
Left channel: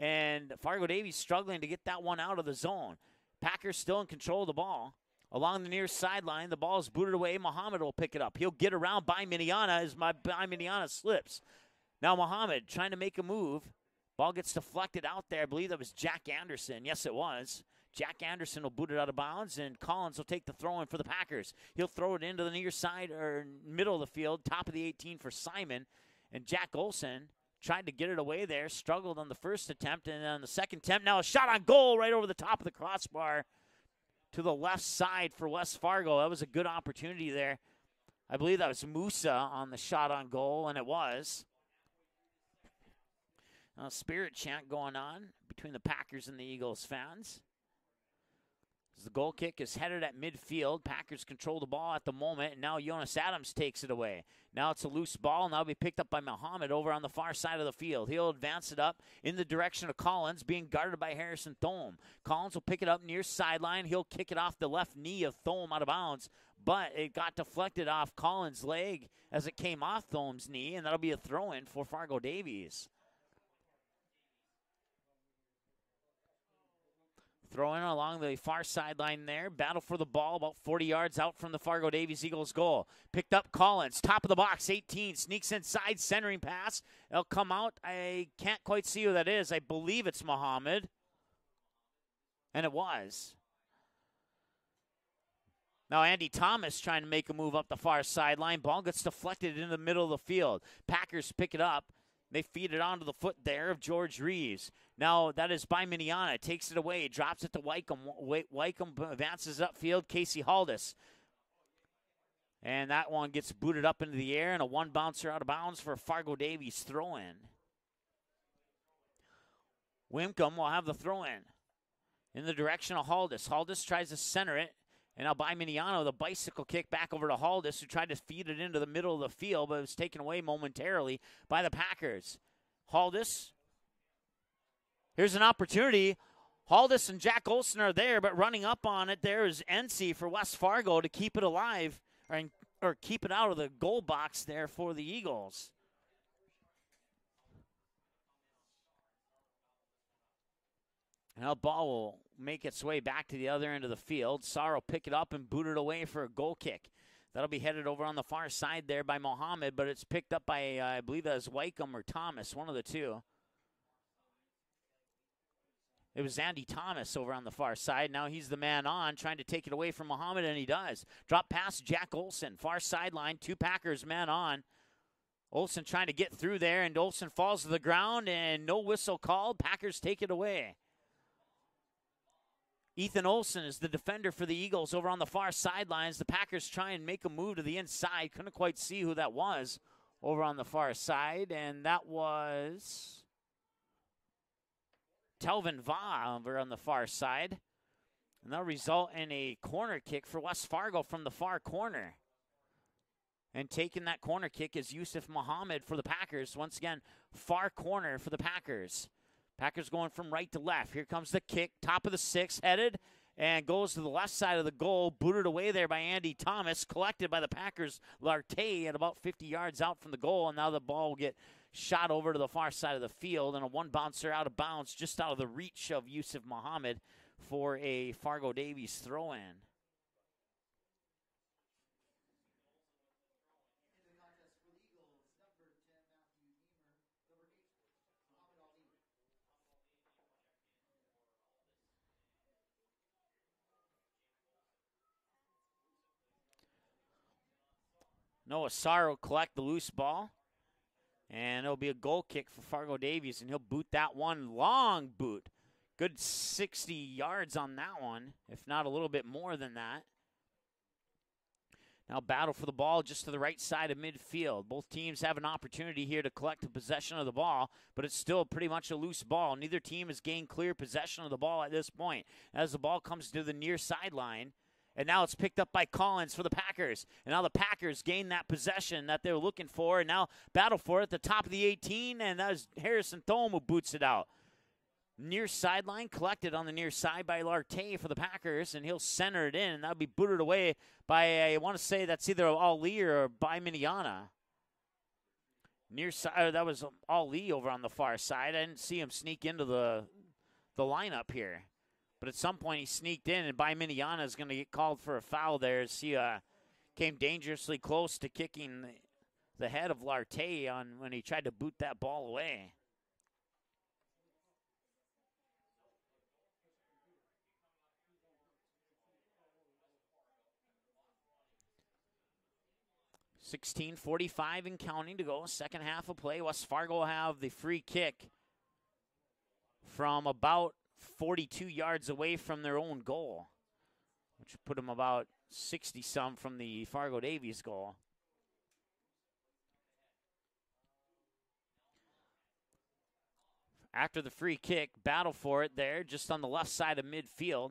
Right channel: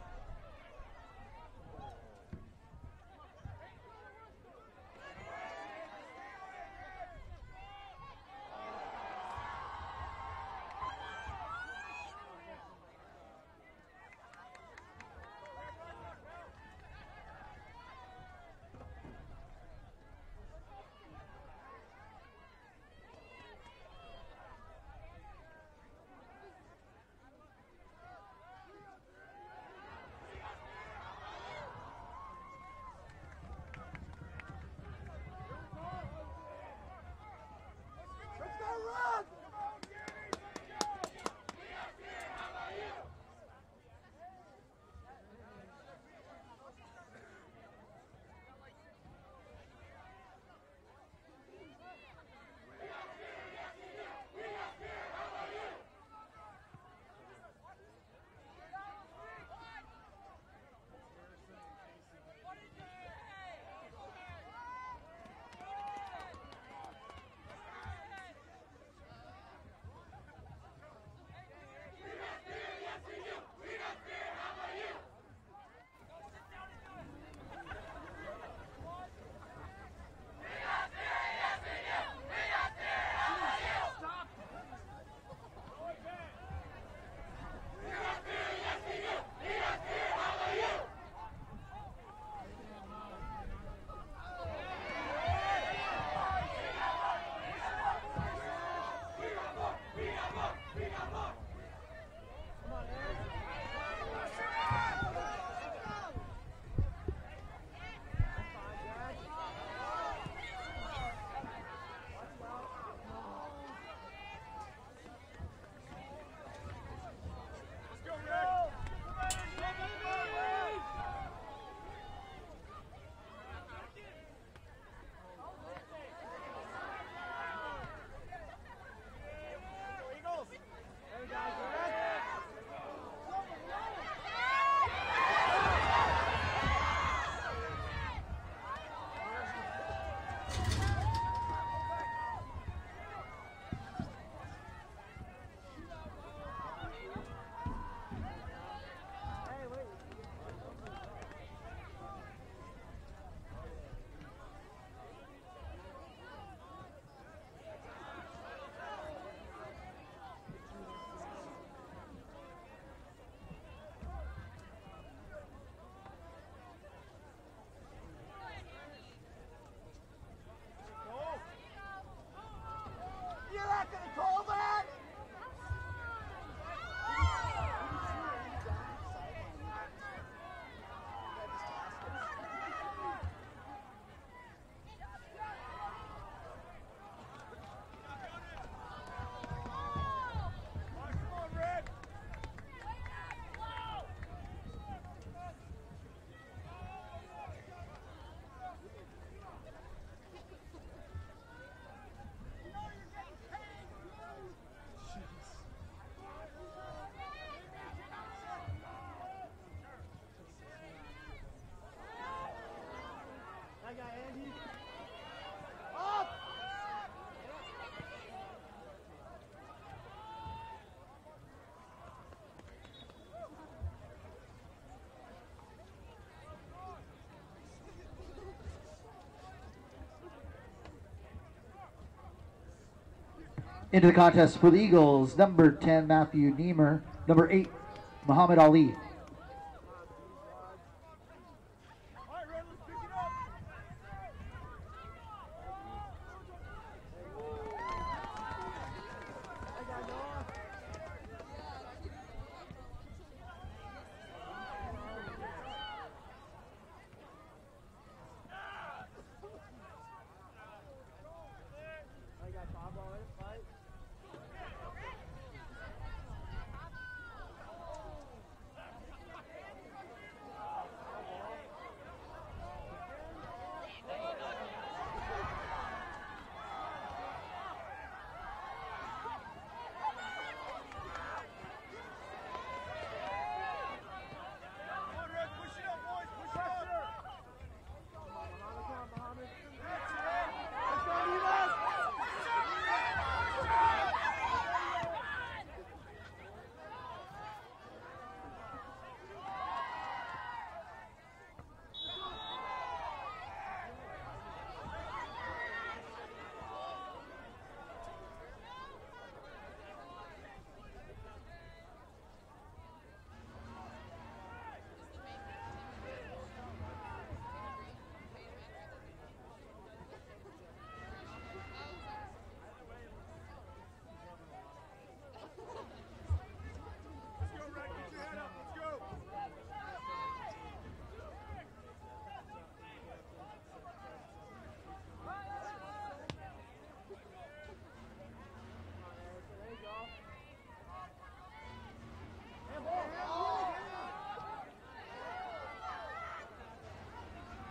And Fargo Davies struggling to get that one out of the zone. Packers still in control of the ball. Along the near sideline, the ball is booted away. Mohammed will pick it up. He'll get around by Miniana as Miniana slips. Now Mohammed trying to make a move. Ball gets deflected out there. I believe that was Jack Anderson. Yes, it was. Jack Anderson will boot it out of bounds, and Collins will take the throw in for the Packers. He'll throw it into the near side or middle of the field, top of the 18 for Simon. And Jack Olson tried to get it away there, struggled on the first attempt, and on the second attempt, now a shot on goal right over the top of the crossbar to the left side for West Fargo. That was a good opportunity there. I believe that was Musa on the shot on goal, and it was. Now, spirit chant going on between the Packers and the Eagles fans. The goal kick is headed at midfield. Packers control the ball at the moment. And now Jonas Adams takes it away. Now it's a loose ball. Now it'll be picked up by Mohammed over on the far side of the field. He'll advance it up in the direction of Collins, being guarded by Harrison Thome. Collins will pick it up near sideline. He'll kick it off the left knee of Thome out of bounds. But it got deflected off Collins' leg as it came off Thome's knee, and that'll be a throw-in for Fargo Davies. Throwing along the far sideline there. Battle for the ball about 40 yards out from the Fargo Davies Eagles goal. Picked up Collins, top of the box, 18. Sneaks inside, centering pass. They'll come out. I can't quite see who that is. I believe it's Mohammed. And it was. Now Andy Thomas trying to make a move up the far sideline. Ball gets deflected in the middle of the field. Packers pick it up. They feed it onto the foot there of George Reeves. Now that is by Miniana. Takes it away, drops it to Wycombe. Wycombe advances upfield, Casey Haldis. And that one gets booted up into the air, and a one bouncer out of bounds for Fargo Davies throw-in. Wycombe will have the throw-in in the direction of Haldis. Haldis tries to center it. And now by Miniano, the bicycle kick back over to Haldis, who tried to feed it into the middle of the field, but it was taken away momentarily by the Packers. Haldis, here's an opportunity. Haldis and Jack Olson are there, but running up on it there is NC for West Fargo to keep it alive, or keep it out of the goal box there for the Eagles. Now ball will make its way back to the other end of the field. Saar will pick it up and boot it away for a goal kick. That'll be headed over on the far side there by Mohammed, but it's picked up by, I believe that was Wycombe or Thomas, one of the two. It was Andy Thomas over on the far side. Now he's the man on, trying to take it away from Mohammed, and he does. Drop past Jack Olson, far sideline, two Packers man on. Olson trying to get through there, and Olson falls to the ground, and no whistle called. Packers take it away. Ethan Olson is the defender for the Eagles over on the far sidelines. The Packers try and make a move to the inside. Couldn't quite see who that was over on the far side, and that was Telvin Va over on the far side. And that'll result in a corner kick for West Fargo from the far corner. And taking that corner kick is Yusuf Mohammed for the Packers. Once again, far corner for the Packers. Packers going from right to left. Here comes the kick, top of the six, headed, and goes to the left side of the goal, booted away there by Andy Thomas, collected by the Packers' Lartey at about 50 yards out from the goal, and now the ball will get shot over to the far side of the field, and a one bouncer out of bounds, just out of the reach of Yusuf Muhammad for a Fargo Davies throw-in. Into the contest for the Eagles, number 10, Matthew Niemer, number 8, Muhammad Ali. Noah Sarr will collect the loose ball, and it'll be a goal kick for Fargo Davies, and he'll boot that one. Long boot. Good 60 yards on that one, if not a little bit more than that. Now battle for the ball just to the right side of midfield. Both teams have an opportunity here to collect the possession of the ball, but it's still pretty much a loose ball. Neither team has gained clear possession of the ball at this point. As the ball comes to the near sideline, and now it's picked up by Collins for the Packers. And now the Packers gain that possession that they're looking for, and now battle for it at the top of the 18, and that is Harrison Thome who boots it out. Near sideline, collected on the near side by Lartey for the Packers, and he'll center it in. That'll be booted away by, I want to say that's either Ali or by Miniana. Near side, that was Ali over on the far side. I didn't see him sneak into the lineup here. But at some point he sneaked in, and by Miniana is going to get called for a foul there as he came dangerously close to kicking the head of Lartey on when he tried to boot that ball away. .45 and counting to go, second half of play. West Fargo will have the free kick from about 42 yards away from their own goal, which would put them about 60-some from the Fargo Davies goal. After the free kick, battle for it there, just on the left side of midfield.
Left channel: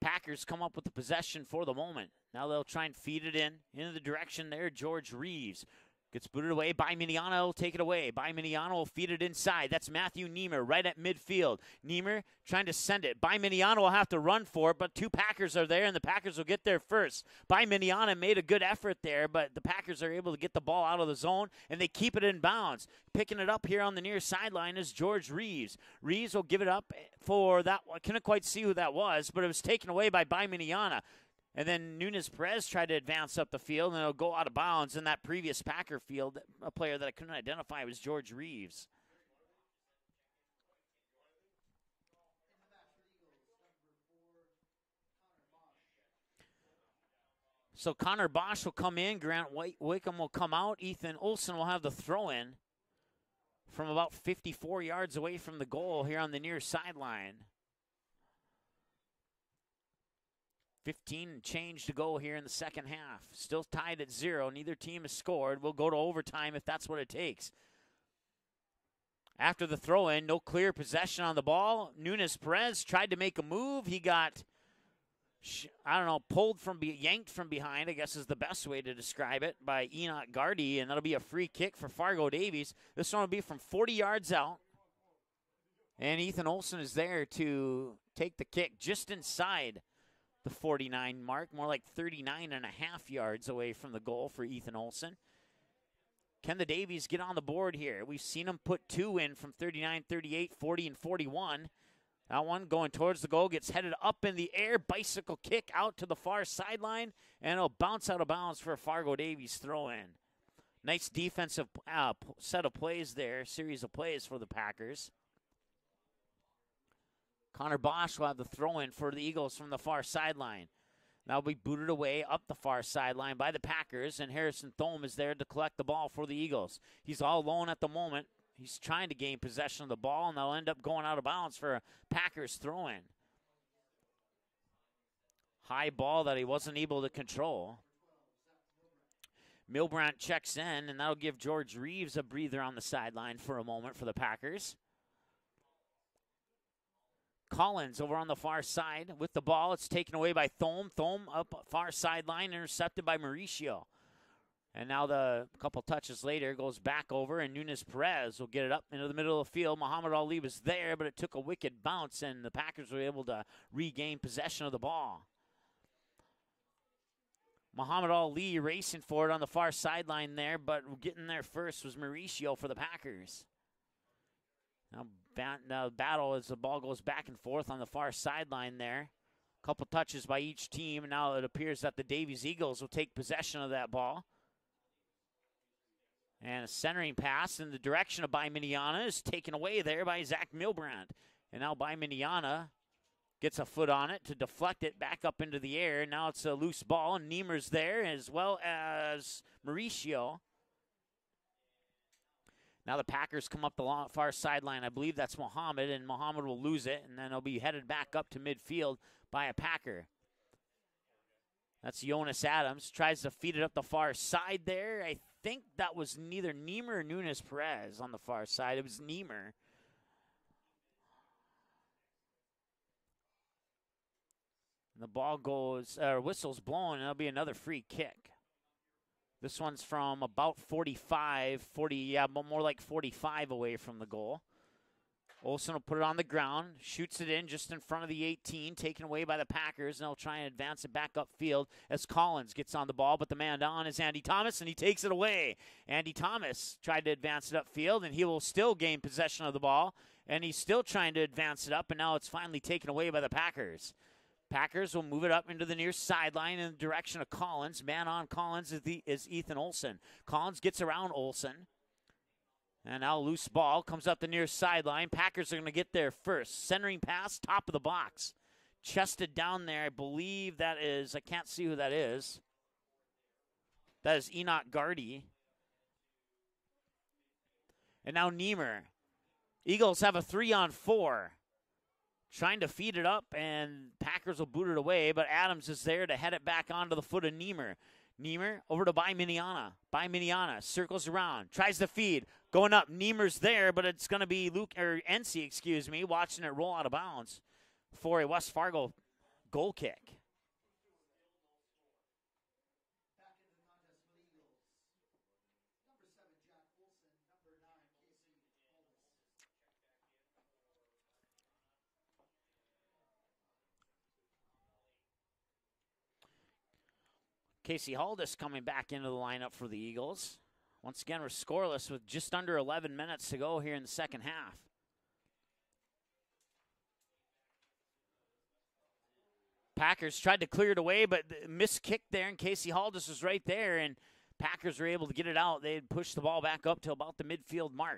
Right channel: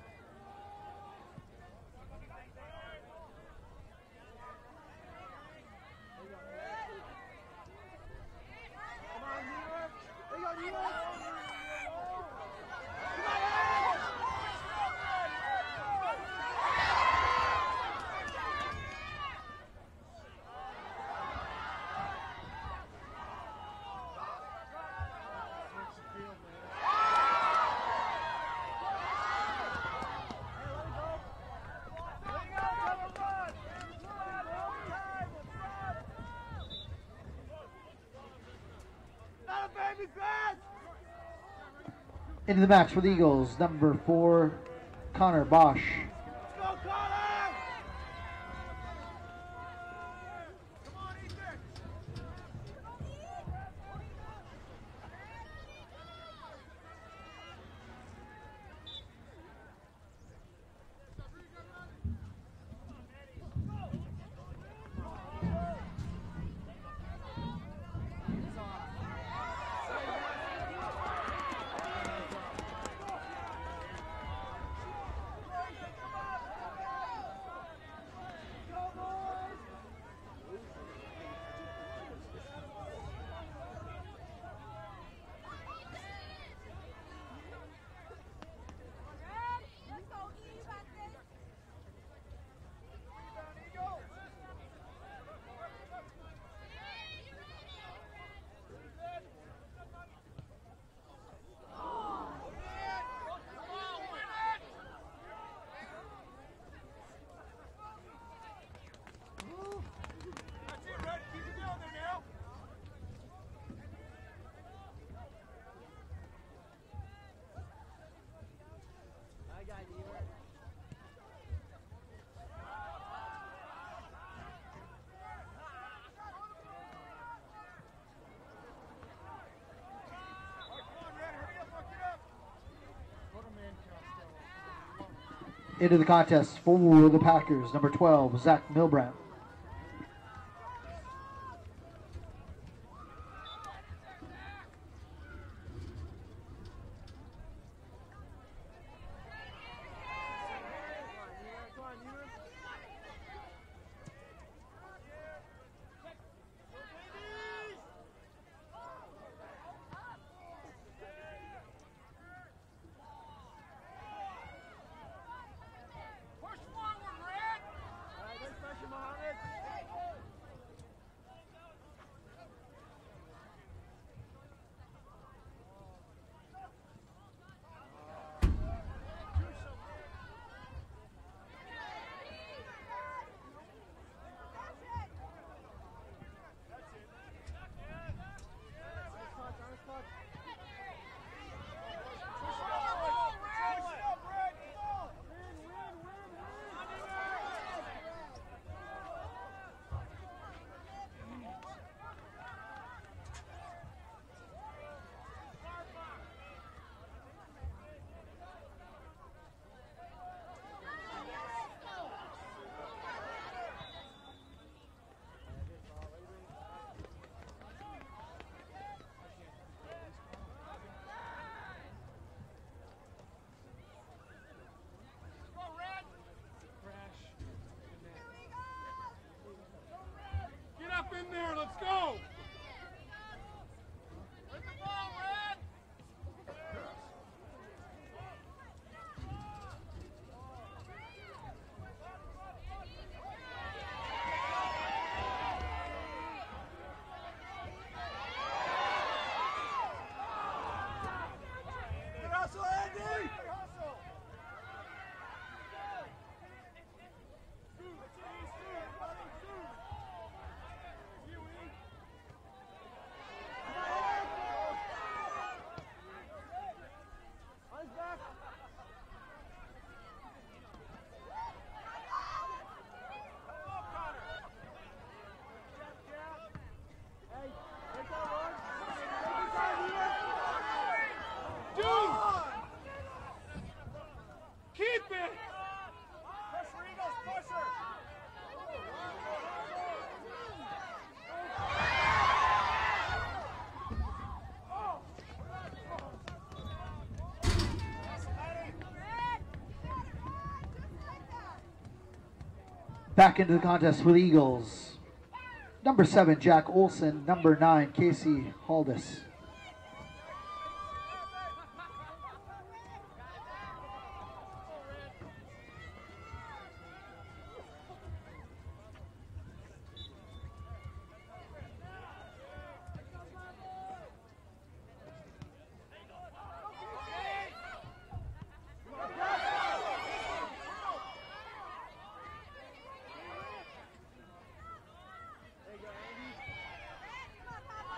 Packers come up with the possession for the moment. Now they'll try and feed it into the direction there. George Reeves gets booted away. By Miniana will take it away. By Miniana will feed it inside. That's Matthew Niemer right at midfield. Niemer trying to send it. By Miniana will have to run for it, but two Packers are there, and the Packers will get there first. By Miniana made a good effort there, but the Packers are able to get the ball out of the zone, and they keep it in bounds. Picking it up here on the near sideline is George Reeves. Reeves will give it up for that. I couldn't quite see who that was, but it was taken away by Miniana. And then Nunes Perez tried to advance up the field, and it'll go out of bounds in that previous Packer field. A player that I couldn't identify was George Reeves. Into the match for the Eagles, number 4, Connor Bosch. So Connor Bosch will come in, Grant Wickham will come out, Ethan Olson will have the throw-in from about 54 yards away from the goal here on the near sideline. 15 change to go here in the second half. Still tied at 0. Neither team has scored. We'll go to overtime if that's what it takes. After the throw-in, no clear possession on the ball. Nunes Perez tried to make a move. He got, I don't know, yanked from behind, I guess is the best way to describe it, by Enoch Gardy, and that'll be a free kick for Fargo Davies. This one will be from 40 yards out. And Ethan Olson is there to take the kick just inside the 49 mark, more like 39.5 yards away from the goal for Ethan Olson. Can the Davies get on the board here? We've seen them put 2 in from 39, 38, 40, and 41. That one going towards the goal, gets headed up in the air, bicycle kick out to the far sideline, and it'll bounce out of bounds for a Fargo Davies throw-in. Nice defensive set of plays there, series of plays for the Packers. Connor Bosch will have the throw-in for the Eagles from the far sideline. That'll be booted away up the far sideline by the Packers, and Harrison Thome is there to collect the ball for the Eagles. He's all alone at the moment. He's trying to gain possession of the ball, and they'll end up going out of bounds for a Packers throw-in. Into the contest for the Packers, number 12, Zach Milbrandt. Milbrandt checks in, and that'll give George Reeves a breather on the sideline for a moment for the Packers. Collins over on the far side with the ball. It's taken away by Thome. Thome up far sideline, intercepted by Mauricio. And now the couple touches later goes back over, and Nunes Perez will get it up into the middle of the field. Muhammad Ali was there, but it took a wicked bounce, and the Packers were able to regain possession of the ball. Muhammad Ali racing for it on the far sideline there, but getting there first was Mauricio for the Packers. Now battle as the ball goes back and forth on the far sideline there. A couple touches by each team. Now it appears that the Davies Eagles will take possession of that ball. And a centering pass in the direction of Baiminiana is taken away there by Zach Milbrand. And now Baiminiana gets a foot on it to deflect it back up into the air. Now it's a loose ball, and Niemer's there as well as Mauricio. Now the Packers come up the far sideline. I believe that's Muhammad, and Muhammad will lose it, and then he'll be headed back up to midfield by a Packer. That's Jonas Adams. Tries to feed it up the far side there. I think that was neither Niemer or Nunes Perez on the far side. It was Niemer. The ball goes, whistle's blown, and it'll be another free kick. This one's from about 45, more like 45 away from the goal. Olsen will put it on the ground, shoots it in just in front of the 18, taken away by the Packers, and they'll try and advance it back upfield as Collins gets on the ball, but the man down is Andy Thomas, and he takes it away. Andy Thomas tried to advance it upfield, and he will still gain possession of the ball, and he's still trying to advance it up, and now it's finally taken away by the Packers. Packers will move it up into the near sideline in the direction of Collins. Man on Collins is Ethan Olsen. Collins gets around Olsen. And now loose ball comes up the near sideline. Packers are going to get there first. Centering pass, top of the box. Chested down there. I believe that is, I can't see who that is. That is Enoch Gardy. And now Niemer. Eagles have a 3-on-4. Trying to feed it up, and Packers will boot it away, but Adams is there to head it back onto the foot of Niemer. Niemer over to Baiminiana. Baiminiana circles around, tries to feed, going up. Niemer's there, but it's going to be NC, watching it roll out of bounds for a West Fargo goal kick. Back into the contest for the Eagles. Number 7, Jack Olsen. Number 9, Casey Haldis. Casey Haldis coming back into the lineup for the Eagles. Once again, we're scoreless with just under 11 minutes to go here in the second half. Packers tried to clear it away, but missed kick there, and Casey Haldis was right there, and Packers were able to get it out. They pushed the ball back up to about the midfield mark.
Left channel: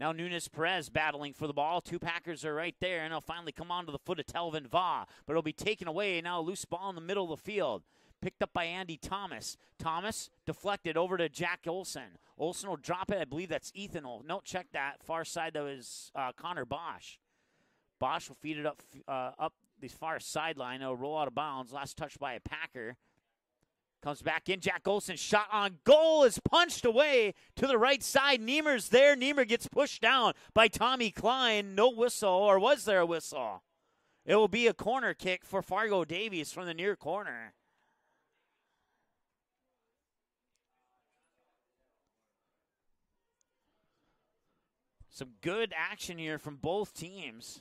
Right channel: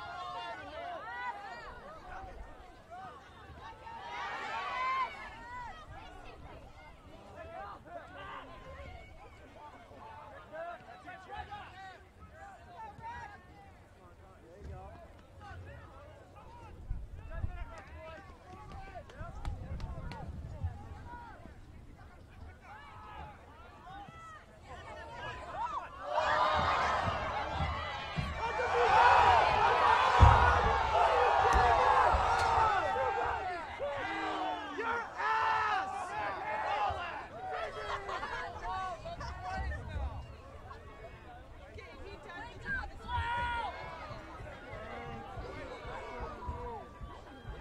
Now Nunes Perez battling for the ball. Two Packers are right there, and they'll finally come onto the foot of Telvin Vaugh, but it'll be taken away. Now a loose ball in the middle of the field. Picked up by Andy Thomas. Thomas deflected over to Jack Olsen. Olsen will drop it. I believe that's Ethan. No, check that. Far side, that was Connor Bosch. Bosch will feed it up the far sideline. It'll roll out of bounds. Last touch by a Packer. Comes back in. Jack Olsen shot on goal is punched away to the right side. Niemer's there. Niemer gets pushed down by Tommy Klein. No whistle, or was there a whistle? It will be a corner kick for Fargo Davies from the near corner. Some good action here from both teams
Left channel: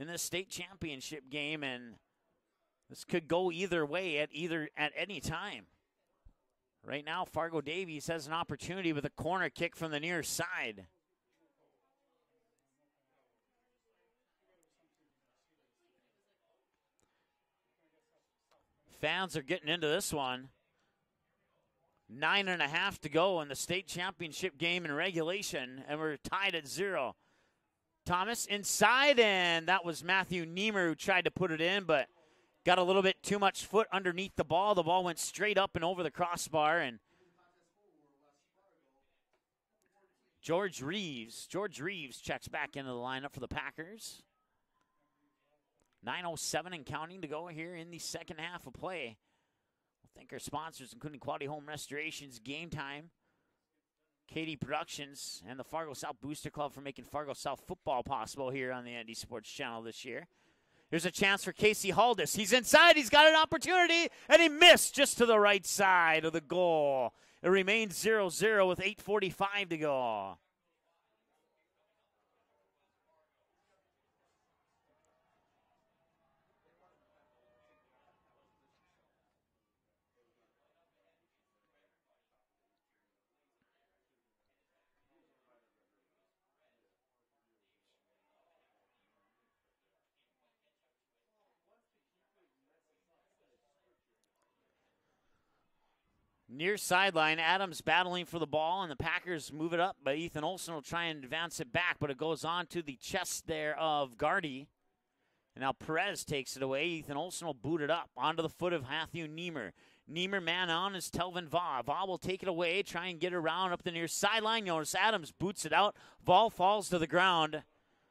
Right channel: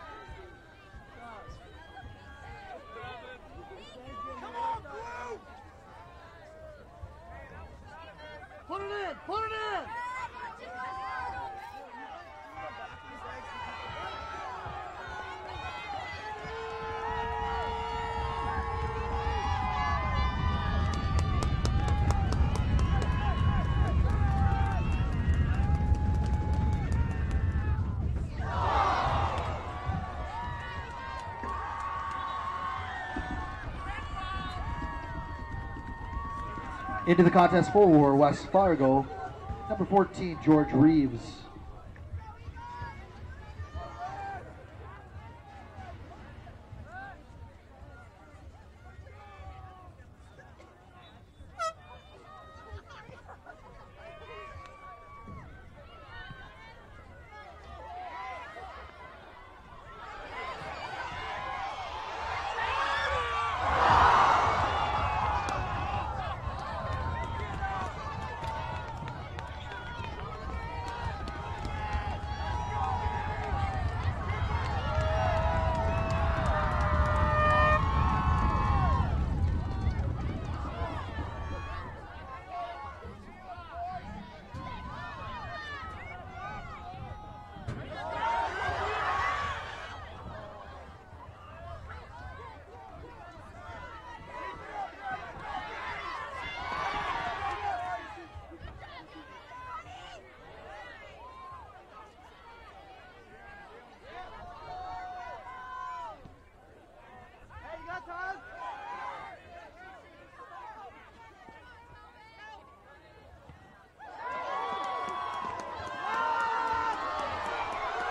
in the state championship game, and this could go either way at any time. Right now, Fargo Davies has an opportunity with a corner kick from the near side. Fans are getting into this one. 9.5 to go in the state championship game in regulation, and we're tied at 0. Thomas inside, and that was Matthew Niemer who tried to put it in, but got a little bit too much foot underneath the ball. The ball went straight up and over the crossbar. And into the contest for West Fargo, number 14, George Reeves. George Reeves checks back into the lineup for the Packers. 9:07 and counting to go here in the second half of play. Thank our sponsors, including Quality Home Restorations, Game Time, KD Productions and the Fargo South Booster Club for making Fargo South football possible here on the ND Sports Channel this year. There's a chance for Casey Haldis. He's inside, he's got an opportunity, and he missed just to the right side of the goal. It remains 0-0 with 8:45 to go. Near sideline, Adams battling for the ball, and the Packers move it up, but Ethan Olson will try and advance it back, but it goes on to the chest there of Gardy. Now Perez takes it away. Ethan Olson will boot it up onto the foot of Matthew Niemer. Niemer man on is Telvin Vaugh. Vaugh will take it away, try and get around up the near sideline. Notice Adams boots it out. Ball falls to the ground.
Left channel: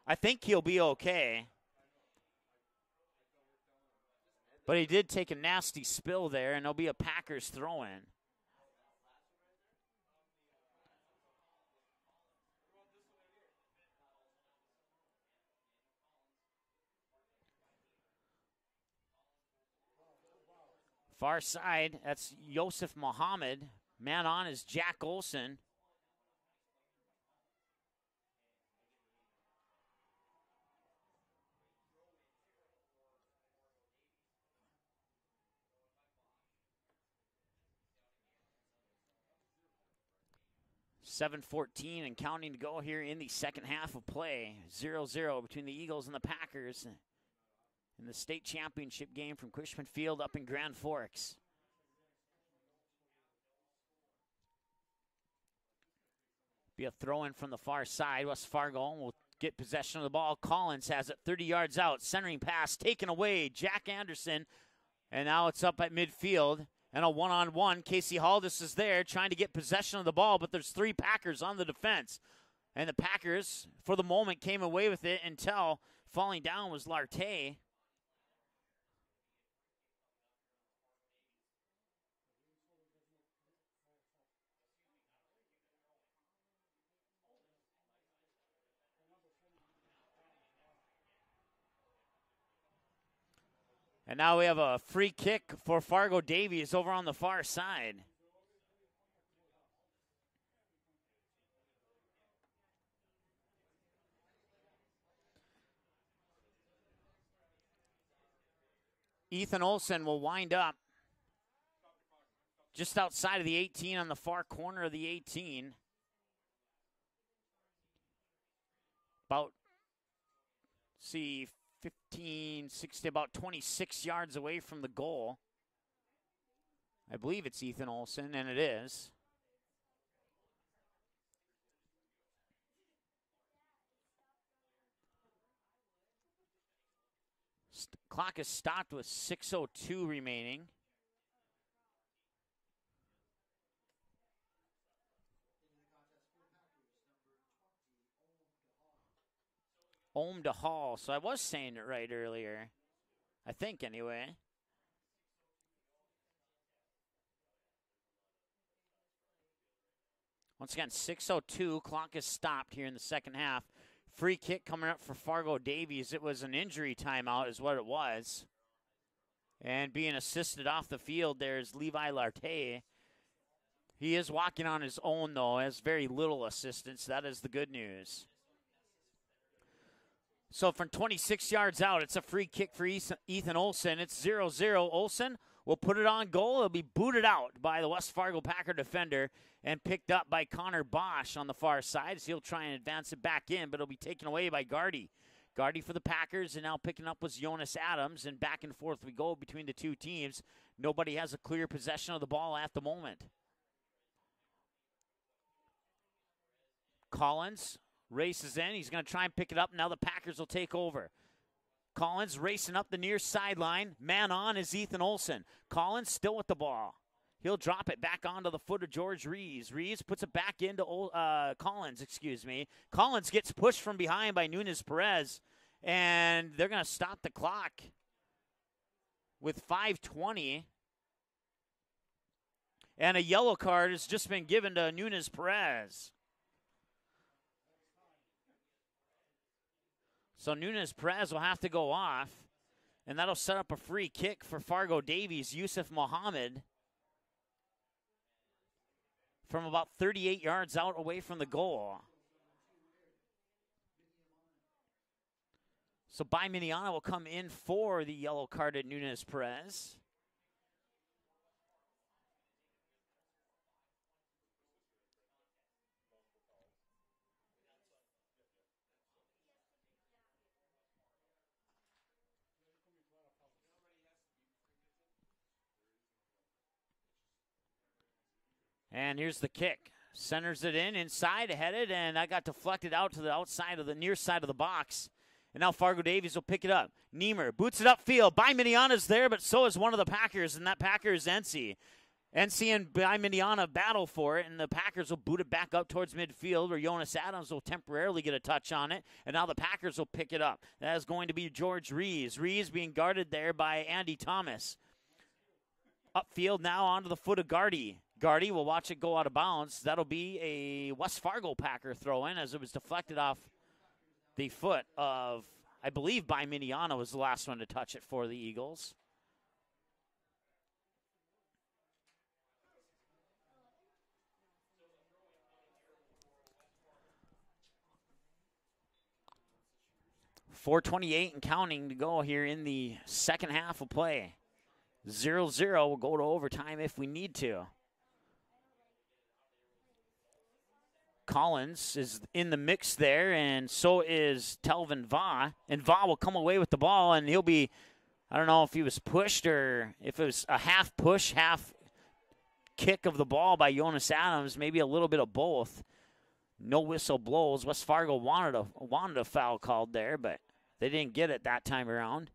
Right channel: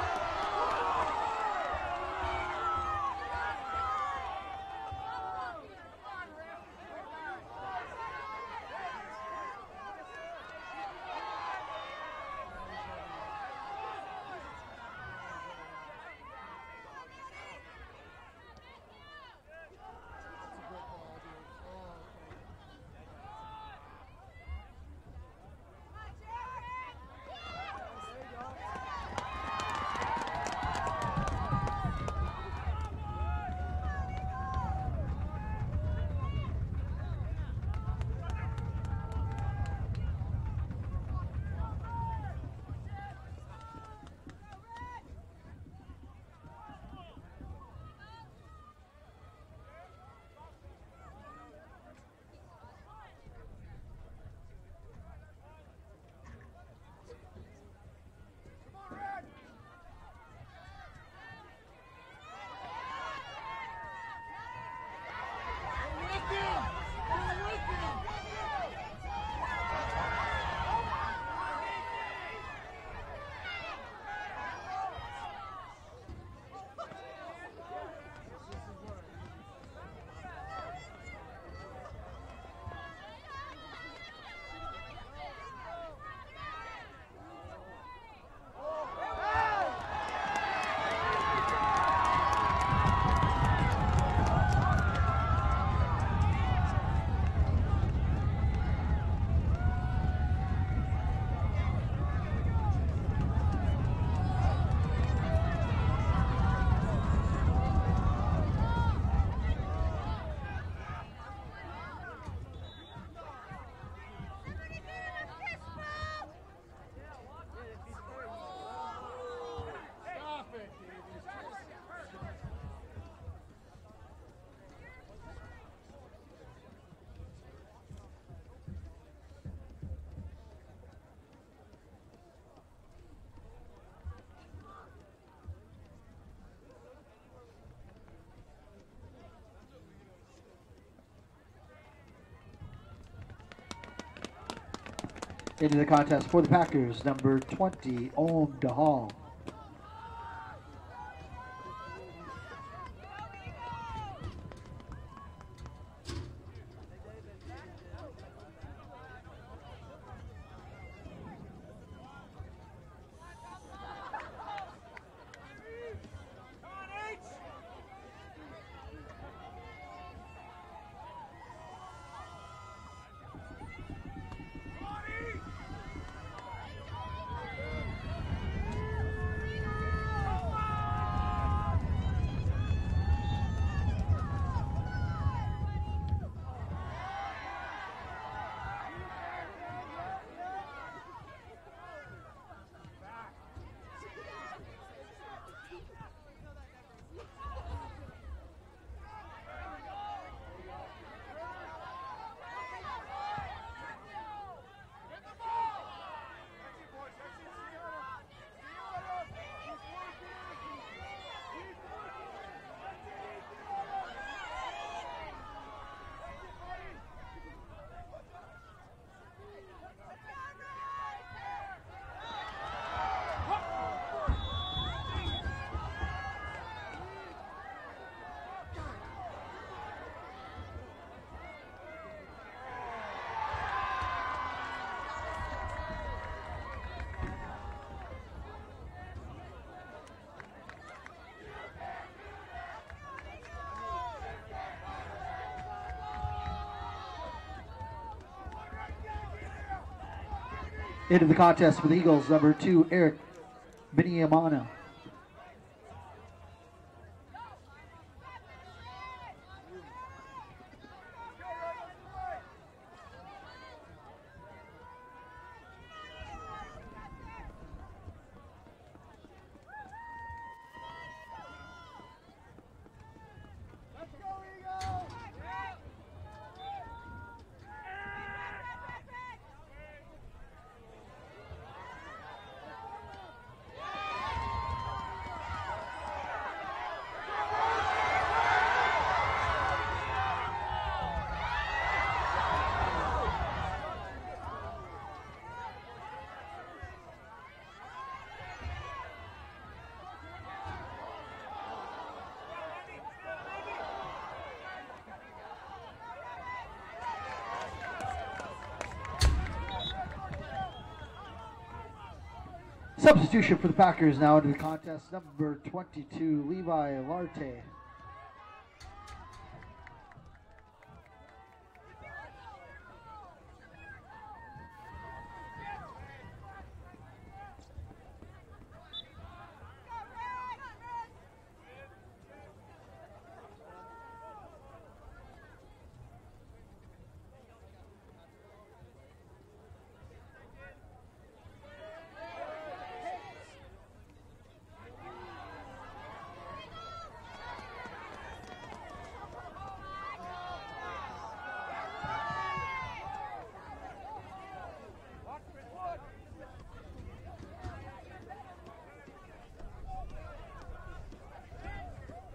I think he'll be okay. But he did take a nasty spill there, and there'll be a Packers throwing. Far side, that's Yosef Mohammed. Man on is Jack Olson. .7:14 and counting to go here in the second half of play. 0-0 between the Eagles and the Packers. In the state championship game from Cushman Field up in Grand Forks. Be a throw-in from the far side. West Fargo will get possession of the ball. Collins has it 30 yards out. Centering pass taken away. Jack Anderson. And now it's up at midfield. And a one-on-one. Casey Haldis is there trying to get possession of the ball, but there's three Packers on the defense. And the Packers, for the moment, came away with it until falling down was Lartey. Now we have a free kick for Fargo Davies over on the far side. Ethan Olson will wind up just outside of the 18 on the far corner of the 18. About, see, 15, 60, about 26 yards away from the goal. I believe it's Ethan Olson, and it is. Clock is stopped with 6:02 remaining. Into the contest for the Packers, number 20, Ohm DeHall. Ohm DeHall, so I was saying it right earlier. I think, anyway. Once again, 6:02, clock is stopped here in the second half. Free kick coming up for Fargo Davies. It was an injury timeout is what it was. And being assisted off the field there is Levi Lartey. He is walking on his own though, has very little assistance. That is the good news. So from 26 yards out, it's a free kick for Ethan Olson. It's 0-0. Olson will put it on goal. It'll be booted out by the West Fargo Packer defender and picked up by Connor Bosch on the far side. So he'll try and advance it back in, but it'll be taken away by Gardy. Gardy for the Packers, and now picking up was Jonas Adams, and back and forth we go between the two teams. Nobody has a clear possession of the ball at the moment. Collins races in. He's going to try and pick it up. Now the Packers will take over. Collins racing up the near sideline. Man on is Ethan Olson. Collins still with the ball. He'll drop it back onto the foot of George Rees. Rees puts it back into Collins, excuse me. Collins gets pushed from behind by Nunes Perez, and they're going to stop the clock with 5:20. And a yellow card has just been given to Nunez Perez. So Nunez Perez will have to go off, and that'll set up a free kick for Fargo Davies. Yusuf Mohammed from about 38 yards out. Into the contest for the Eagles, number 2, Eric Biniamana. So Biminiana will come in for the yellow carded Nunez Perez. And here's the kick. Centers it in, inside, headed, and that got deflected out to the outside of the near side of the box. And now Fargo Davies will pick it up. Niemer boots it upfield. Biminiana's there, but so is one of the Packers, and that Packer is NC. NC and Biminiana battle for it, and the Packers will boot it back out towards midfield, where Jonas Adams will temporarily get a touch on it, and now the Packers will pick it up. That is going to be George Rees. Rees being guarded there by Andy Thomas. Upfield now onto the foot of Gardy. Gardy will watch it go out of bounds. That'll be a West Fargo Packer throw in as it was deflected. Substitution for the Packers now in the foot contest, of, number 22, I believe Biminiana was the last one to touch it for the Eagles. .428 and counting to go here in the second half of play. 0-0, we'll go to overtime if we need to. Collins is in the mix there, and so is Telvin Va. And Va will come away with the ball, and he'll be, I don't know if he was pushed or if it was a half push, half kick of the ball by Jonas Adams, maybe a little bit of both. No whistle blows. West Fargo wanted a foul called there, but they didn't get it that time around.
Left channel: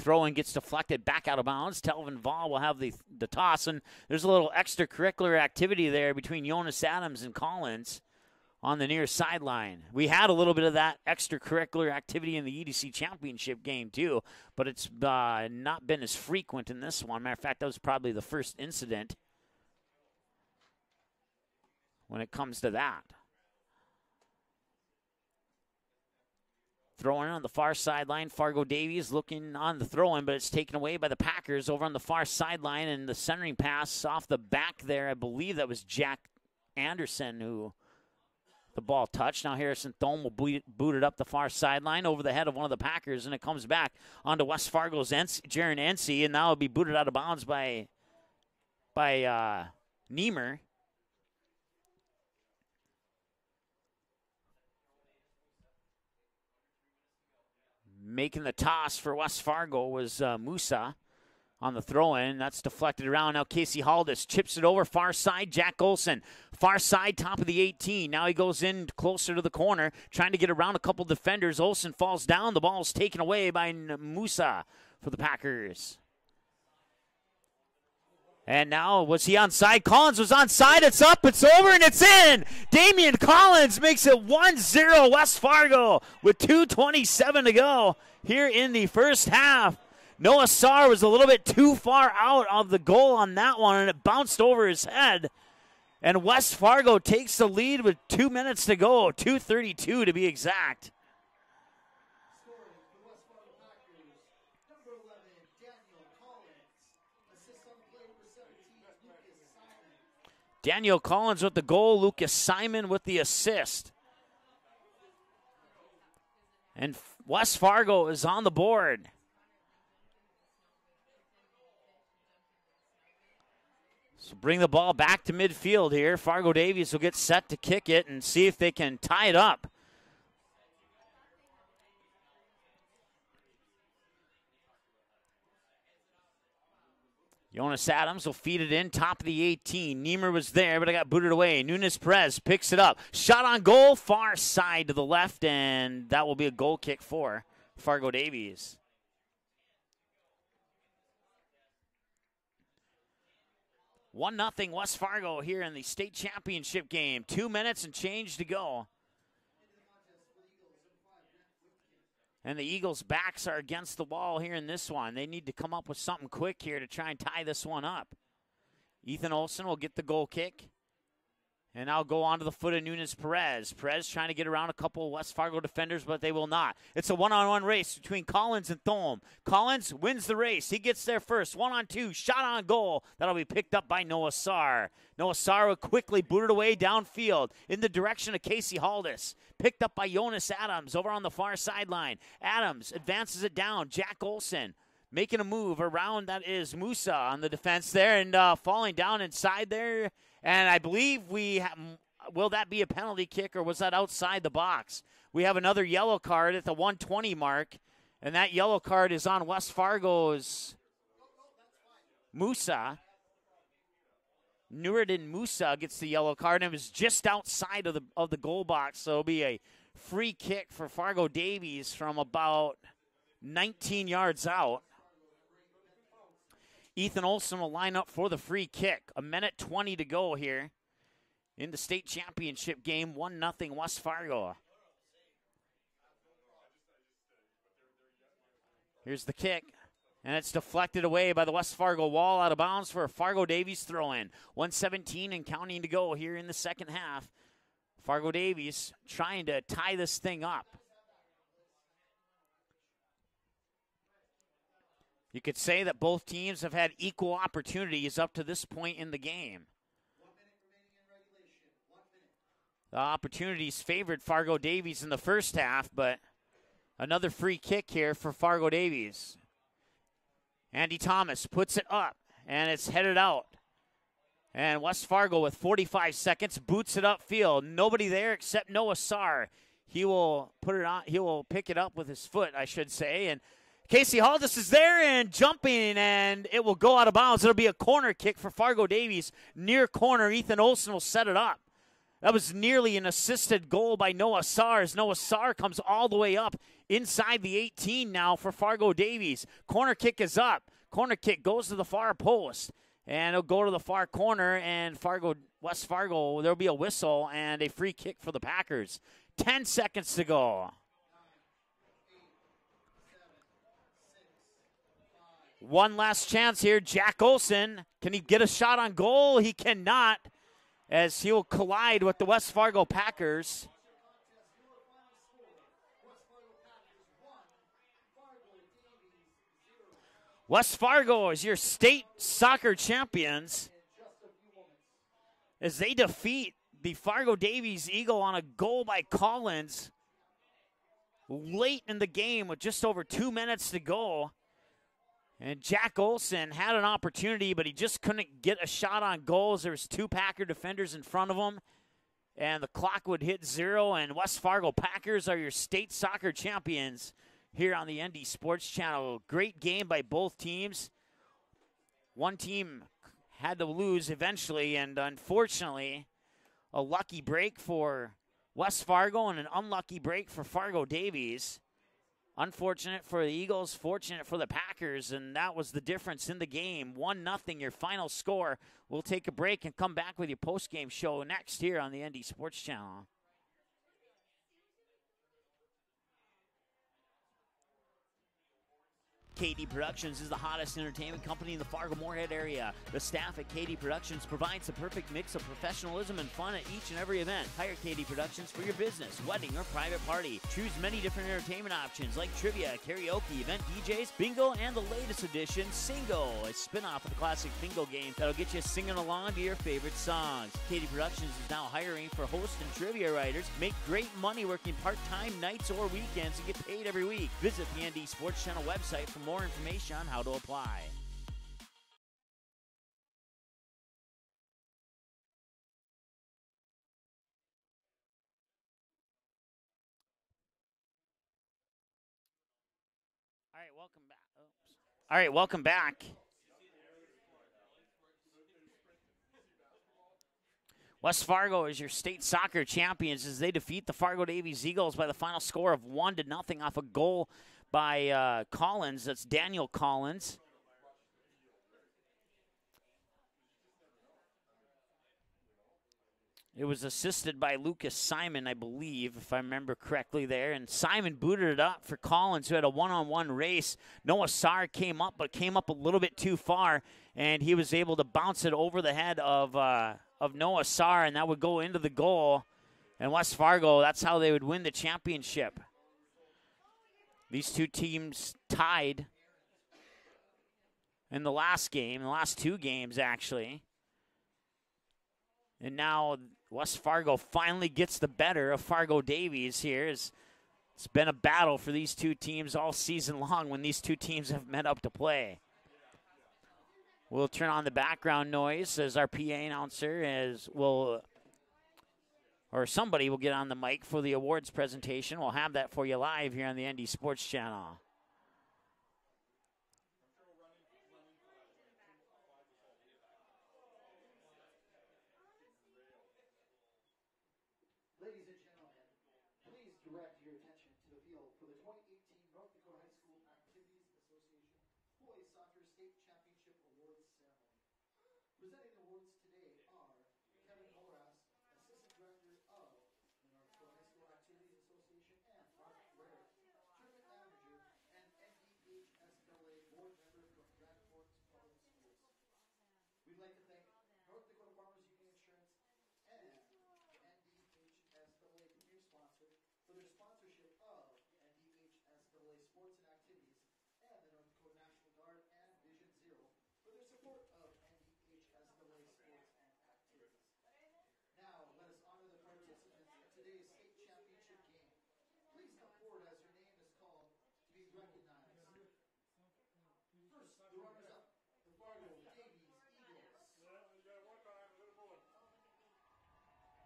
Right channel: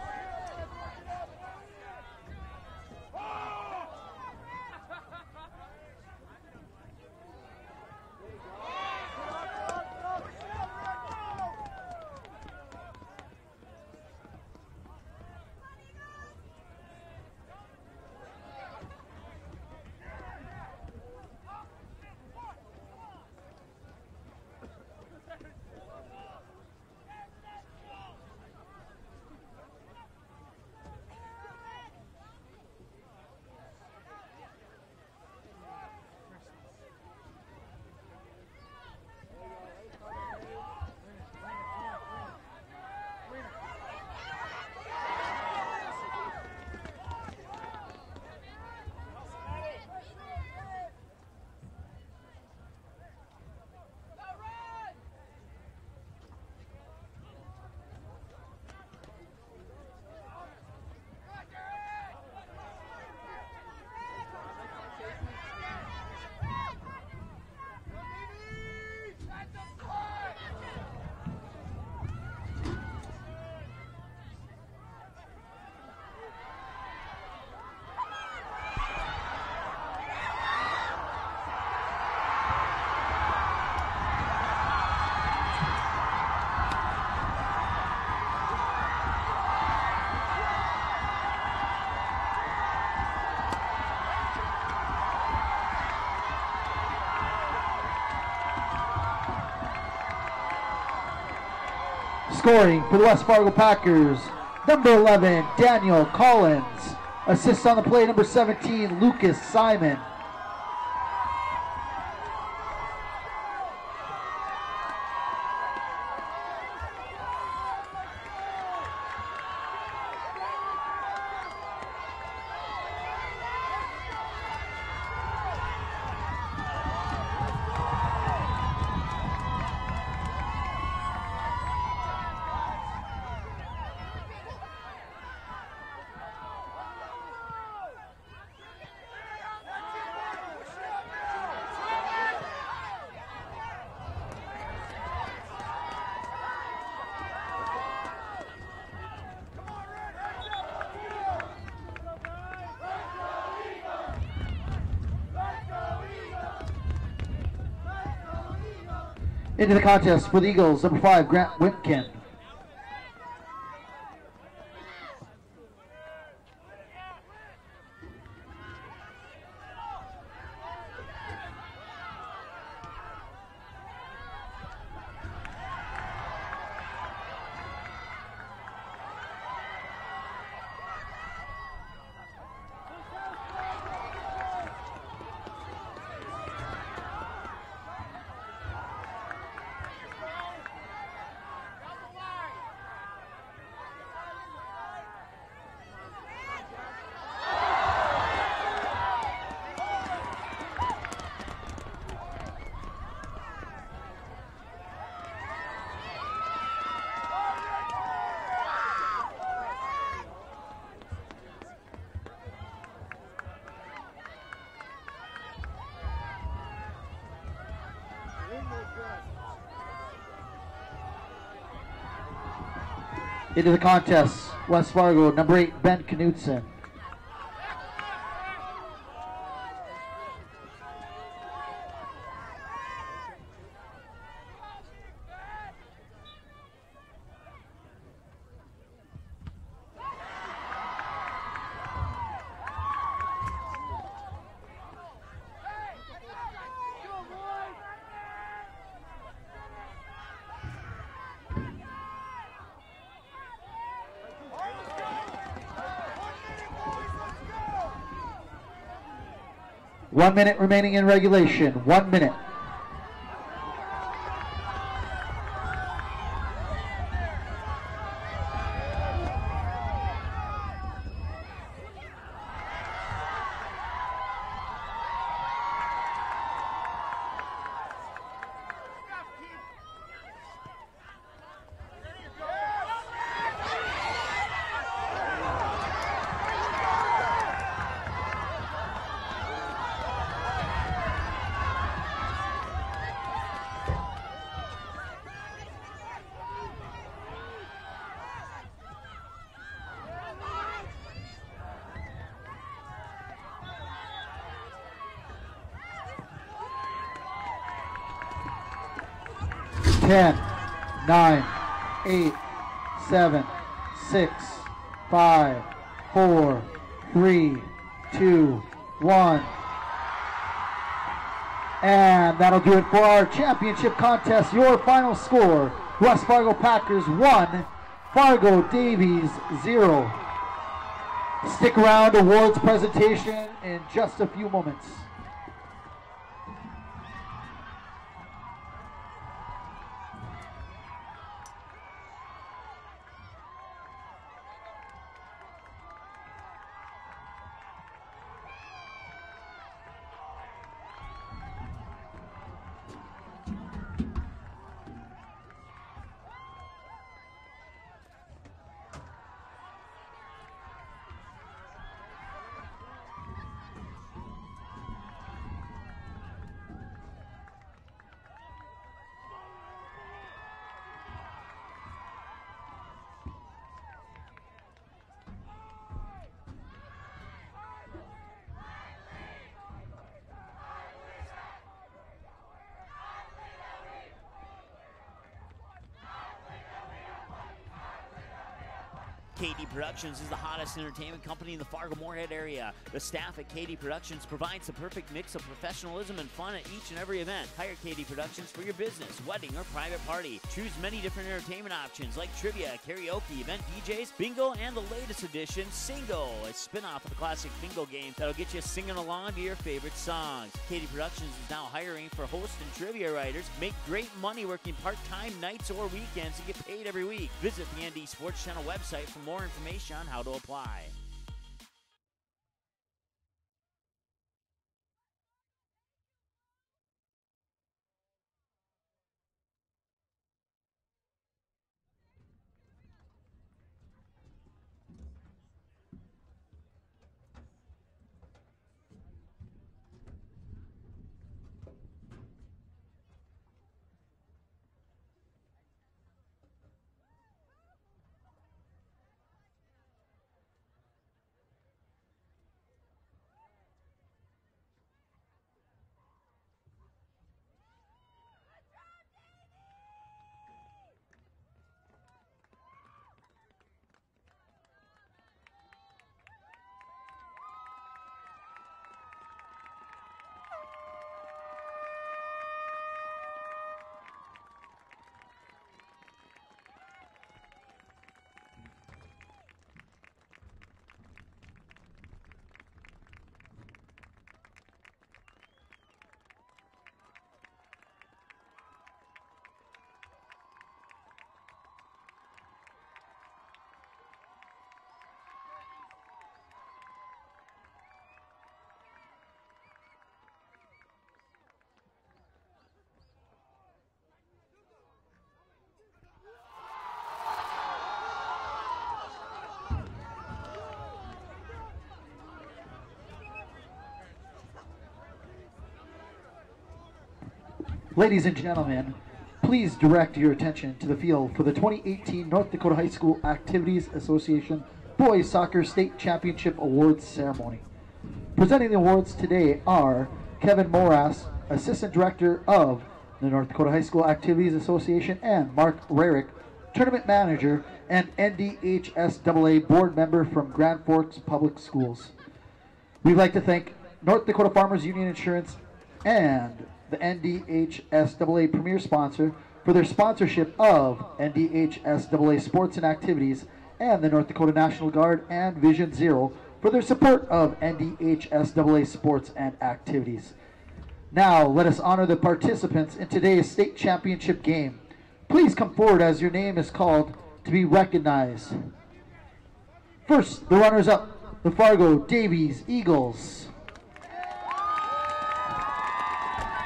Throw-in gets deflected back out of bounds. Telvin Va will have the toss, and there's a little extracurricular activity there between Jonas Adams and Collins on the near sideline. We had a little bit of that extracurricular activity in the EDC Championship game too, but it's not been as frequent in this one. Matter of fact, that was probably the first incident when it comes to that. Throwing on the far sideline, Fargo Davies looking on the throw-in, but it's taken away by the Packers over on the far sideline, and the centering pass off the back there, I believe that was Jack Anderson who the ball touched. Now Harrison Thome will boot it up the far sideline over the head of one of the Packers, and it comes back onto West Fargo's Jaron Ency, and now it'll be booted out of bounds by Niemer. Making the toss for West Fargo was Musa on the throw-in. That's deflected around. Now Casey Haldis chips it over far side. Jack Olson, far side, top of the 18. Now he goes in closer to the corner, trying to get around a couple defenders. Olson falls down. The ball is taken away by Musa for the Packers. And now, was he onside? Collins was onside. It's up, it's over, and it's in. Damian Collins makes it 1-0 West Fargo with 2:27 to go here in the first half. Noah Sarr was a little bit too far out of the goal on that one, and it bounced over his head. And West Fargo takes the lead with 2 minutes to go, 2:32 to be exact. Scoring for the West Fargo Packers, number 11, Daniel Collins. Assists on the play, number 17, Lucas Simon. Daniel Collins with the goal, Lucas Simon with the assist. And West Fargo is on the board. Bring the ball back to midfield here. Fargo Davies will get set to kick it and see if they can tie it up. Jonas Adams will feed it in, top of the 18. Niemer was there, but it got booted away. Nunez Perez picks it up. Shot on goal, far side to the left, and that will be a goal kick for Fargo Davies. One 0 West Fargo here in the state championship game. 2 minutes and change to go. Into the contest for the Eagles, number 5, Grant Whitkin. And the Eagles' backs are against the wall here in this one. They need to come up with something quick here to try and tie this one up. Ethan Olson will get the goal kick. And now go on to the foot of Nunez-Perez. Perez trying to get around a couple of West Fargo defenders, but they will not. It's a one-on-one race between Collins and Thome. Collins wins the race. He gets there first. 1-on-2, shot on goal. That'll be picked up by Noah Sarr. Noah Sarr will quickly boot it away downfield in the direction of Casey Haldis. Picked up by Jonas Adams over on the far sideline. Adams advances it down. Jack Olson making a move around. That is Musa on the defense there and falling down inside there. And I believe will that be a penalty kick or was that outside the box? We have another yellow card at the 120 mark. And that yellow card is on West Fargo's Musa. Nuruddin Musa gets the yellow card and it was just outside of the goal box. So it'll be a free kick for Fargo Davies from about into the contest, West Fargo, number 8, Ben Knutson. Ethan Olson will line up for the free kick. 1:20 to go here in the state championship game. 1-0 West Fargo. Here's the kick, and it's deflected away by the West Fargo wall, out of bounds for a Fargo Davies throw-in. 1:17 and counting to go here in the second half. Fargo Davies trying to tie this thing up. You could say that both teams have had equal opportunities up to this point in the game. 1 minute remaining in regulation. 1 minute. The opportunities favored Fargo Davies in the first half, but another free kick here for Fargo Davies. Andy Thomas puts it up, and it's headed out. And West Fargo with 45 seconds boots it upfield. Nobody there except Noah Sarr. He will put it on. He will pick it up with his foot, I should say. And Casey Haldis is there and jumping, and it will go out of bounds. It'll be a corner kick for Fargo Davies. Near corner, Ethan Olson will set it up. That was nearly an assisted goal by Noah Sarr, as Noah Sarr comes all the way up inside the 18 now for Fargo Davies. Corner kick is up. Corner kick goes to the far post, and it'll go to the far corner, and West Fargo, there'll be a whistle and a free kick for the Packers. 10 seconds 10, to go. 9, 8, 7, 6, 5. One last 4, chance here. Jack 3, Olson. Can he 2, get a shot on goal? 1. He cannot, as he will collide with the And West that'll Fargo do it for our Packers. championship contest. Your final score, West Fargo Packers 1, Fargo Davies 0. West Fargo is your Stick state around, awards soccer presentation champions in just a few moments. as they defeat the Fargo Davies Eagle on a goal by Collins late in the game with just over 2 minutes to go. And Jack Olson had an opportunity, but he just couldn't get a shot on goals. There was 2 Packer defenders in front of him, and the clock would hit 0, and West Fargo Packers are your state soccer champions here on the ND Sports Channel. Great game by both teams. One team had to lose eventually, and unfortunately, a lucky break for West Fargo and an unlucky break for Fargo Davies. Unfortunate for the Eagles, fortunate for the Packers, and that was the difference in the game. 1-0, your final score. We'll take a break and come back with your post-game show next here on the ND Sports Channel. KD Productions is the hottest entertainment company in the Fargo-Moorhead area. The staff at KD Productions provides the perfect mix of professionalism and fun at each and every event. Hire KD Productions for your business, wedding, or private party. Choose many different entertainment options like trivia, karaoke, event DJs, bingo, and the latest edition, Singo, a spin-off of the classic bingo game that'll get you singing along to your favorite songs. KD Productions is now hiring for host and trivia writers. Make great money working part-time nights or weekends and get paid every week. Visit the ND Sports Channel website for more information on how to apply. All right, welcome back. West Fargo is your state soccer champions as they defeat the Fargo Davies Eagles by the final score of 1-0 off a goal by Collins. That's Daniel Collins. It was assisted by Lucas Simon, I believe, if I remember correctly there. And Simon booted it up for Collins, who had a one-on-one race. Noah Sarr came up, but came up a little bit too far, and he was able to bounce it over the head of Noah Sarr, and that would go into the goal. And West Fargo, that's how they would win the championship. These two teams tied in the last game, the last two games, actually. And now West Fargo finally gets the better of Fargo Davies here. It's been a battle for these two teams all season long when these two teams have met up to play. We'll turn on the background noise as our PA announcer or somebody will get on the mic for the awards presentation. We'll have that for you live here on the ND Sports Channel. Ladies and gentlemen, please direct your attention to the field for the 2018 North Dakota High School Activities Association Boys Soccer State Championship Awards Ceremony. Presenting the awards today are Kevin Moras, Assistant Director of the North Dakota High School Activities Association, and Mark Rarick, Tournament Manager and NDHSAA Board Member from Grand Forks Public Schools. We'd like to thank North Dakota Farmers Union Insurance and the NDHSAA Premier Sponsor for their sponsorship of NDHSAA Sports and Activities, and the North Dakota National Guard and Vision Zero for their support of NDHSAA Sports and Activities. Now, let us honor the participants in today's state championship game. Please come forward as your name is called to be recognized. First, the runners-up, the Fargo Davies Eagles.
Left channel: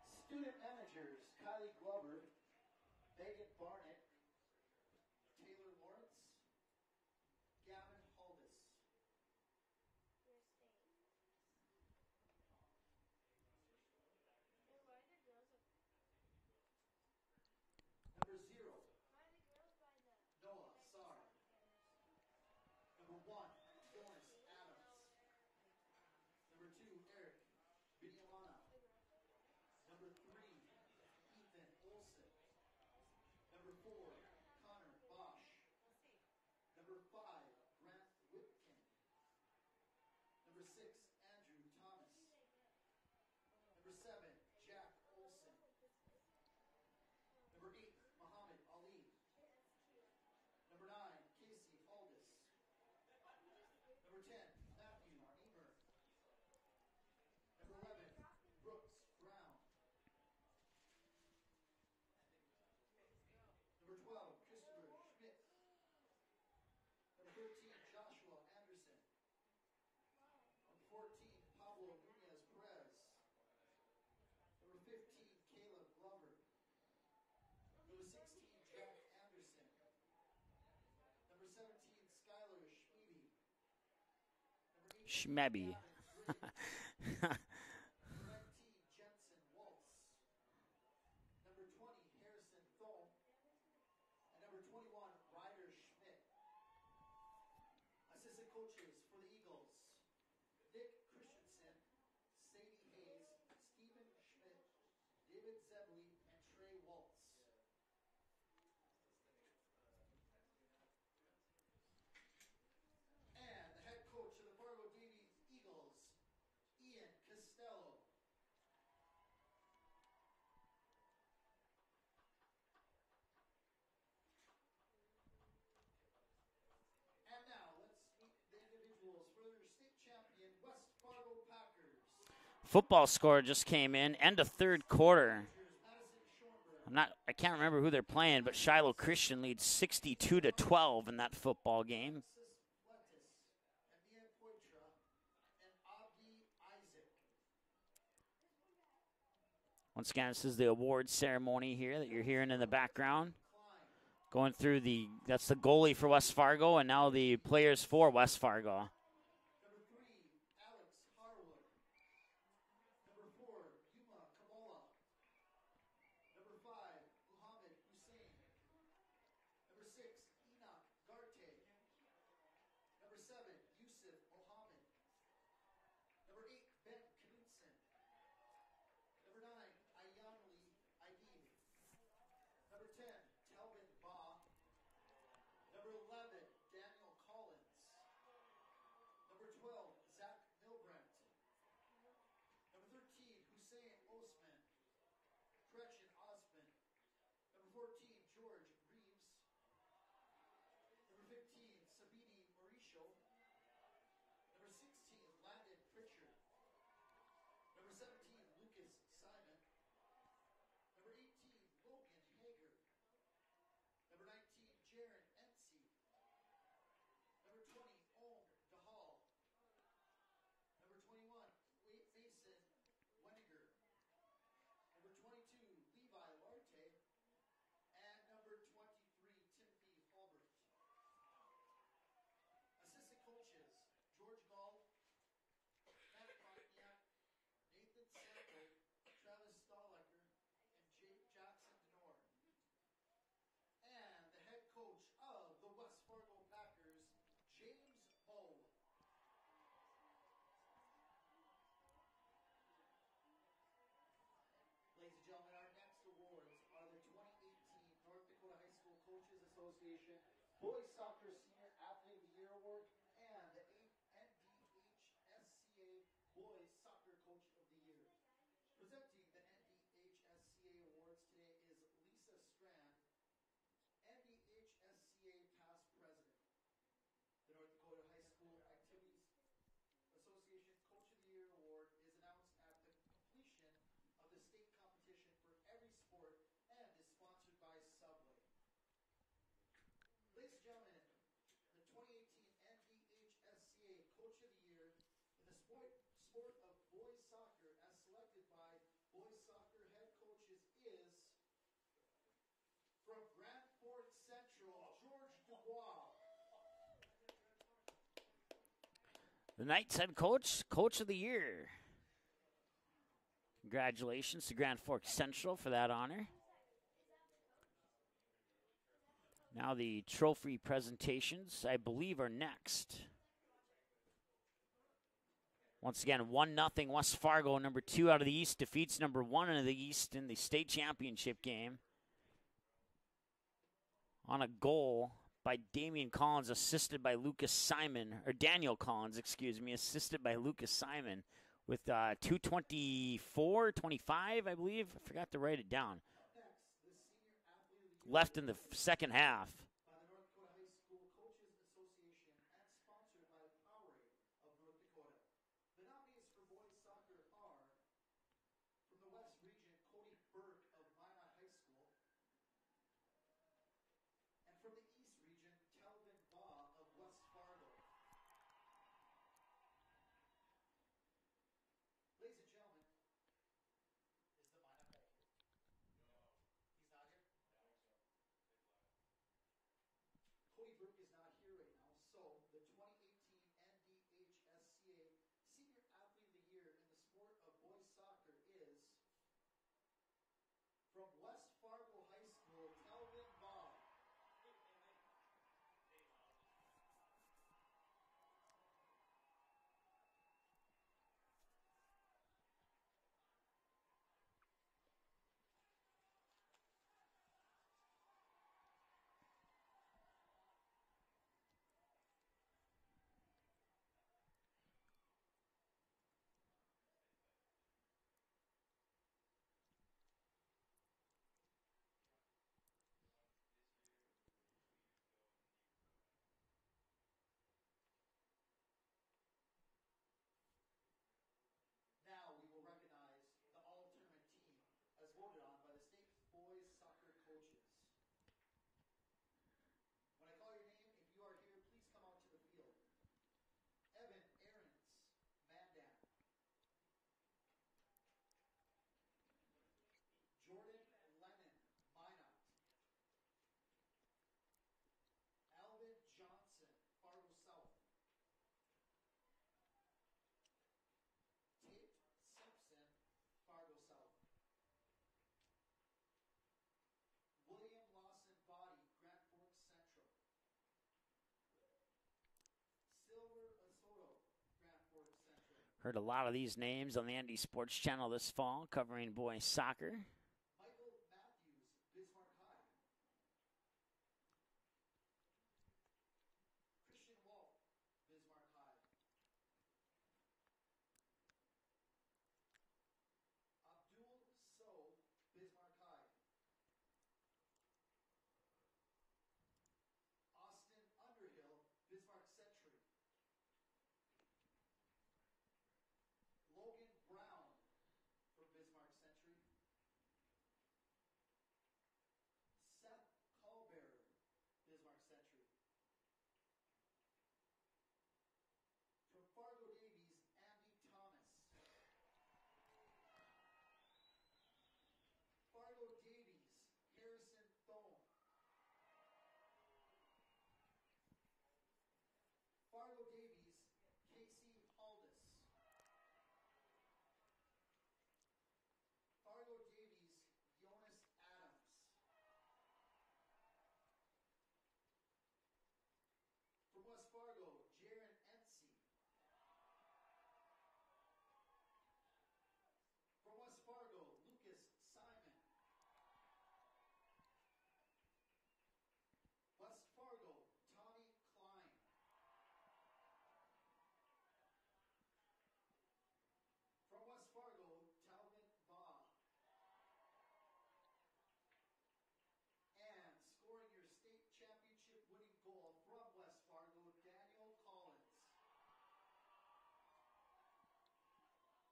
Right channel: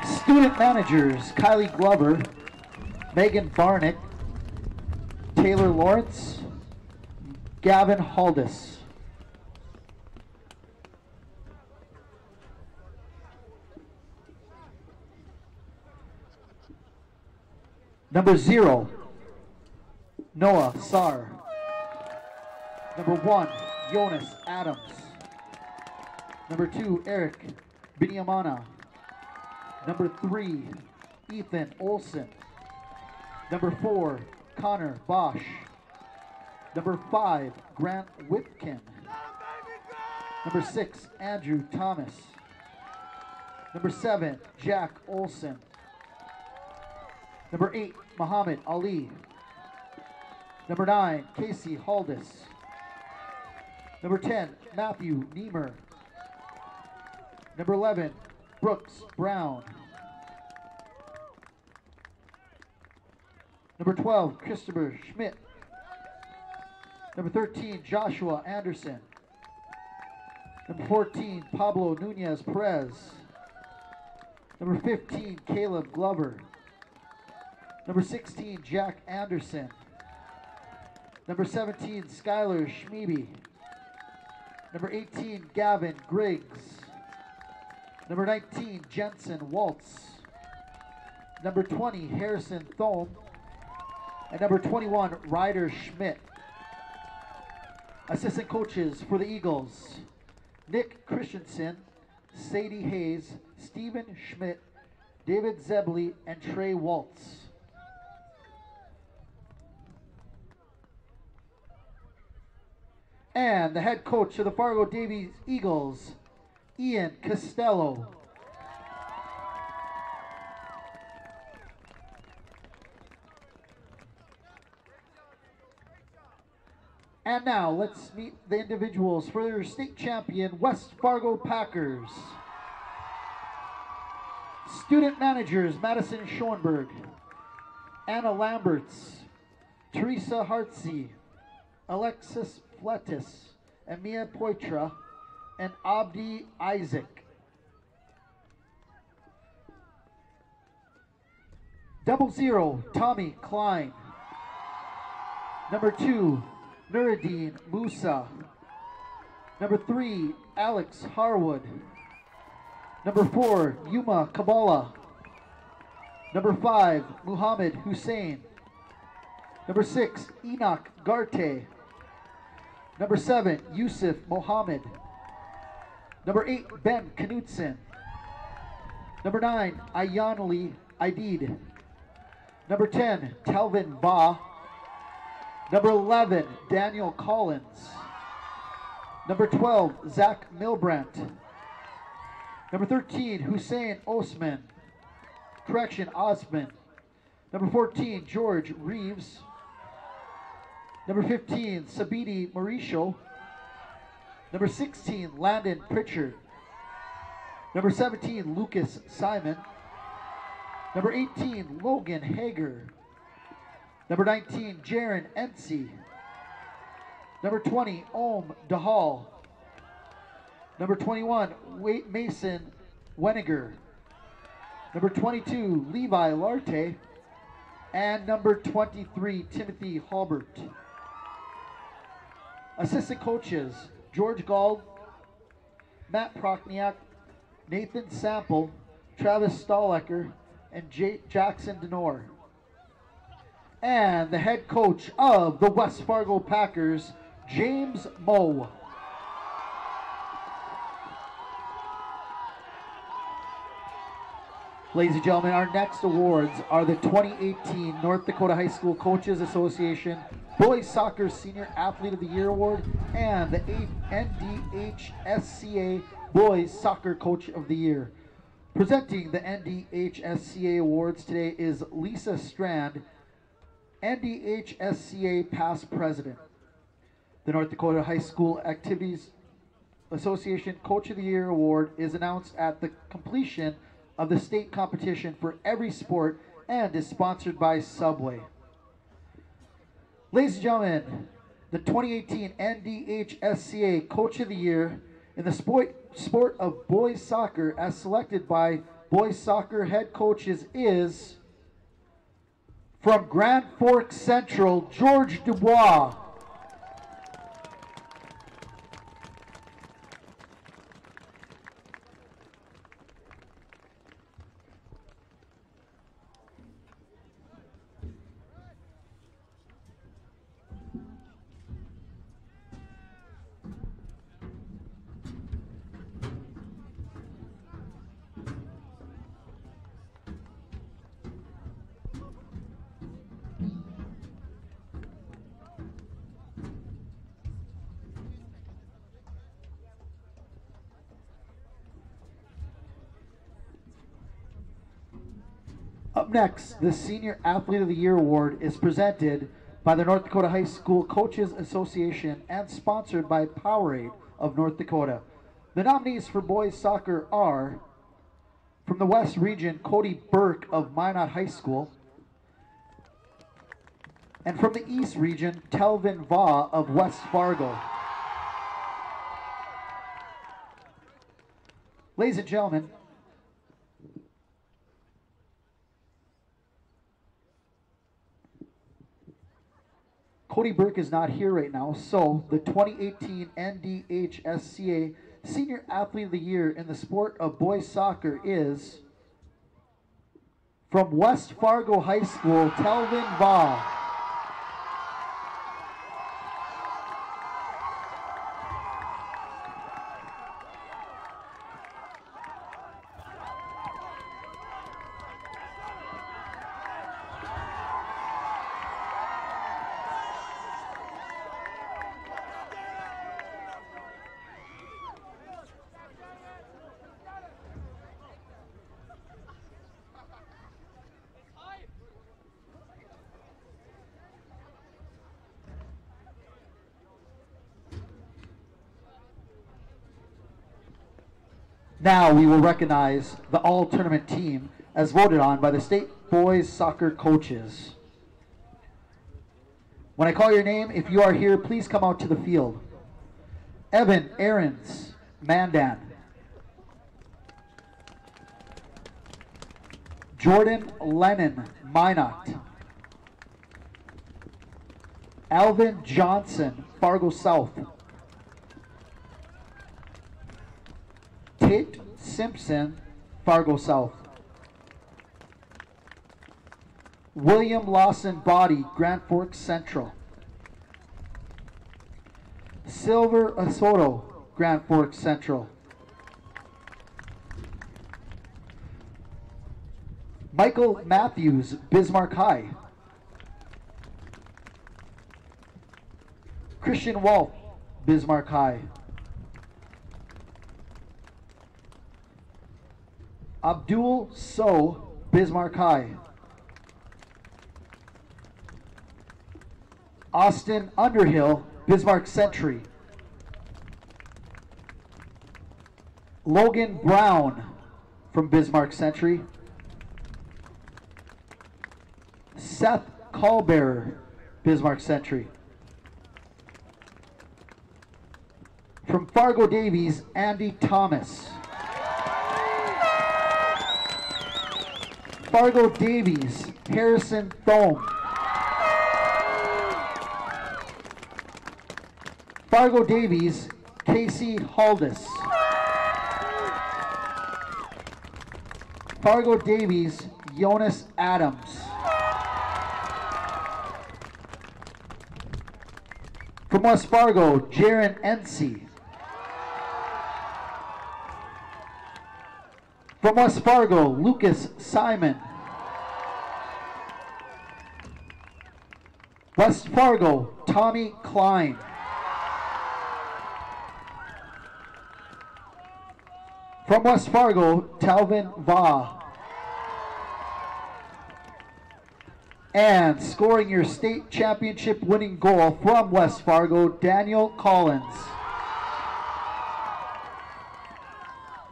Student managers, Kylie Glover, Megan Barnett, Taylor Lawrence, Gavin Haldis. Number 0, Noah Sarr. Number 1, Jonas Adams. Number 2, Eric Binyamana. Number 3, Ethan Olson. Number 4, Connor Bosch. Number 5, Grant Whitkin. Number 6, Andrew Thomas. Number 7, Jack Olson. Number 8, Muhammad Ali. Number 9, Casey Haldis. Number 10, Matthew Niemer. Number 11, Brooks Brown. Number 12, Christopher Schmidt. Number 13, Joshua Anderson. Number 14, Pablo Nunez Perez. Number 15, Caleb Glover. Number 16, Jack Anderson. Number 17, Skylar Schmebe. Number 18, Gavin Griggs. Number 19, Jensen Waltz. Number 20, Harrison Thome. And number 21, Ryder Schmidt. Assistant coaches for the Eagles, Nick Christensen, Sadie Hayes, Stephen Schmidt, David Zebley, and Trey Waltz. And the head coach of the Fargo Davies Eagles, Ian Costello. And now let's meet the individuals for their state champion West Fargo Packers. Football score just came in, end of third Student quarter. managers, Madison Schoenberg. I can't remember who they're Anna playing, but Lamberts, Shiloh Christian leads 62-12 in that football game. Alexis Fletis, Emia Poitra, and Abdi Isaac. Once again, this is the awards ceremony here. Double zero, Tommy Klein. Going through that's the goalie for West Fargo, and now the players for West Fargo. Number 3, Alex Harwood. Number 4, Yuma Kabbalah. Number 5, Muhammad Hussein. Number 6, Enoch Garte. Number 7, Yusuf Mohammed. Number 8, Ben Knutson. Number 9, Ayanali Aidid. Number 10, Telvin Ba. Number 11, Daniel Collins. Number 12, Zach Milbrandt. Number 13, Hussein Osman. Osman. Number 14, George Reeves. Number 15, Sabiti Mauricio. Number 16, Landon Pritchard. Number 17, Lucas Simon. Number 18, Logan Hager. Number 19, Jaron Ensi. Number 20, Om Dahal. Number 21, Mason Weniger. Number 22, Levi Larte. And number 23, Timothy Halbert. Assistant coaches, George Gall, Matt Prochniak, Nathan Sample, Travis Stahlecker, and Jackson Denor. And the head coach of the West Fargo Packers, James Moe. Ladies and gentlemen, our next awards are the 2018 North Dakota High School Coaches Association Boys Soccer Senior Athlete of the Year Award and the NDHSAA Boys Soccer Coach of the Year. Presenting the NDHSAA Awards today is Lisa Strand, NDHSAA Past President. The North Dakota High School Activities Association Coach of the Year Award is announced at the completion of the state competition for every sport and is sponsored by Subway. Ladies and gentlemen, the 2018 NDHSAA Coach of the Year in the sport of boys soccer as selected by boys soccer head coaches is from Grand Forks Central, George Dubois. Tonight's head coach, Coach of the Year. Congratulations to Grand Forks Central for that honor. Now the trophy presentations, I believe, are next. Once again, 1-0 West Fargo, number 2 out of the East, defeats number 1 out of the East in the state championship game. On a goal by Damian Collins, assisted by Lucas Simon, or Daniel Collins, excuse me, assisted by Lucas Simon. With 2:24:25, I believe. I forgot to write it down. Up next, the Senior Athlete of the Year Award is presented by the North Dakota High School Coaches Association and sponsored by Powerade of North Dakota. The nominees for boys soccer are, from the West Region, Cody Burke of Minot High School. And from the East Region, Telvin Va of West Fargo. Ladies and gentlemen, Cody Burke is not here right now, so the 2018 NDHSAA Senior Athlete of the Year in the sport of boys soccer is from West Fargo High School, Telvin Va. Now we will recognize the all-tournament team as voted on by the state boys soccer coaches. When I call your name, if you are here, please come out to the field. Evan Aarons, Mandan. Jordan Lennon, Minot. Alvin Johnson, Fargo South. Tate Simpson, Fargo South. William Lawson Body, Grand Forks Central. Silver Asoto, Grand Forks Central. Heard a lot of these names on the ND Sports Channel this fall, covering boys soccer. Michael Matthews, Bismarck High. Christian Wolf, Bismarck High. Abdul So, Bismarck High. Austin Underhill, Bismarck Century. Logan Brown from Bismarck Century. Seth Callbearer, Bismarck Century. From Fargo Davies, Andy Thomas. Fargo Davies, Harrison Thome. Fargo Davies, Casey Haldis. Fargo Davies, Jonas Adams. From West Fargo, Jaron Ency. From West Fargo, Lucas Simon. West Fargo, Tommy Klein. From West Fargo, Talvin Va. And scoring your state championship winning goal from West Fargo, Daniel Collins.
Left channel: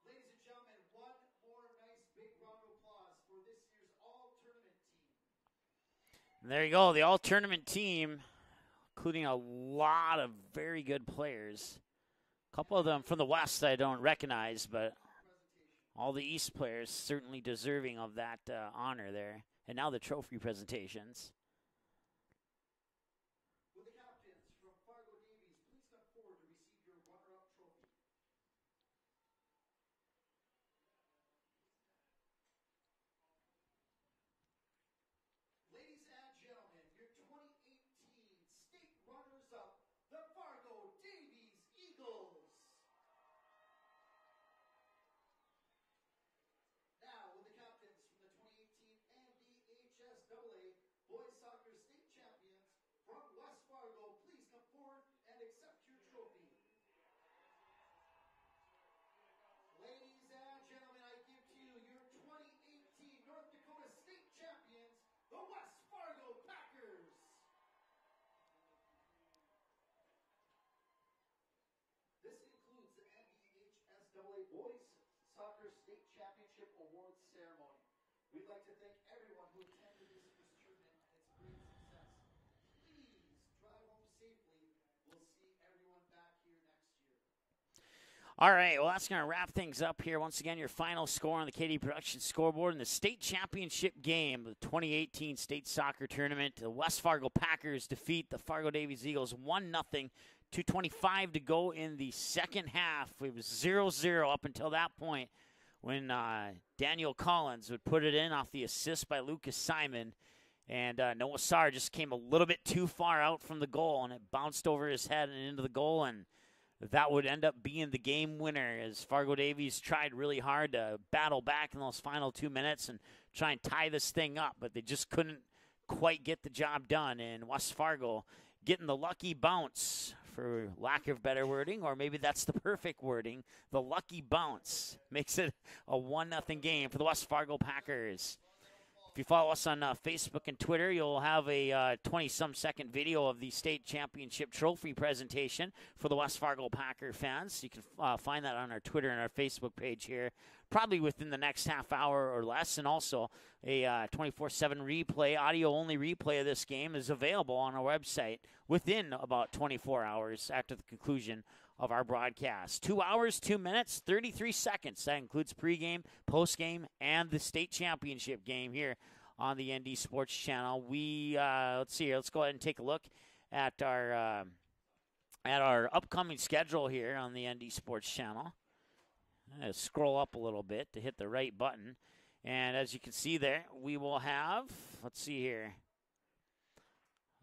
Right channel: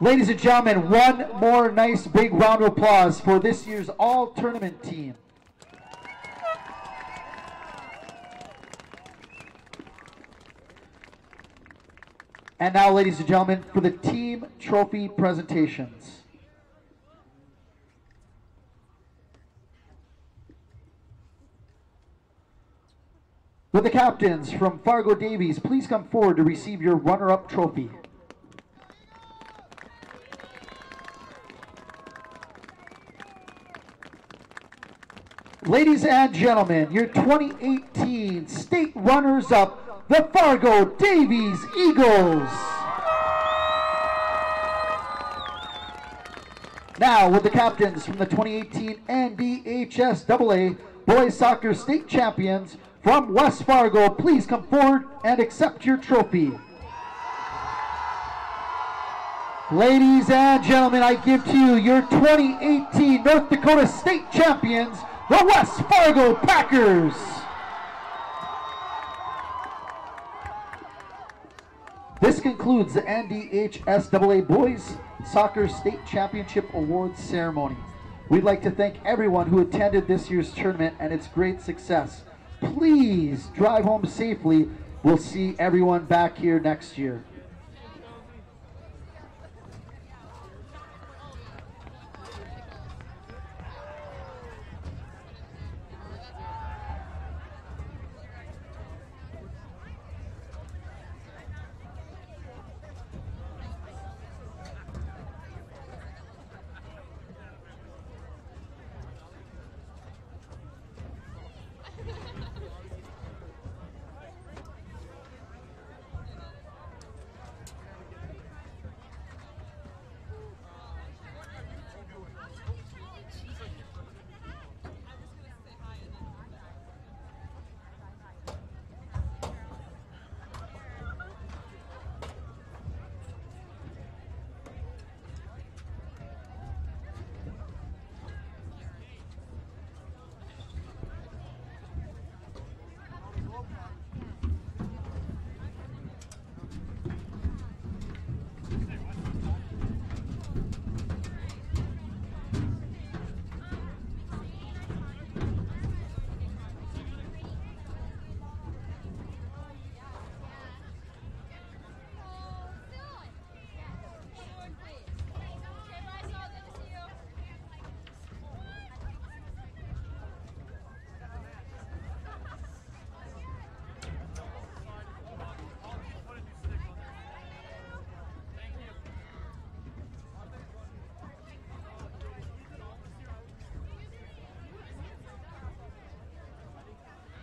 Ladies and gentlemen, one more nice big round of applause for this year's all-tournament team. There you go, the all-tournament team, including a lot of very good players. And now, ladies and gentlemen, for the team trophy presentations. All the East players certainly deserving of that honor there. And now the trophy presentations. Will the captains from Fargo Davies please come forward to receive your runner-up trophy. Ladies and gentlemen, your 2018 state runners-up, the Fargo Davies Eagles. Now, with the captains from the 2018 NDHSAA Boys Soccer State Champions from West Fargo, please come forward and accept your trophy. Ladies and gentlemen, I give to you your 2018 North Dakota State Champions, the West Fargo Packers. This concludes the NDHSAA Boys Soccer State Championship Awards ceremony. We'd like to thank everyone who attended this year's tournament and its great success. Please drive home safely. We'll see everyone back here next year. All right, well, that's going to wrap things up here. Once again, your final score on the KD Production scoreboard in the State Championship Game 2018 State Soccer Tournament. The West Fargo Packers defeat the Fargo Davies Eagles 1-0. 2:25 to go in the second half. It was 0-0 up until that point when Daniel Collins would put it in off the assist by Lucas Simon. And Noah Sarr just came a little bit too far out from the goal, and it bounced over his head and into the goal. And that would end up being the game winner, as Fargo Davies tried really hard to battle back in those final 2 minutes and try and tie this thing up, but they just couldn't quite get the job done. And West Fargo getting the lucky bounce, for lack of better wording, or maybe that's the perfect wording. The lucky bounce makes it a 1-0 game for the West Fargo Packers. If you follow us on Facebook and Twitter, you'll have a 20-some second video of the state championship trophy presentation for the West Fargo Packer fans. You can find that on our Twitter and our Facebook page here, probably within the next half hour or less. And also a 24/7 replay, audio-only replay of this game is available on our website within about 24 hours after the conclusion of our broadcast. 2 hours, 2 minutes, 33 seconds. That includes pregame, postgame, and the state championship game here on the ND Sports Channel. We let's see here. Let's go ahead and take a look at our upcoming schedule here on the ND Sports Channel. Scroll up a little bit to hit the right button, and as you can see there, we will have. Let's see here.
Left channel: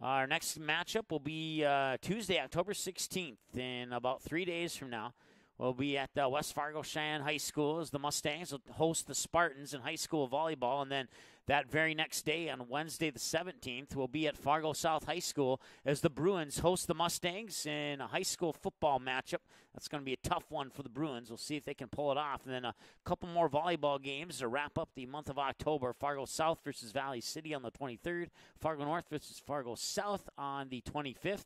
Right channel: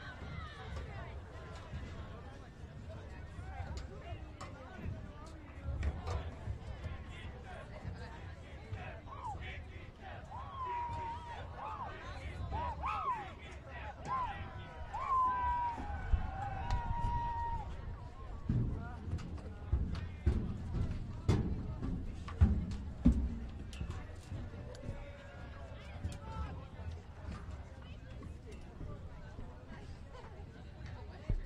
Our next matchup will be Tuesday, October 16th, in about 3 days from now. will be at West Fargo Cheyenne High School as the Mustangs will host the Spartans in high school volleyball. And then that very next day, on Wednesday the 17th, will be at Fargo South High School as the Bruins host the Mustangs in a high school football matchup. That's going to be a tough one for the Bruins. We'll see if they can pull it off. And then a couple more volleyball games to wrap up the month of October. Fargo South versus Valley City on the 23rd. Fargo North versus Fargo South on the 25th.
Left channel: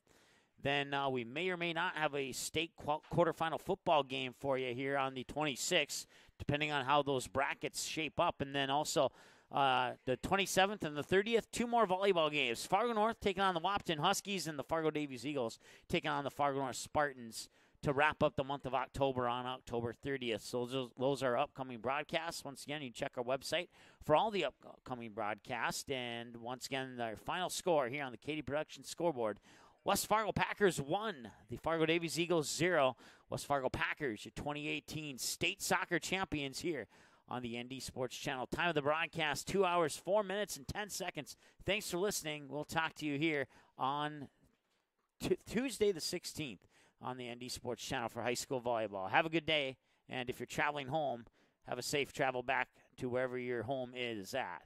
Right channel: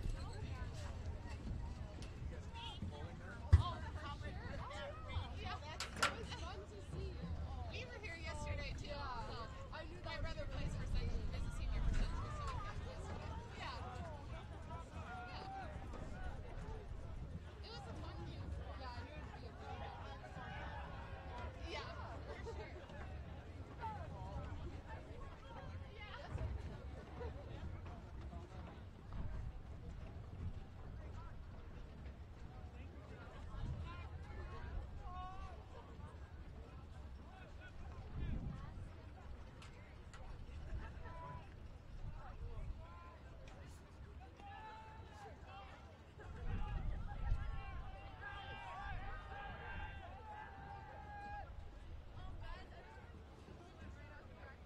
Then we may or may not have a state quarterfinal football game for you here on the 26th, depending on how those brackets shape up. And then also the 27th and the 30th, two more volleyball games. Fargo North taking on the Wapton Huskies and the Fargo Davies Eagles taking on the Fargo North Spartans to wrap up the month of October on October 30th. So those are upcoming broadcasts. Once again, you can check our website for all the upcoming broadcasts. And once again, our final score here on the Katie Production scoreboard. West Fargo Packers 1, the Fargo Davies Eagles 0. West Fargo Packers, your 2018 state soccer champions here on the ND Sports Channel. Time of the broadcast, 2 hours, 4 minutes, and 10 seconds. Thanks for listening. We'll talk to you here on Tuesday the 16th on the ND Sports Channel for high school volleyball. Have a good day, and if you're traveling home, have a safe travel back to wherever your home is at.